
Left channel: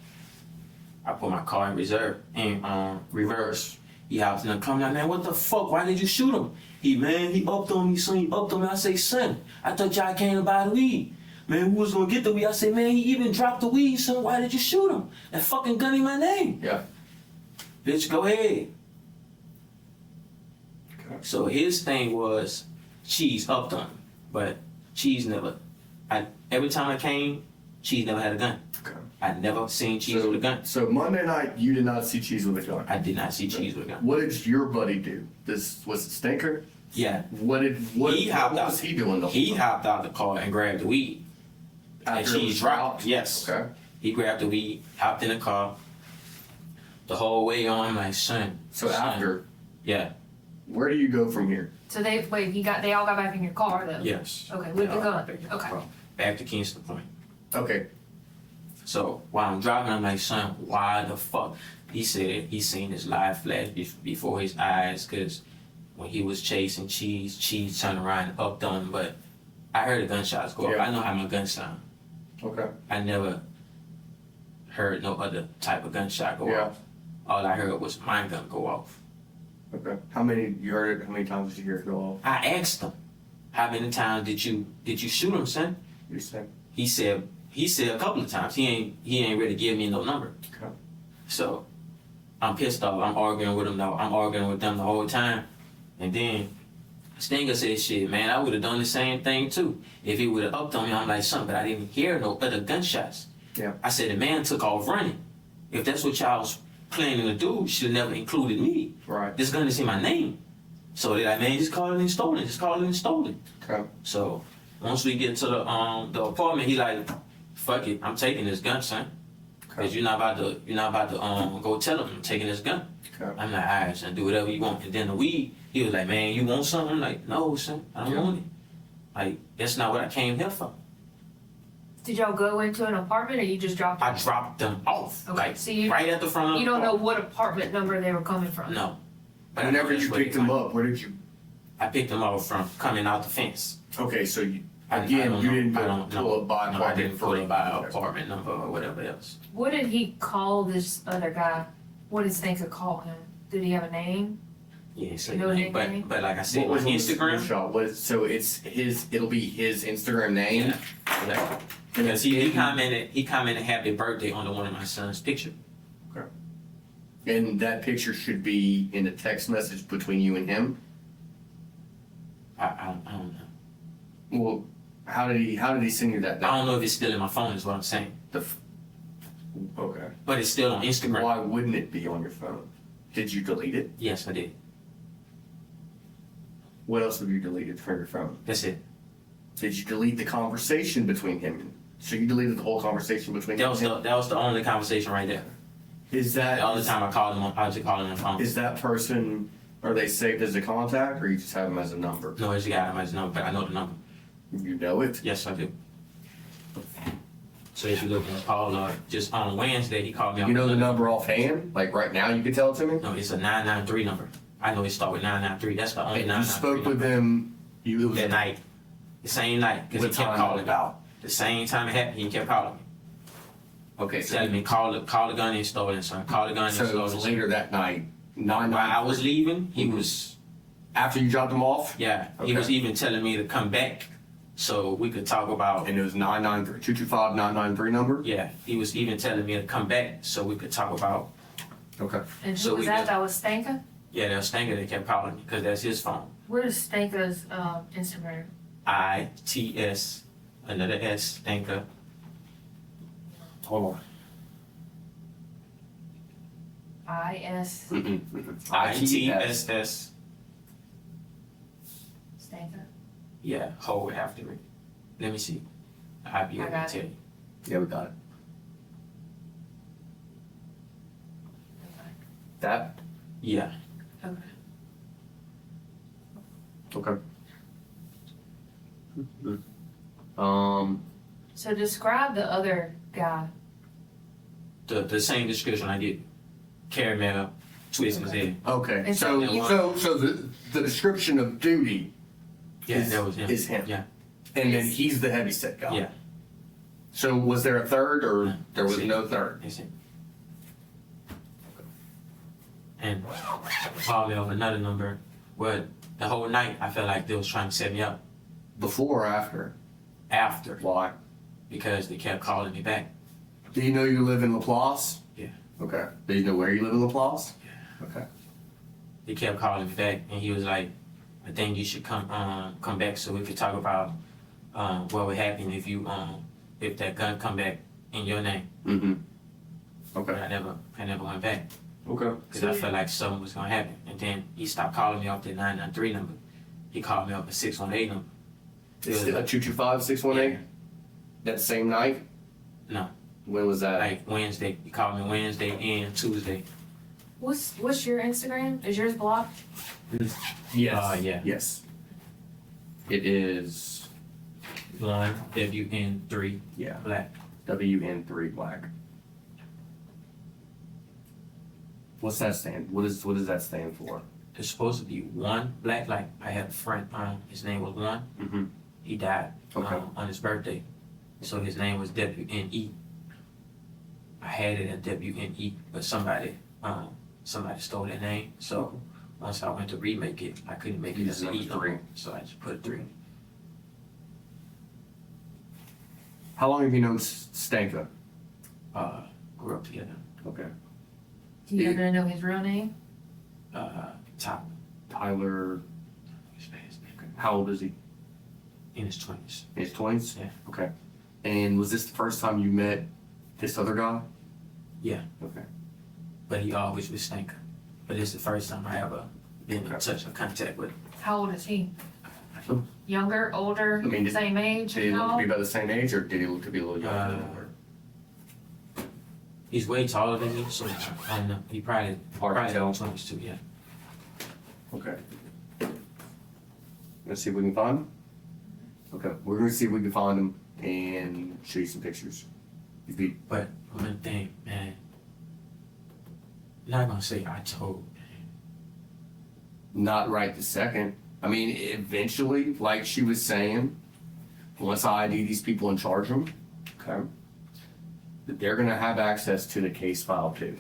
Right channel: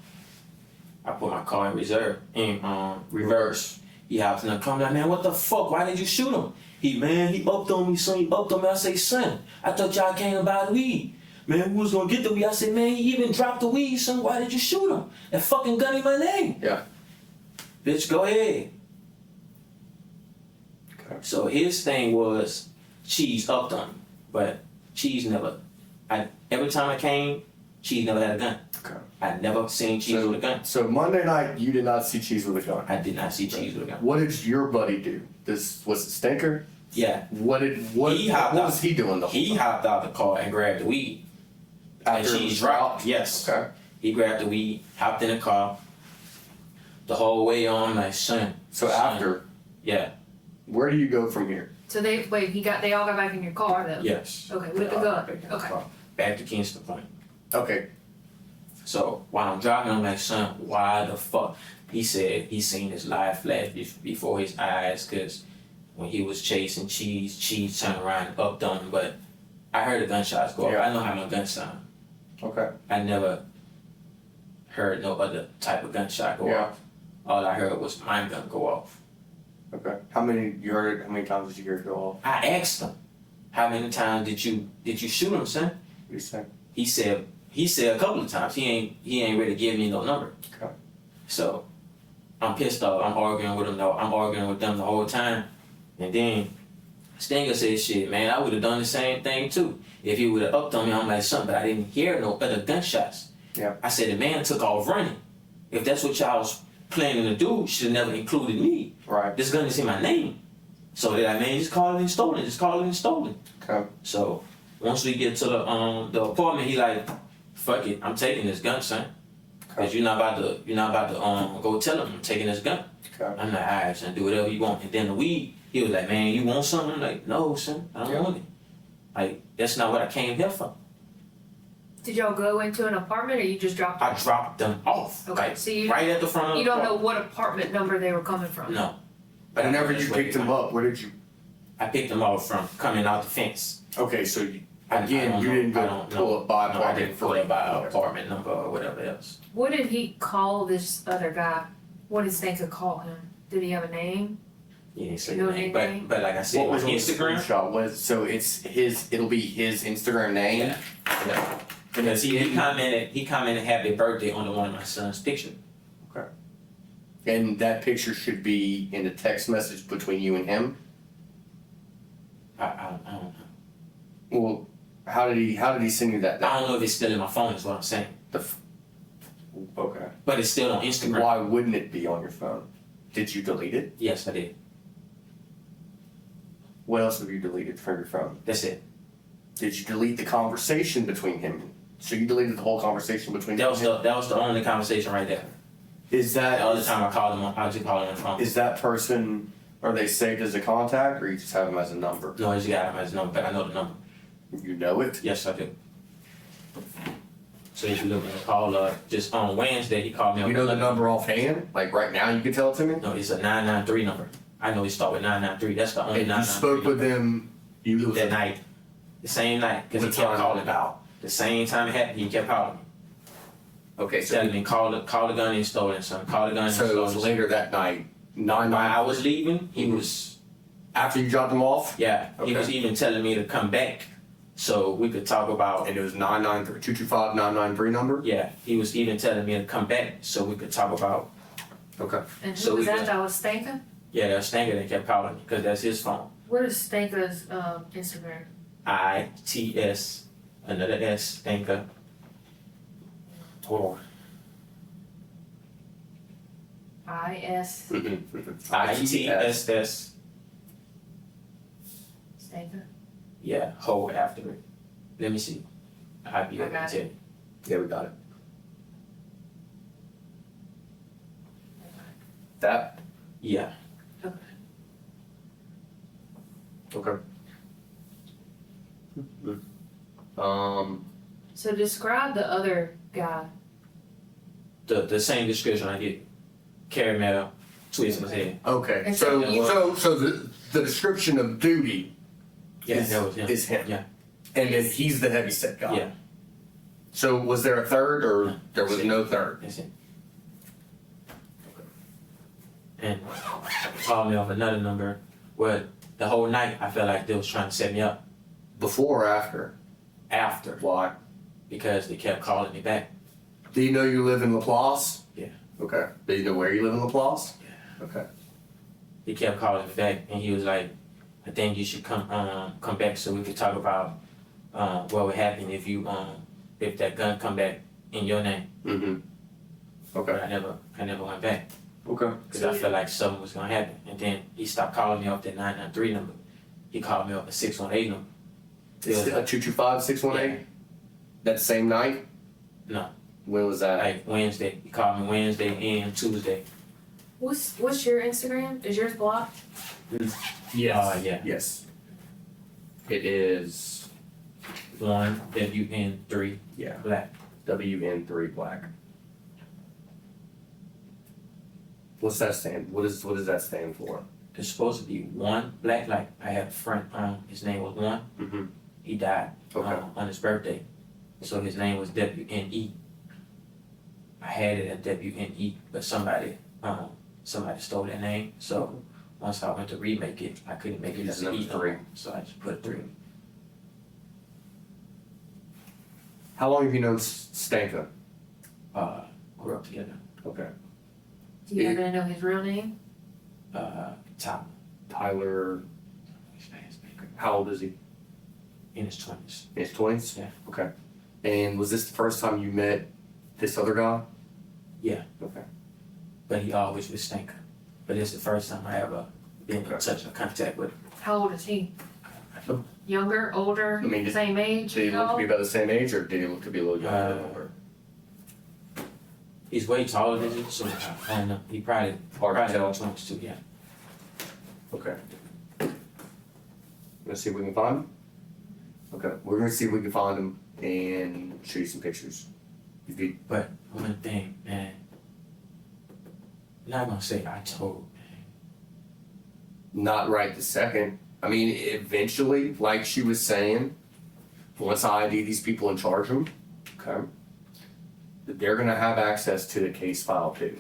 I put my car in reverse. He hops in the car. I'm like, "Man, what the fuck? Why did you shoot him?" He upped on me, son. He upped on me. I say, "Son, I thought y'all came to buy the weed. Man, who was gonna get the weed?" I said, "Man, he even dropped the weed, son. Why did you shoot him? That fucking gun in my name." Yeah. "Bitch, go ahead." Okay. So his thing was Cheese upped on him, but Cheese never. Every time I came, Cheese never had a gun. Okay. I never seen Cheese with a gun. So Monday night, you did not see Cheese with a gun. I did not see Cheese with a gun. What did your buddy do? Was it Stinker? Yeah. What He hopped out. was he doing the whole He time? hopped out the car and grabbed the weed. And After it Cheese was dropped. Yes. Okay. He grabbed the weed, hopped in the car. The whole way on, I'm like, "Son." So son." after, Yeah. where do you go from here? So they all got back in your car though? Yes. Okay, with the Yeah, gun. back to the Okay. car. Back to Kingston Point. Okay. So while I'm driving, I'm like, "Son, why the fuck?" He said he seen his life flash before his eyes, because when he was chasing Cheese turned around and upped on him. But I heard the gunshots go off. Yeah. I know how my gun sound. Okay. I never heard no other type of gunshot go Yeah. off. All I heard was my gun go off. Okay. How many times did you hear it go off? I asked him, how many times did you shoot him, son? You said. He said a couple of times. He ain't ready to give me no number. Okay. So I'm pissed off. I'm arguing with him though. I'm arguing with them the whole time. And then Stinger said, shit, man, I would have done the same thing too. If he would have upped on me, I'm like, son, but I didn't hear no other gunshots. Yeah. I said, the man took off running. If that's what y'all was planning to do, should have never included me. Right. This gun is in my name. So that man just called it and stolen. Just called it and stolen. Okay. So once we get to the apartment, he like, fuck it, I'm taking this gun, son. Okay. Cause you're not about to go tell him I'm taking this gun. Okay. I'm like, alright, son, do whatever you want. And then the weed, he was like, man, you want something? I'm like, no, son, I don't want it. Like, that's not what I came here for. Did y'all go into an apartment or you just dropped I them? dropped them off. Okay, Like, so you- right at the front of You the don't know car. what apartment number they were coming from? No. But Whenever I know you where picked them up, where did you? I picked them up from coming out the fence. Okay, so you, I again, don't you know. didn't I go don't pull know. up by No, I apartment didn't pull three. up by apartment number or whatever else. What did he call this other guy? What did Stanka call him? Did he have a name? Yeah, so No name. nickname? But like I said, What on was on the Instagram. screenshot? So it's his. It'll be his Instagram name. Yeah. Yeah. Because he commented happy birthday on one of my son's picture. And that picture should be in the text message between you and him. I don't know. Well, how did he send you that? I don't know if it's still in my phone is what I'm saying. Okay. But it's still on Instagram. Why wouldn't it be on your phone? Did you delete it? Yes, I did. What else have you deleted from your phone? That's it. Did you delete the conversation between him? So you deleted the whole conversation between That him? was the only conversation right there. Is The that other time I called him I just called him on the phone. is that person? Are they saved as a contact, or you just have them as a number? No, I just got him as number, but I know the number. You know it. Yes, I do. So if you look at the call, just on Wednesday, he called me up. You know the number offhand? Like right now, you could tell it to me. No, it's a 993 number. I know he start with 993. That's the only And you 993 spoke with number. him. It was That night. The same night. Because he What kept time calling about? The same time it happened, he kept calling me. Okay, Telling me, call the gun and stolen, son. Call the gun and so it stolen. was later that night. While I was leaving, he Mhm. was, After you dropped him off, yeah, he was Okay. even telling me to come back so we could talk about, and it was 993-225-993 number. yeah, he was even telling me to come back so we could talk about, Okay. And who So was we that? got- That was Stanka? yeah, that Stanger that kept calling me because that's his phone. What is Stanka's Instagram? ITS, another S, Stanger. Hold on. IS ITSS, Stanka? yeah, hold after it. Let me see. I'll be able to got tell you. Yeah, we got it. That. Yeah. Okay. So describe the other guy. The same description I did. Caramel, twist his head. Okay. And So so so the description of duty Yeah, is, that was him. is him. Yeah. And then he's the heavy set guy. Yeah. So was there a third, or No. there was no third? That's it. And called me off another number. Well, the whole night I felt like they was trying to set me up Before or after? after Why? because they kept calling me back. Do you know you live in Laplace? Yeah. Okay. Do you know where you live in Laplace? Yeah. Okay. He kept calling me back and he was like, I think you should come back so we could talk about what would happen if you if that gun come back in your name. Mm-hmm. But Okay. I never went back. Okay. Because I felt like something was gonna happen. And then he stopped calling me off that 993 number. He called me off the 618 number. It's a 225-618? That same night? No. When was that? Like Wednesday. He called me Wednesday and Tuesday. What's your Instagram? Is yours blocked? Yes. Yeah. Yes. It is 1 WN3 Yeah. black. WN3 black. What's that stand? What does that stand for? It's supposed to be 1 black. Like I had a friend, his name was 1. Mm-hmm. He died Okay. on his birthday. So his name was WNE. I had it at WNE, but somebody stole that name. So once I went to remake it, I couldn't make it You as just an E used no 3. more, so I just put 3. How long have you known Stanka? Grew up together. Okay. Do you happen to know his real name? Top. Tyler, He's fast. how old is he? In his 20s. In his 20s? Yeah. Okay. And was this the first time you met this other guy? Yeah. Okay. But he always was stinker. But it's the first time I ever been in touch or contact with him. How old is he? So, Younger, older, I mean, same age? did he look How to be old? about the same age, or did he look to be a little younger than Uh, older? He's way taller than you, so I don't know. He probably Hard to tell. 20s too, yeah. Okay. Let's see if we can find him. Okay, we're gonna see if we can find him and show you some pictures. If you, But one thing, man, I'm not gonna say I told, not right this second. I mean, eventually, like she was saying, once I ID these people and charge them, okay, that they're gonna have access to the case file too.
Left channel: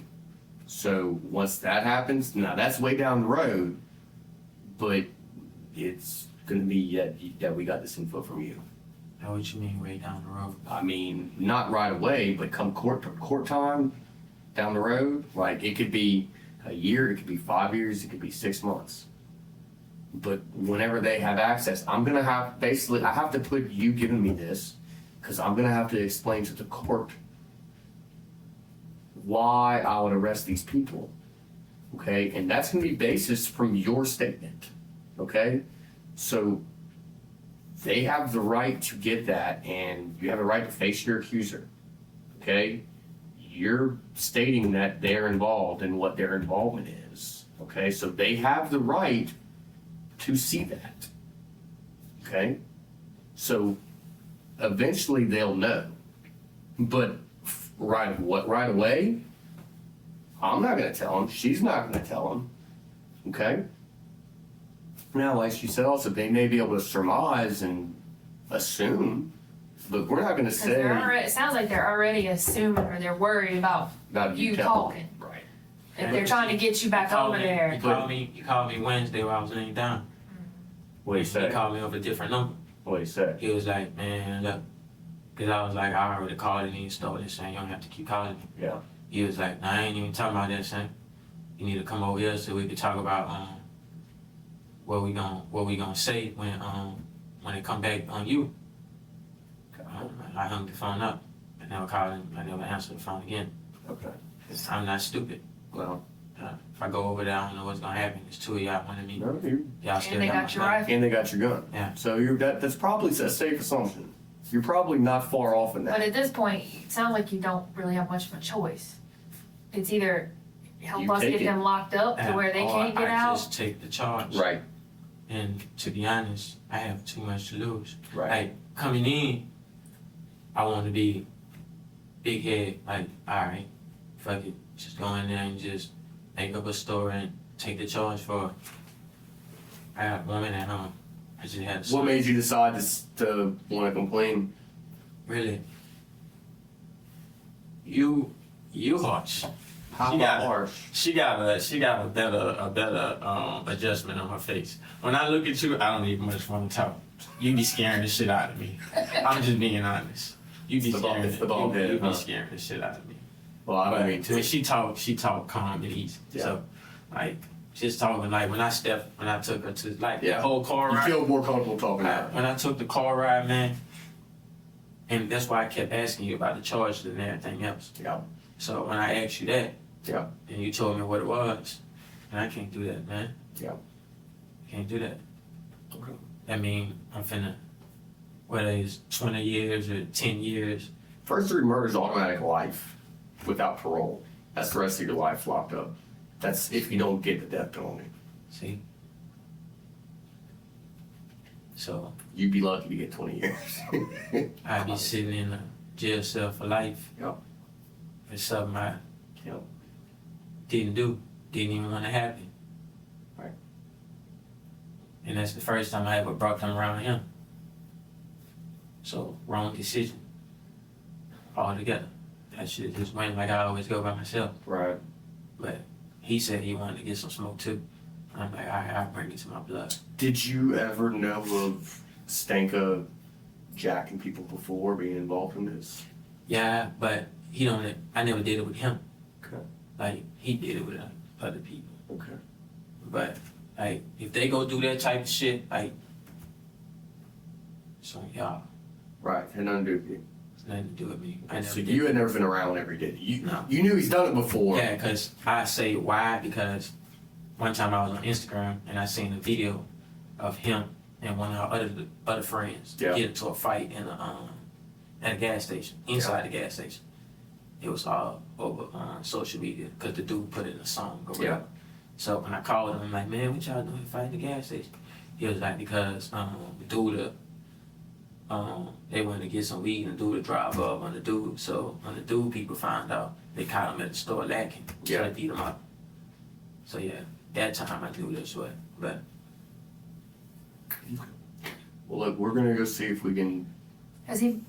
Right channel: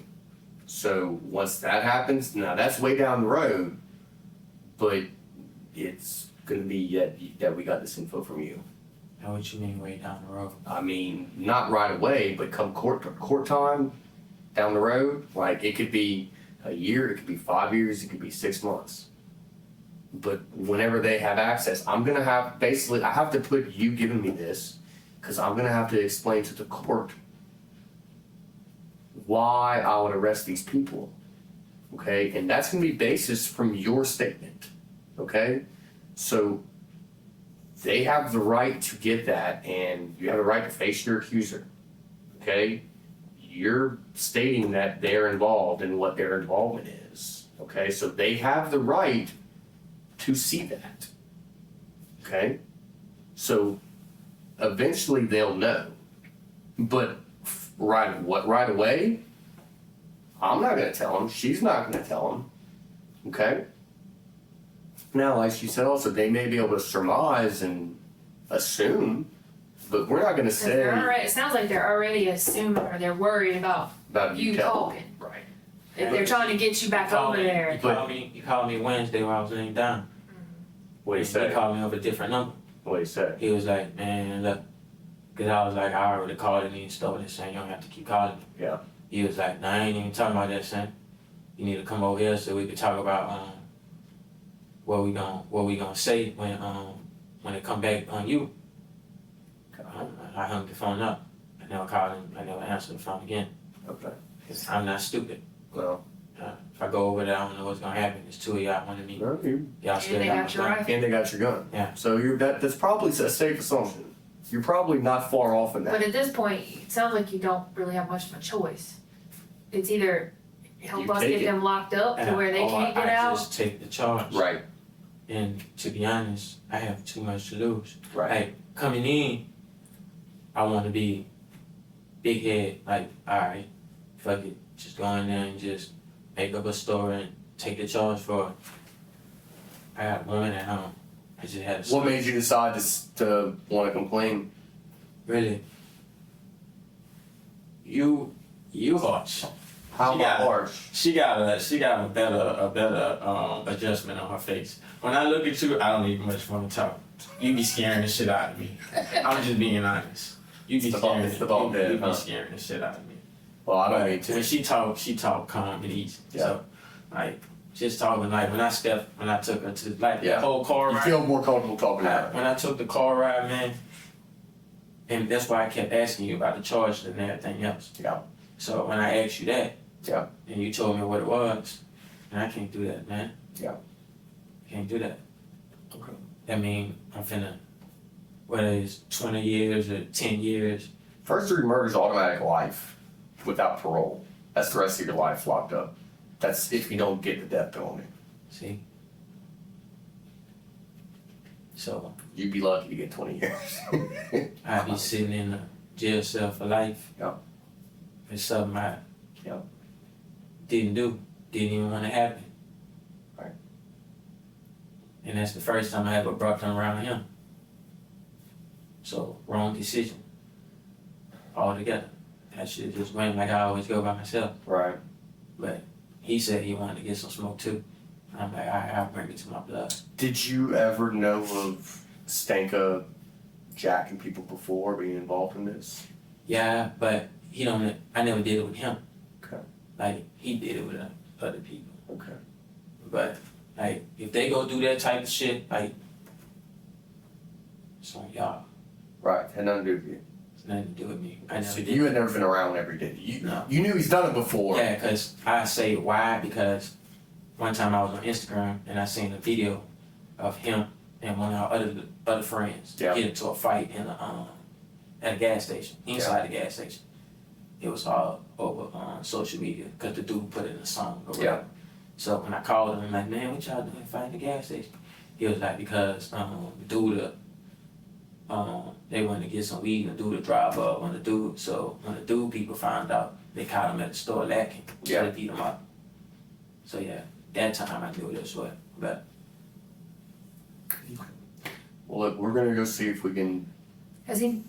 So once that happens, now that's way down the road, but it's gonna be that we got this info from you. know what you mean way down the road. I mean, not right away, but come court time down the road, like it could be a year, it could be 5 years, it could be 6 months. But whenever they have access, I'm gonna have basically I have to put you giving me this because I'm gonna have to explain to the court why I would arrest these people. Okay, and that's gonna be basis from your statement. Okay, so they have the right to get that, and you have the right to face your accuser. Okay, you're stating that they're involved in what their involvement is. Okay, so they have the right to see that. Okay, so eventually they'll know, but right away, I'm not gonna tell them. She's not gonna tell them. Okay. Now, like she said, also they may be able to surmise and assume, but we're not gonna 'Cause say they're already, it sounds like they're already assuming or they're worried about about you telling. talking. Right. If they're trying to get you back over there. You called me Wednesday while I was laying down. What do you He say? called me off a different number. What do you say? He was like, man, look, because I was like, I already called it and he stole it, saying you don't have to keep calling me. Yeah. He was like, nah, I ain't even talking about that, son. You need to come over here so we could talk about what we gonna say when it come back on you. I hung the phone up. I never called him. I never answered the phone again. Okay. I'm not stupid. Well, If I go over there, I don't know what's gonna happen. There's 2 of y'all wanted me. no, Y'all still And they got got my your gun. rifle. and they got your gun. Yeah. So that's probably a safe assumption. You're probably not far off in that. But at this point, it sounds like you don't really have much of a choice. It's either help You us take get it. them locked up to where they can't get I out. just take the charge. Right. And to be honest, I have too much to lose. Right. Like coming in, I want to be big head. Like, all right, fuck it, just go in there and just make up a story and take the charge for it. I got a woman at home. I just had a son. What made you decide to want to complain? Really? You harsh. How She got about it. harsh? She got a better adjustment on her face. When I look at you, I don't even much want to talk. You be scaring the shit out of me. I'm just being honest. You be It's the bald- scaring it's the bald head, you be huh? scaring the shit out of me. Well, I don't But mean to. when she talk calm and easy. Yeah. So like just talking like when I took her to like Yeah. the whole car You ride. feel more comfortable talking about it. When I took the car ride, man, and that's why I kept asking you about the charges and everything else. Yeah. So when I asked you that, Yeah. and you told me what it was, and I can't do that, man. Yeah. Can't do that. Okay. I mean, I'm finna, whether it's 20 years or 10 years, First-degree murder is automatic life without parole. That's the rest of your life locked up. That's if you don't get the death penalty. see? So You'd be lucky to get 20 years. I'd be sitting in a jail cell for life. Yeah. For something I Yeah. didn't do, didn't even want to happen. Right. And that's the first time I ever brought them around him. So, wrong decision. Altogether. I should have just went like I always go by myself. Right. But he said he wanted to get some smoke too. I'm like, all right, I'll bring it to my blood. Did you ever know of Stanka jacking people before being involved in this? Yeah, but I never did it with him. Okay. Like, he did it with other people. Okay. But, like, if they go do that type of shit, like, it's on y'all. Right, had nothing to do with you. It's nothing to do with me. I never So did you had never been around every day. No. You knew he's done it before. Yeah, because I say why, because one time I was on Instagram and I seen a video of him and one of our other friends Yeah. get into a fight at a gas station, inside the gas station. It was all over social media because the dude put it in a song or whatever. Yeah. So when I called him, I'm like, man, what y'all doing fighting the gas station? He was like, because the dude, they wanted to get some weed and the dude drive up on the dude. So when the dude people found out, they caught him at the store lacking. So they beat him up. So yeah, that time I knew this way. But Well, look, we're gonna go see if we can. Has he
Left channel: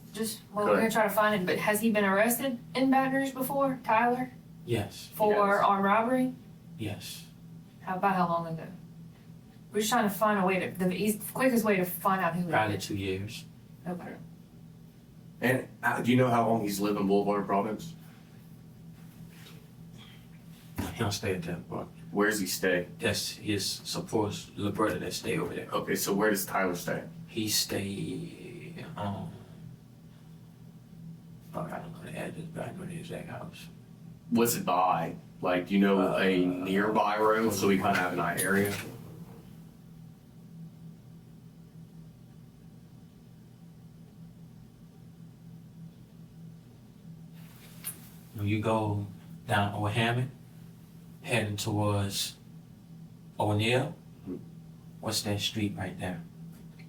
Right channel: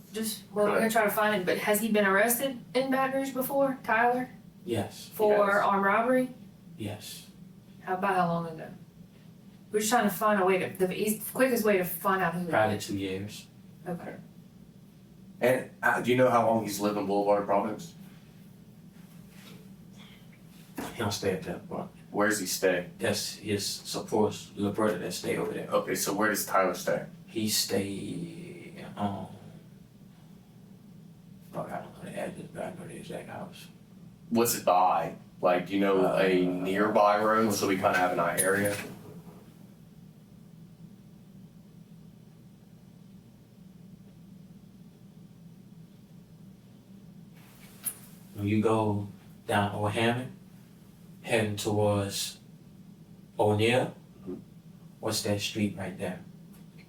we're gonna try to find it, but has he been arrested in Baton Rouge before, Tyler? yes. For yes, armed robbery? Yes. About how long ago? We're just trying to find a way the quickest way to find out who it Probably is. 2 years. Okay. And do you know how long he's lived in Boulevard Providence? He don't stay at that bar. Where does he stay? That's his supposed little brother that stay over there. Okay, so where does Tyler stay? He stay I don't know the address, but I know the exact house. What's it by? Like, do you know a nearby road so we kind of have an area? When you go down Old Hammond, heading towards O'Neill, what's that street right there?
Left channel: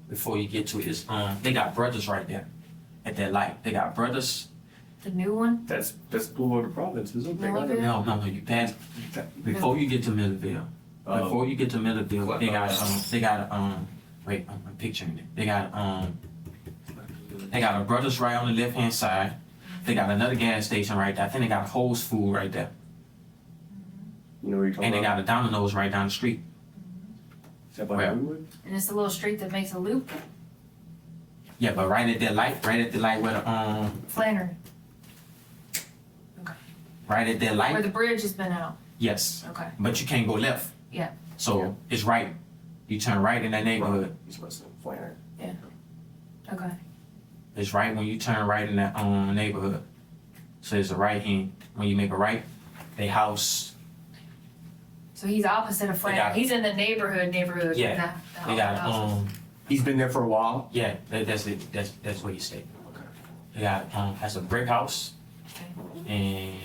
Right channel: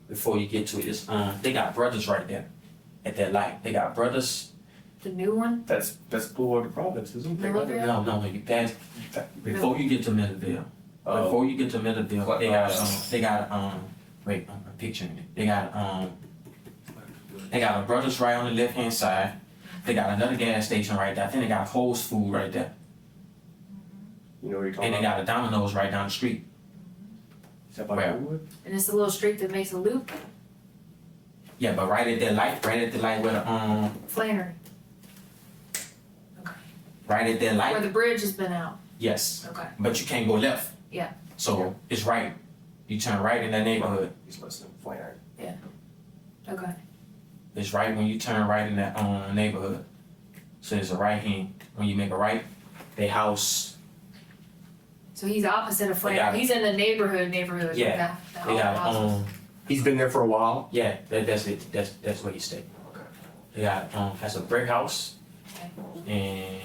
Before you get to it, it's they got brothers right there at that light. They got brothers. The new one? That's Boulevard Providence, isn't it? Millville? No, you pass before you get to Millville. Before you get to Millville, they got wait, I'm picturing it. They got a brothers right on the left hand side. They got another gas station right there. I think they got Whole's Food right there. You know what you're talking And they about? got a Domino's right down the street. Is that by Where? Hollywood? And it's the little street that makes a loop? Yeah, but right at the light where the Flannery. right at that Where light. the bridge has been out. Yes, Okay. but you can't go left. Yeah. So it's right. You turn right in that neighborhood. He's listening. Flannery. Okay. It's right when you turn right in that neighborhood. So there's a right hand. When you make a right, they house. So he's opposite of They got- Flannery. He's in the neighborhood. Yeah. The They got houses. He's been there for a while. yeah. That's it. That's where you stay. Okay. They got has a brick house, and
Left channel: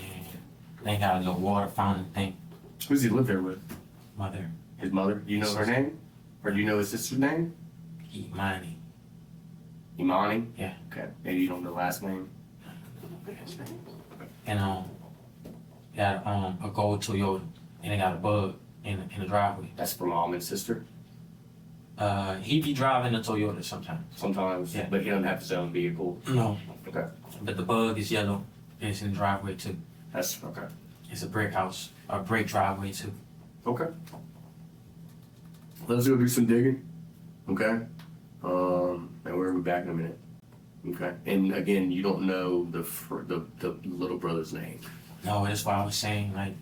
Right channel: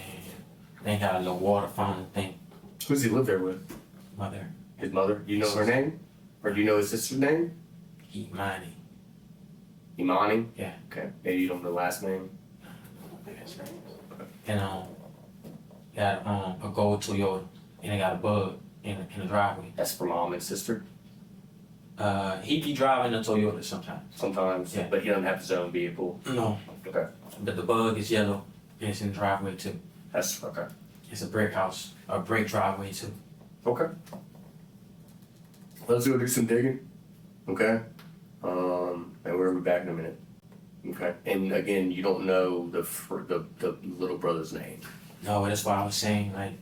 they got a little water fountain thing. Who does he live there with? Mother, His mother? Do you know her name? Or do you know his sister's name? Imani. Imani? Yeah. Okay. Maybe you don't know the last name. And got a gold Toyota, and they got a bug in the driveway. That's for mom and sister. He be driving the Toyota sometimes. Sometimes. Yeah. But he doesn't have his own vehicle. No, Okay. but the bug is yellow, and it's in the driveway too. That's okay. It's a brick house, a brick driveway too. Okay. Let's go do some digging. Okay. And we'll be back in a minute. Okay. And again, you don't know the little brother's name. No, that's why I was saying, like,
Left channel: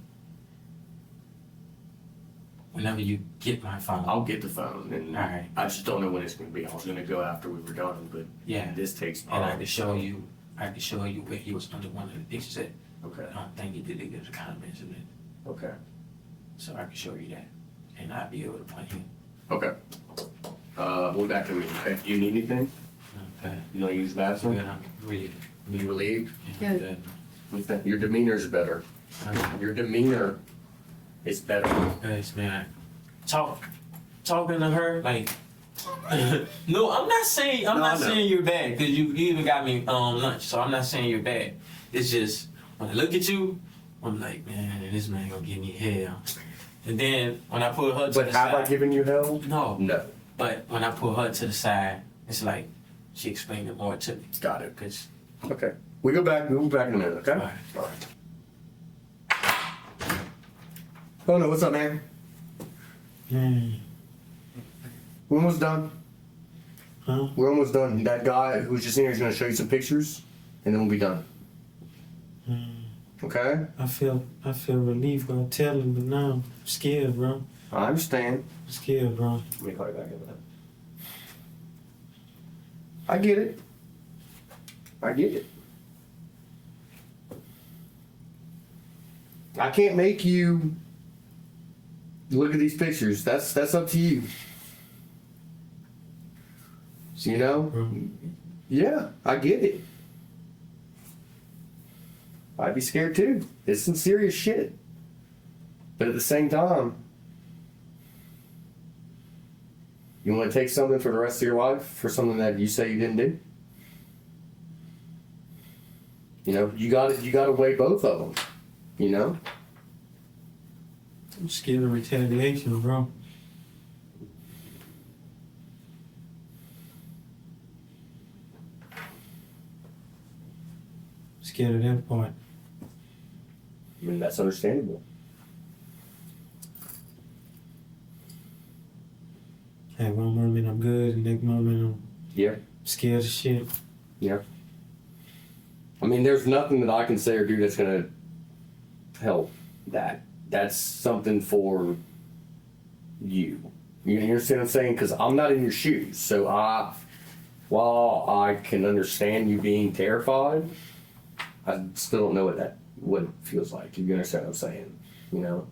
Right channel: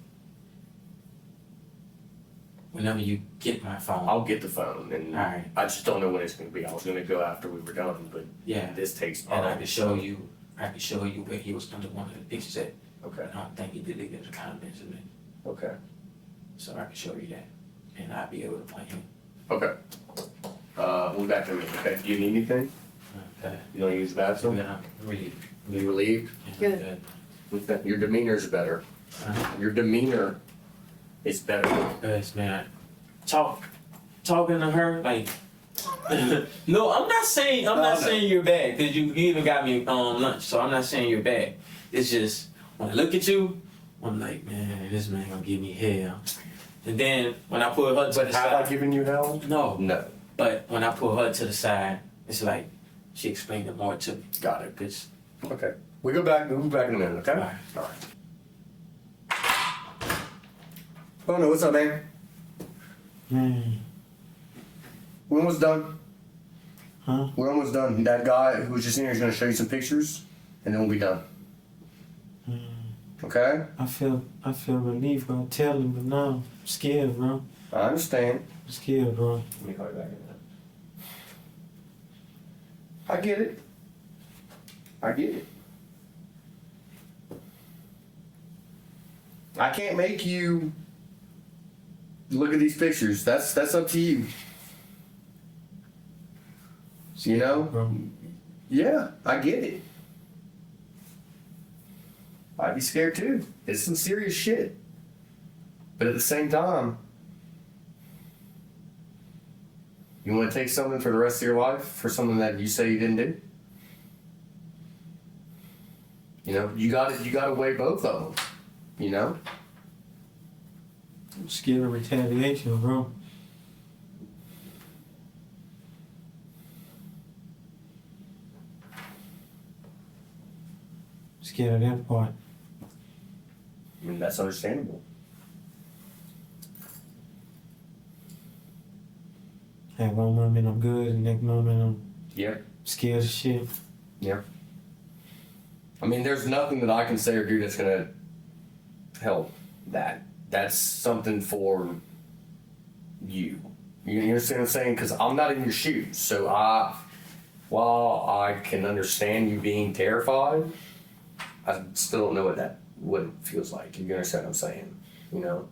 whenever you get my phone, I'll get the phone, and Alright. I just don't know when it's gonna be. I was gonna go after we were done, but yeah, this takes and I time. can show you where he was under one of the pictures at. Okay. I don't think he did it as a comments in it, Okay. so I can show you that, and I'll be able to point him. Okay. We'll be back in a minute. Okay. Do you need anything? Okay, You don't use the bathroom? we're gonna read. Be relieved? Good. Okay. Your demeanor is better. Your demeanor is better. Yes, man. Talking to her like. No, I'm not saying you're bad because you even got me on lunch, so I'm not saying you're bad. It's just when I look at you, I'm like, man, this man gonna give me hell. And then when I put her to the But have I side, given you hell? no. No. But when I put her to the side, it's like she explained it more to me. Got it. Cause Okay. We'll be back in a minute, okay? Alright. Alright. Bono, what's up, man? Man. When was done? Huh? When was done? That guy who was just in here is gonna show you some pictures, and then we'll be done. Okay? I feel relief, bro. Tell him, but now I'm scared, bro. I understand. I'm scared, bro. Let me call you back in a minute. I get it. I get it. I can't make you look at these pictures. That's up to you. You know? Bro. Yeah, I get it. I'd be scared too. It's some serious shit. But at the same time, you want to take something for the rest of your life for something that you say you didn't do? You know, you gotta weigh both of them. You know? I'm scared of retaliation, bro. Scared of that part. I mean, that's understandable. Hey, one moment I'm good, the next moment I'm Yeah. scared as shit. Yeah. I mean, there's nothing that I can say or do that's gonna help that. That's something for you. You understand what I'm saying? Because I'm not in your shoes. So while I can understand you being terrified, I still don't know what it feels like. You understand what I'm saying? You know?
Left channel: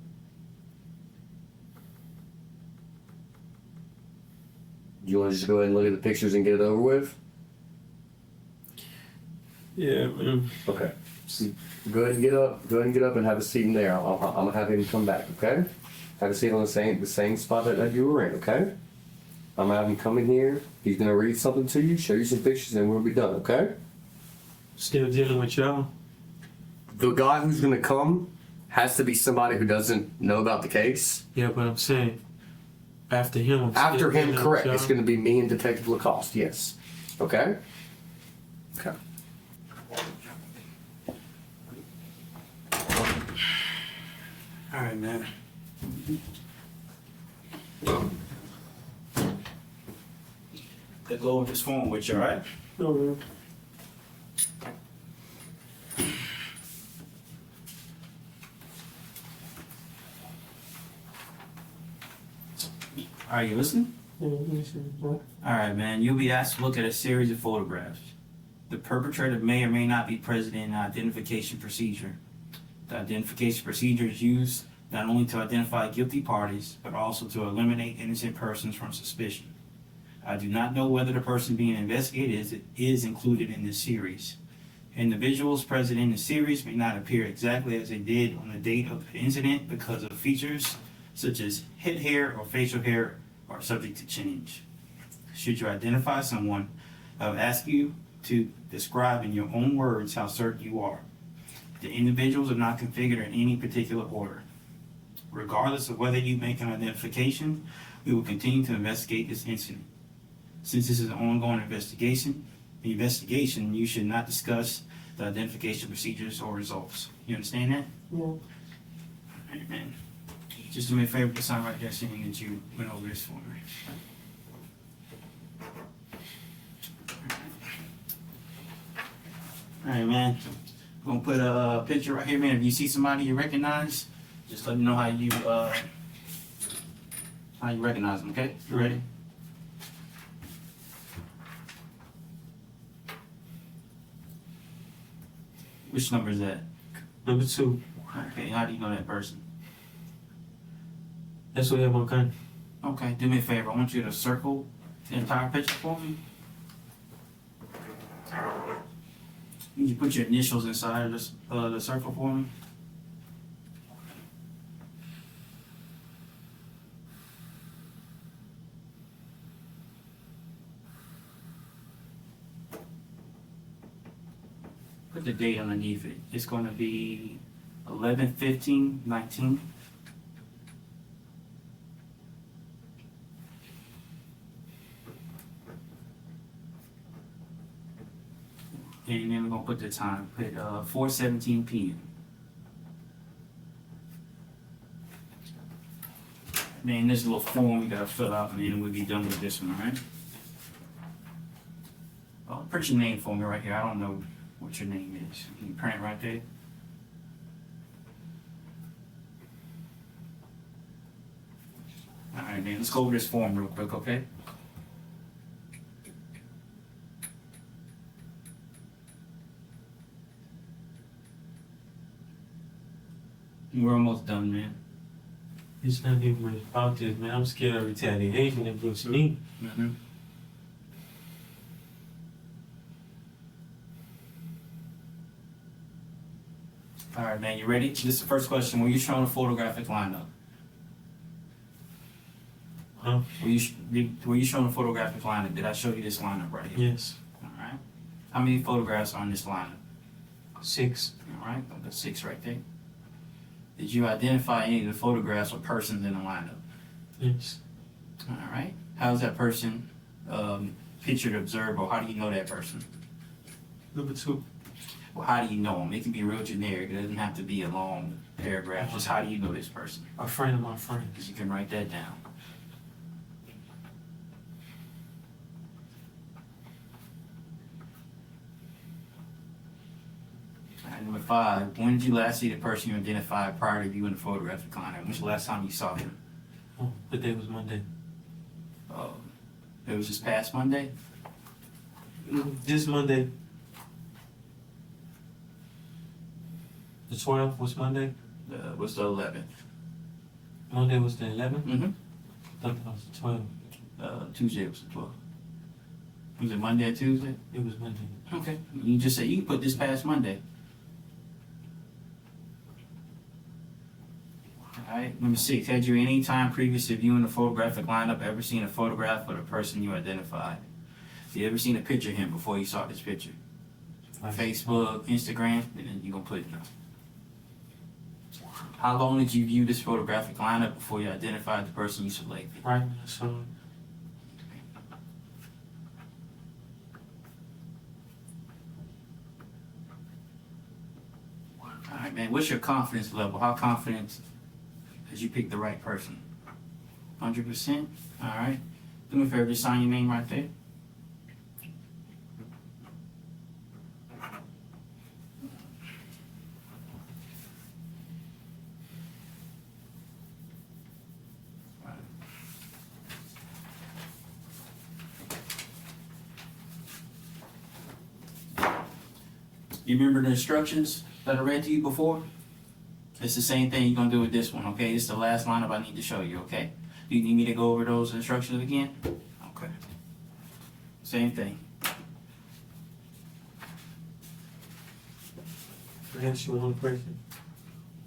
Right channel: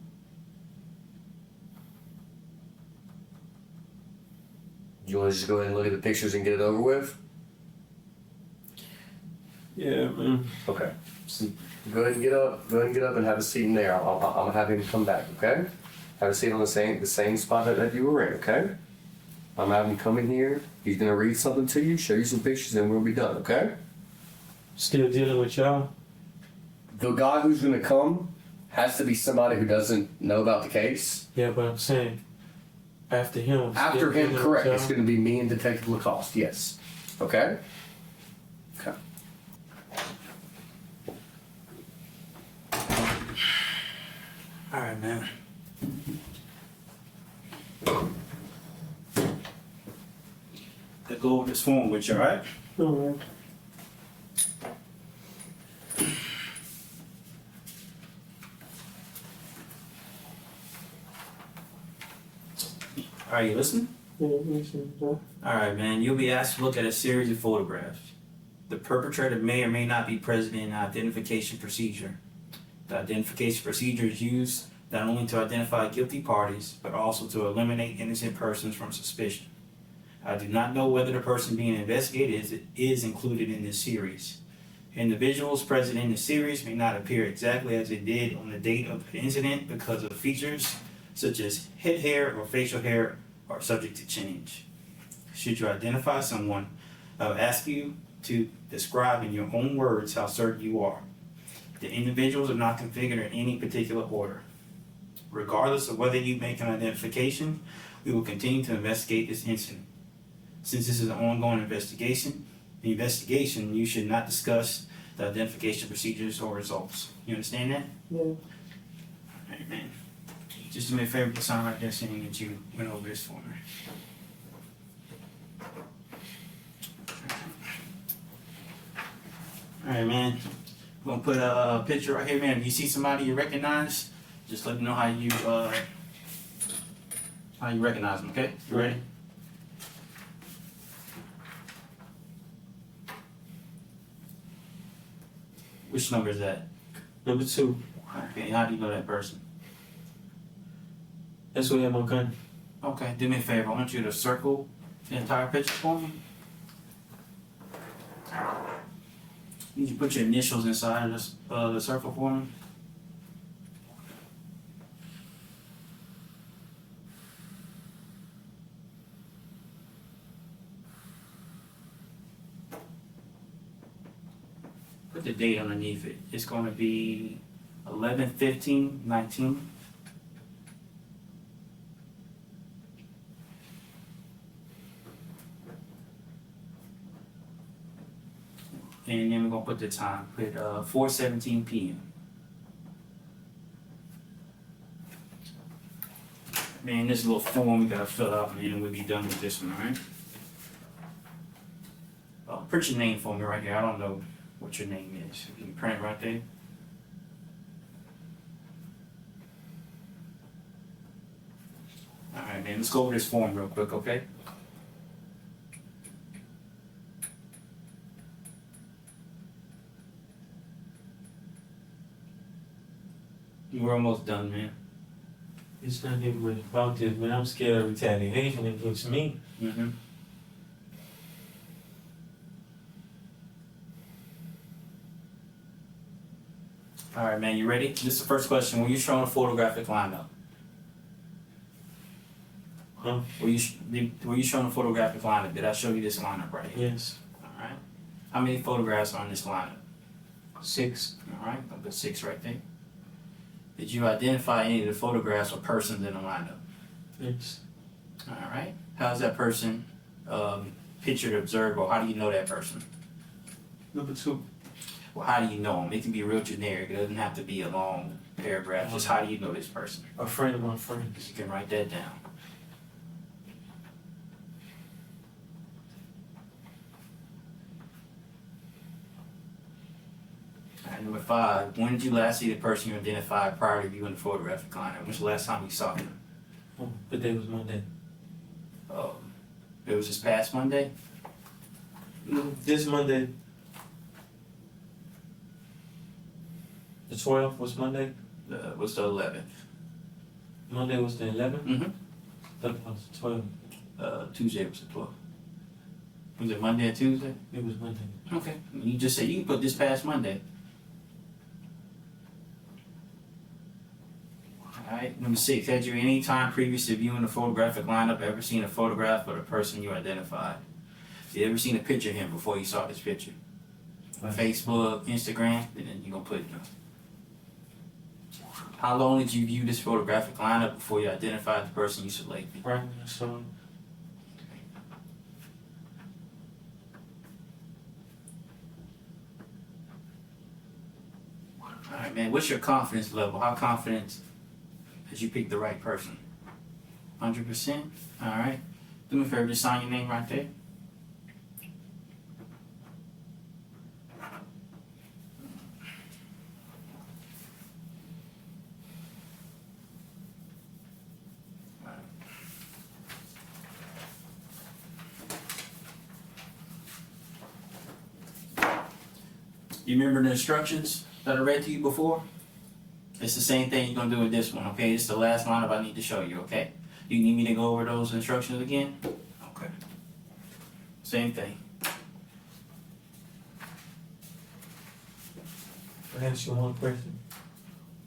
You want to just go ahead and look at the pictures and get it over with? Yeah, man. Okay. Go ahead and get up. Go ahead and get up and have a seat in there. I'm gonna have him come back. Okay. Have a seat on the same spot that you were in. Okay. I'm having him come in here. He's gonna read something to you, show you some pictures, and we'll be done. Okay. Still dealing with y'all. The guy who's gonna come has to be somebody who doesn't know about the case. Yeah, but I'm saying after him. After him, dealing with correct. y'all. It's gonna be me and Detective Lacoste. Yes. Okay. Okay. All right, man. Let's go over this form with you, all right? No, man. All right, you listening? Yeah, listen, bro. All right, man. You'll be asked to look at a series of photographs. The perpetrator may or may not be present in an identification procedure. The identification procedure is used not only to identify guilty parties, but also to eliminate innocent persons from suspicion. I do not know whether the person being investigated is included in this series. Individuals present in the series may not appear exactly as they did on the date of the incident because of features such as head hair or facial hair are subject to change. Should you identify someone, I will ask you to describe in your own words how certain you are. The individuals are not configured in any particular order. Regardless of whether you make an identification, we will continue to investigate this incident. Since this is an ongoing investigation, you should not discuss the identification procedures or results. You understand that? Yeah. All right, man. Just do me a favor, put sign right there saying that you went over this for me. All right, man. I'm gonna put a picture right here, man. If you see somebody you recognize, just let me know how you recognize them. Okay? You ready? Which number is that? Number 2. Okay, how do you know that person? That's what I have my gun. Okay, do me a favor. I want you to circle the entire picture for me. Need you to put your initials inside of this, the circle for me. Put the date underneath it. It's going to be 11/15/19. And then we're gonna put the time. Put 4:17 p.m. Man, this little form we gotta fill out, and then we'll be done with this one, alright? Well, print your name for me right here. I don't know what your name is. You can print it right there. Alright, man, let's go over this form real quick, okay? We're almost done, man. It's not even really about this, man. I'm scared of retaliation against me. Mm-hmm. Alright, man, you ready? This is the first question. Were you shown a photographic lineup? Huh? Were you shown a photographic lineup? Did I show you this lineup right here? Yes. Alright. How many photographs are on this lineup? 6. Alright, I'll put 6 right there. Did you identify any of the photographs or persons in the lineup? Yes. Alright. How is that person pictured, observed, or how do you know that person? Number 2. Well, how do you know them? It can be real generic. It doesn't have to be a long paragraph. Just how do you know this person? A friend of my friends. You can write that down. Alright, number 5. When did you last see the person you identified prior to viewing the photographic lineup? When's the last time you saw him? Oh, the day was Monday. It was this past Monday? This Monday. The 12th was Monday. What's the 11th? Monday was the 11th. Mm-hmm. That was the 12th. Tuesday was the 12th. Was it Monday or Tuesday? It was Monday. Okay. You just said you can put this past Monday. Alright, number 6. Had you any time previous to viewing the photographic lineup ever seen a photograph of the person you identified? Have you ever seen a picture of him before you saw this picture? Facebook, Instagram, and then you're gonna put how long did you view this photographic lineup before you identified the person you selected? Right. So Alright, man, what's your confidence level? How confident that you picked the right person? 100%? Alright. Do me a favor, just sign your name right there. You remember the instructions that I read to you before? It's the same thing you're gonna do with this one, okay? It's the last lineup I need to show you, okay? Do you need me to go over those instructions again? Okay. Same thing. I ask you one question.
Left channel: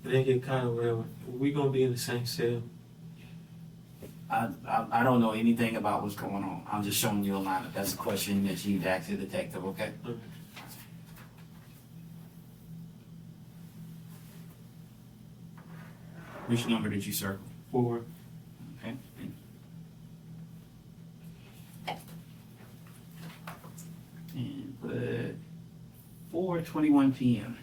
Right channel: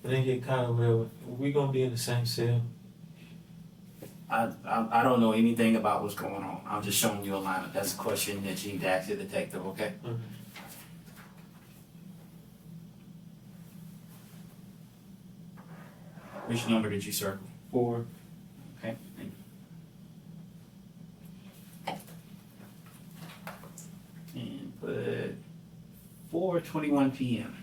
It ain't get kind of real. We gonna be in the same cell. I don't know anything about what's going on. I'm just showing you a lineup. That's a question that you need to ask the detective, okay? Okay. Which number did you circle? 4. Okay. And put 4:21 p.m.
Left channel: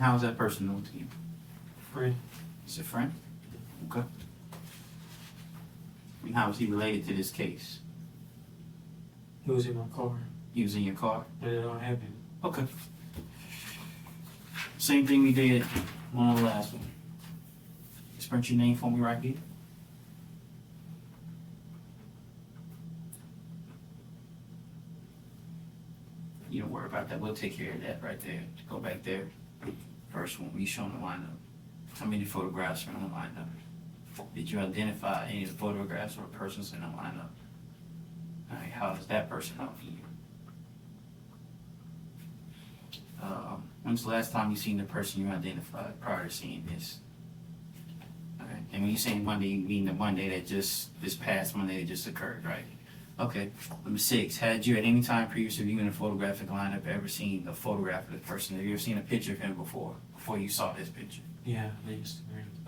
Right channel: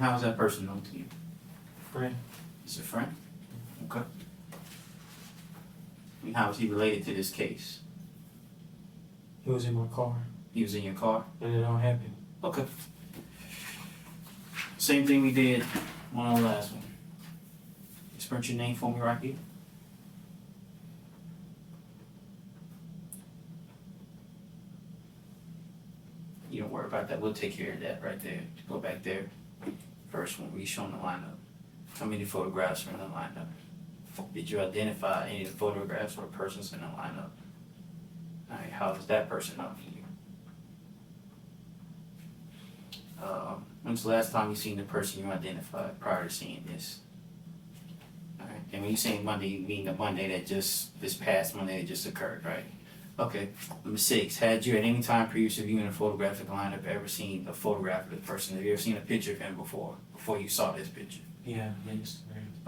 How's that person known to you? Friend. Is a friend? Okay. And how is he related to this case? He was in my car, He was in your car? and it all happened. Okay. Same thing we did on our last one. Just print your name for me right here. You don't worry about that. We'll take care of that right there. Go back there. First one, we showing the lineup. How many photographs are in the lineup? Did you identify any of the photographs or persons in the lineup? Alright, how is that person known to you? When's the last time you seen the person you identified prior to seeing this? Alright, and when you say Monday, you mean the Monday that just, this past Monday that just occurred, right? Okay. Number 6, had you at any time previous to viewing a photographic lineup ever seen a photograph of the person? Have you ever seen a picture of him before you saw this picture? Yeah, please.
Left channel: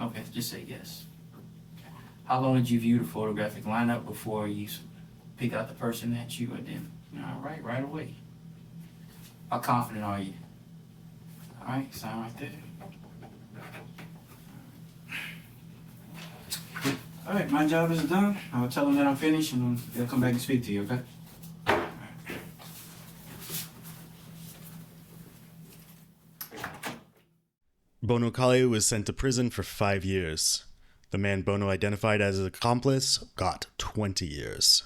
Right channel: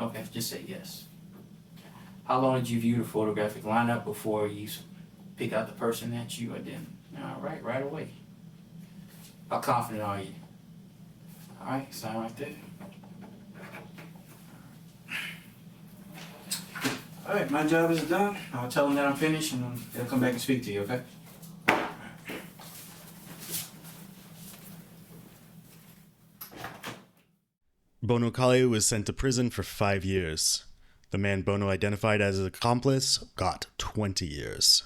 Okay, just say yes. How long did you view the photographic lineup before you pick out the person that you identified? Alright, right away. How confident are you? Alright, sign right there. Alright, my job is done. I'll tell them that I'm finished and they'll come back and speak to you, okay? Bono Kollie was sent to prison for 5 years. The man Bono identified as his accomplice got 20 years.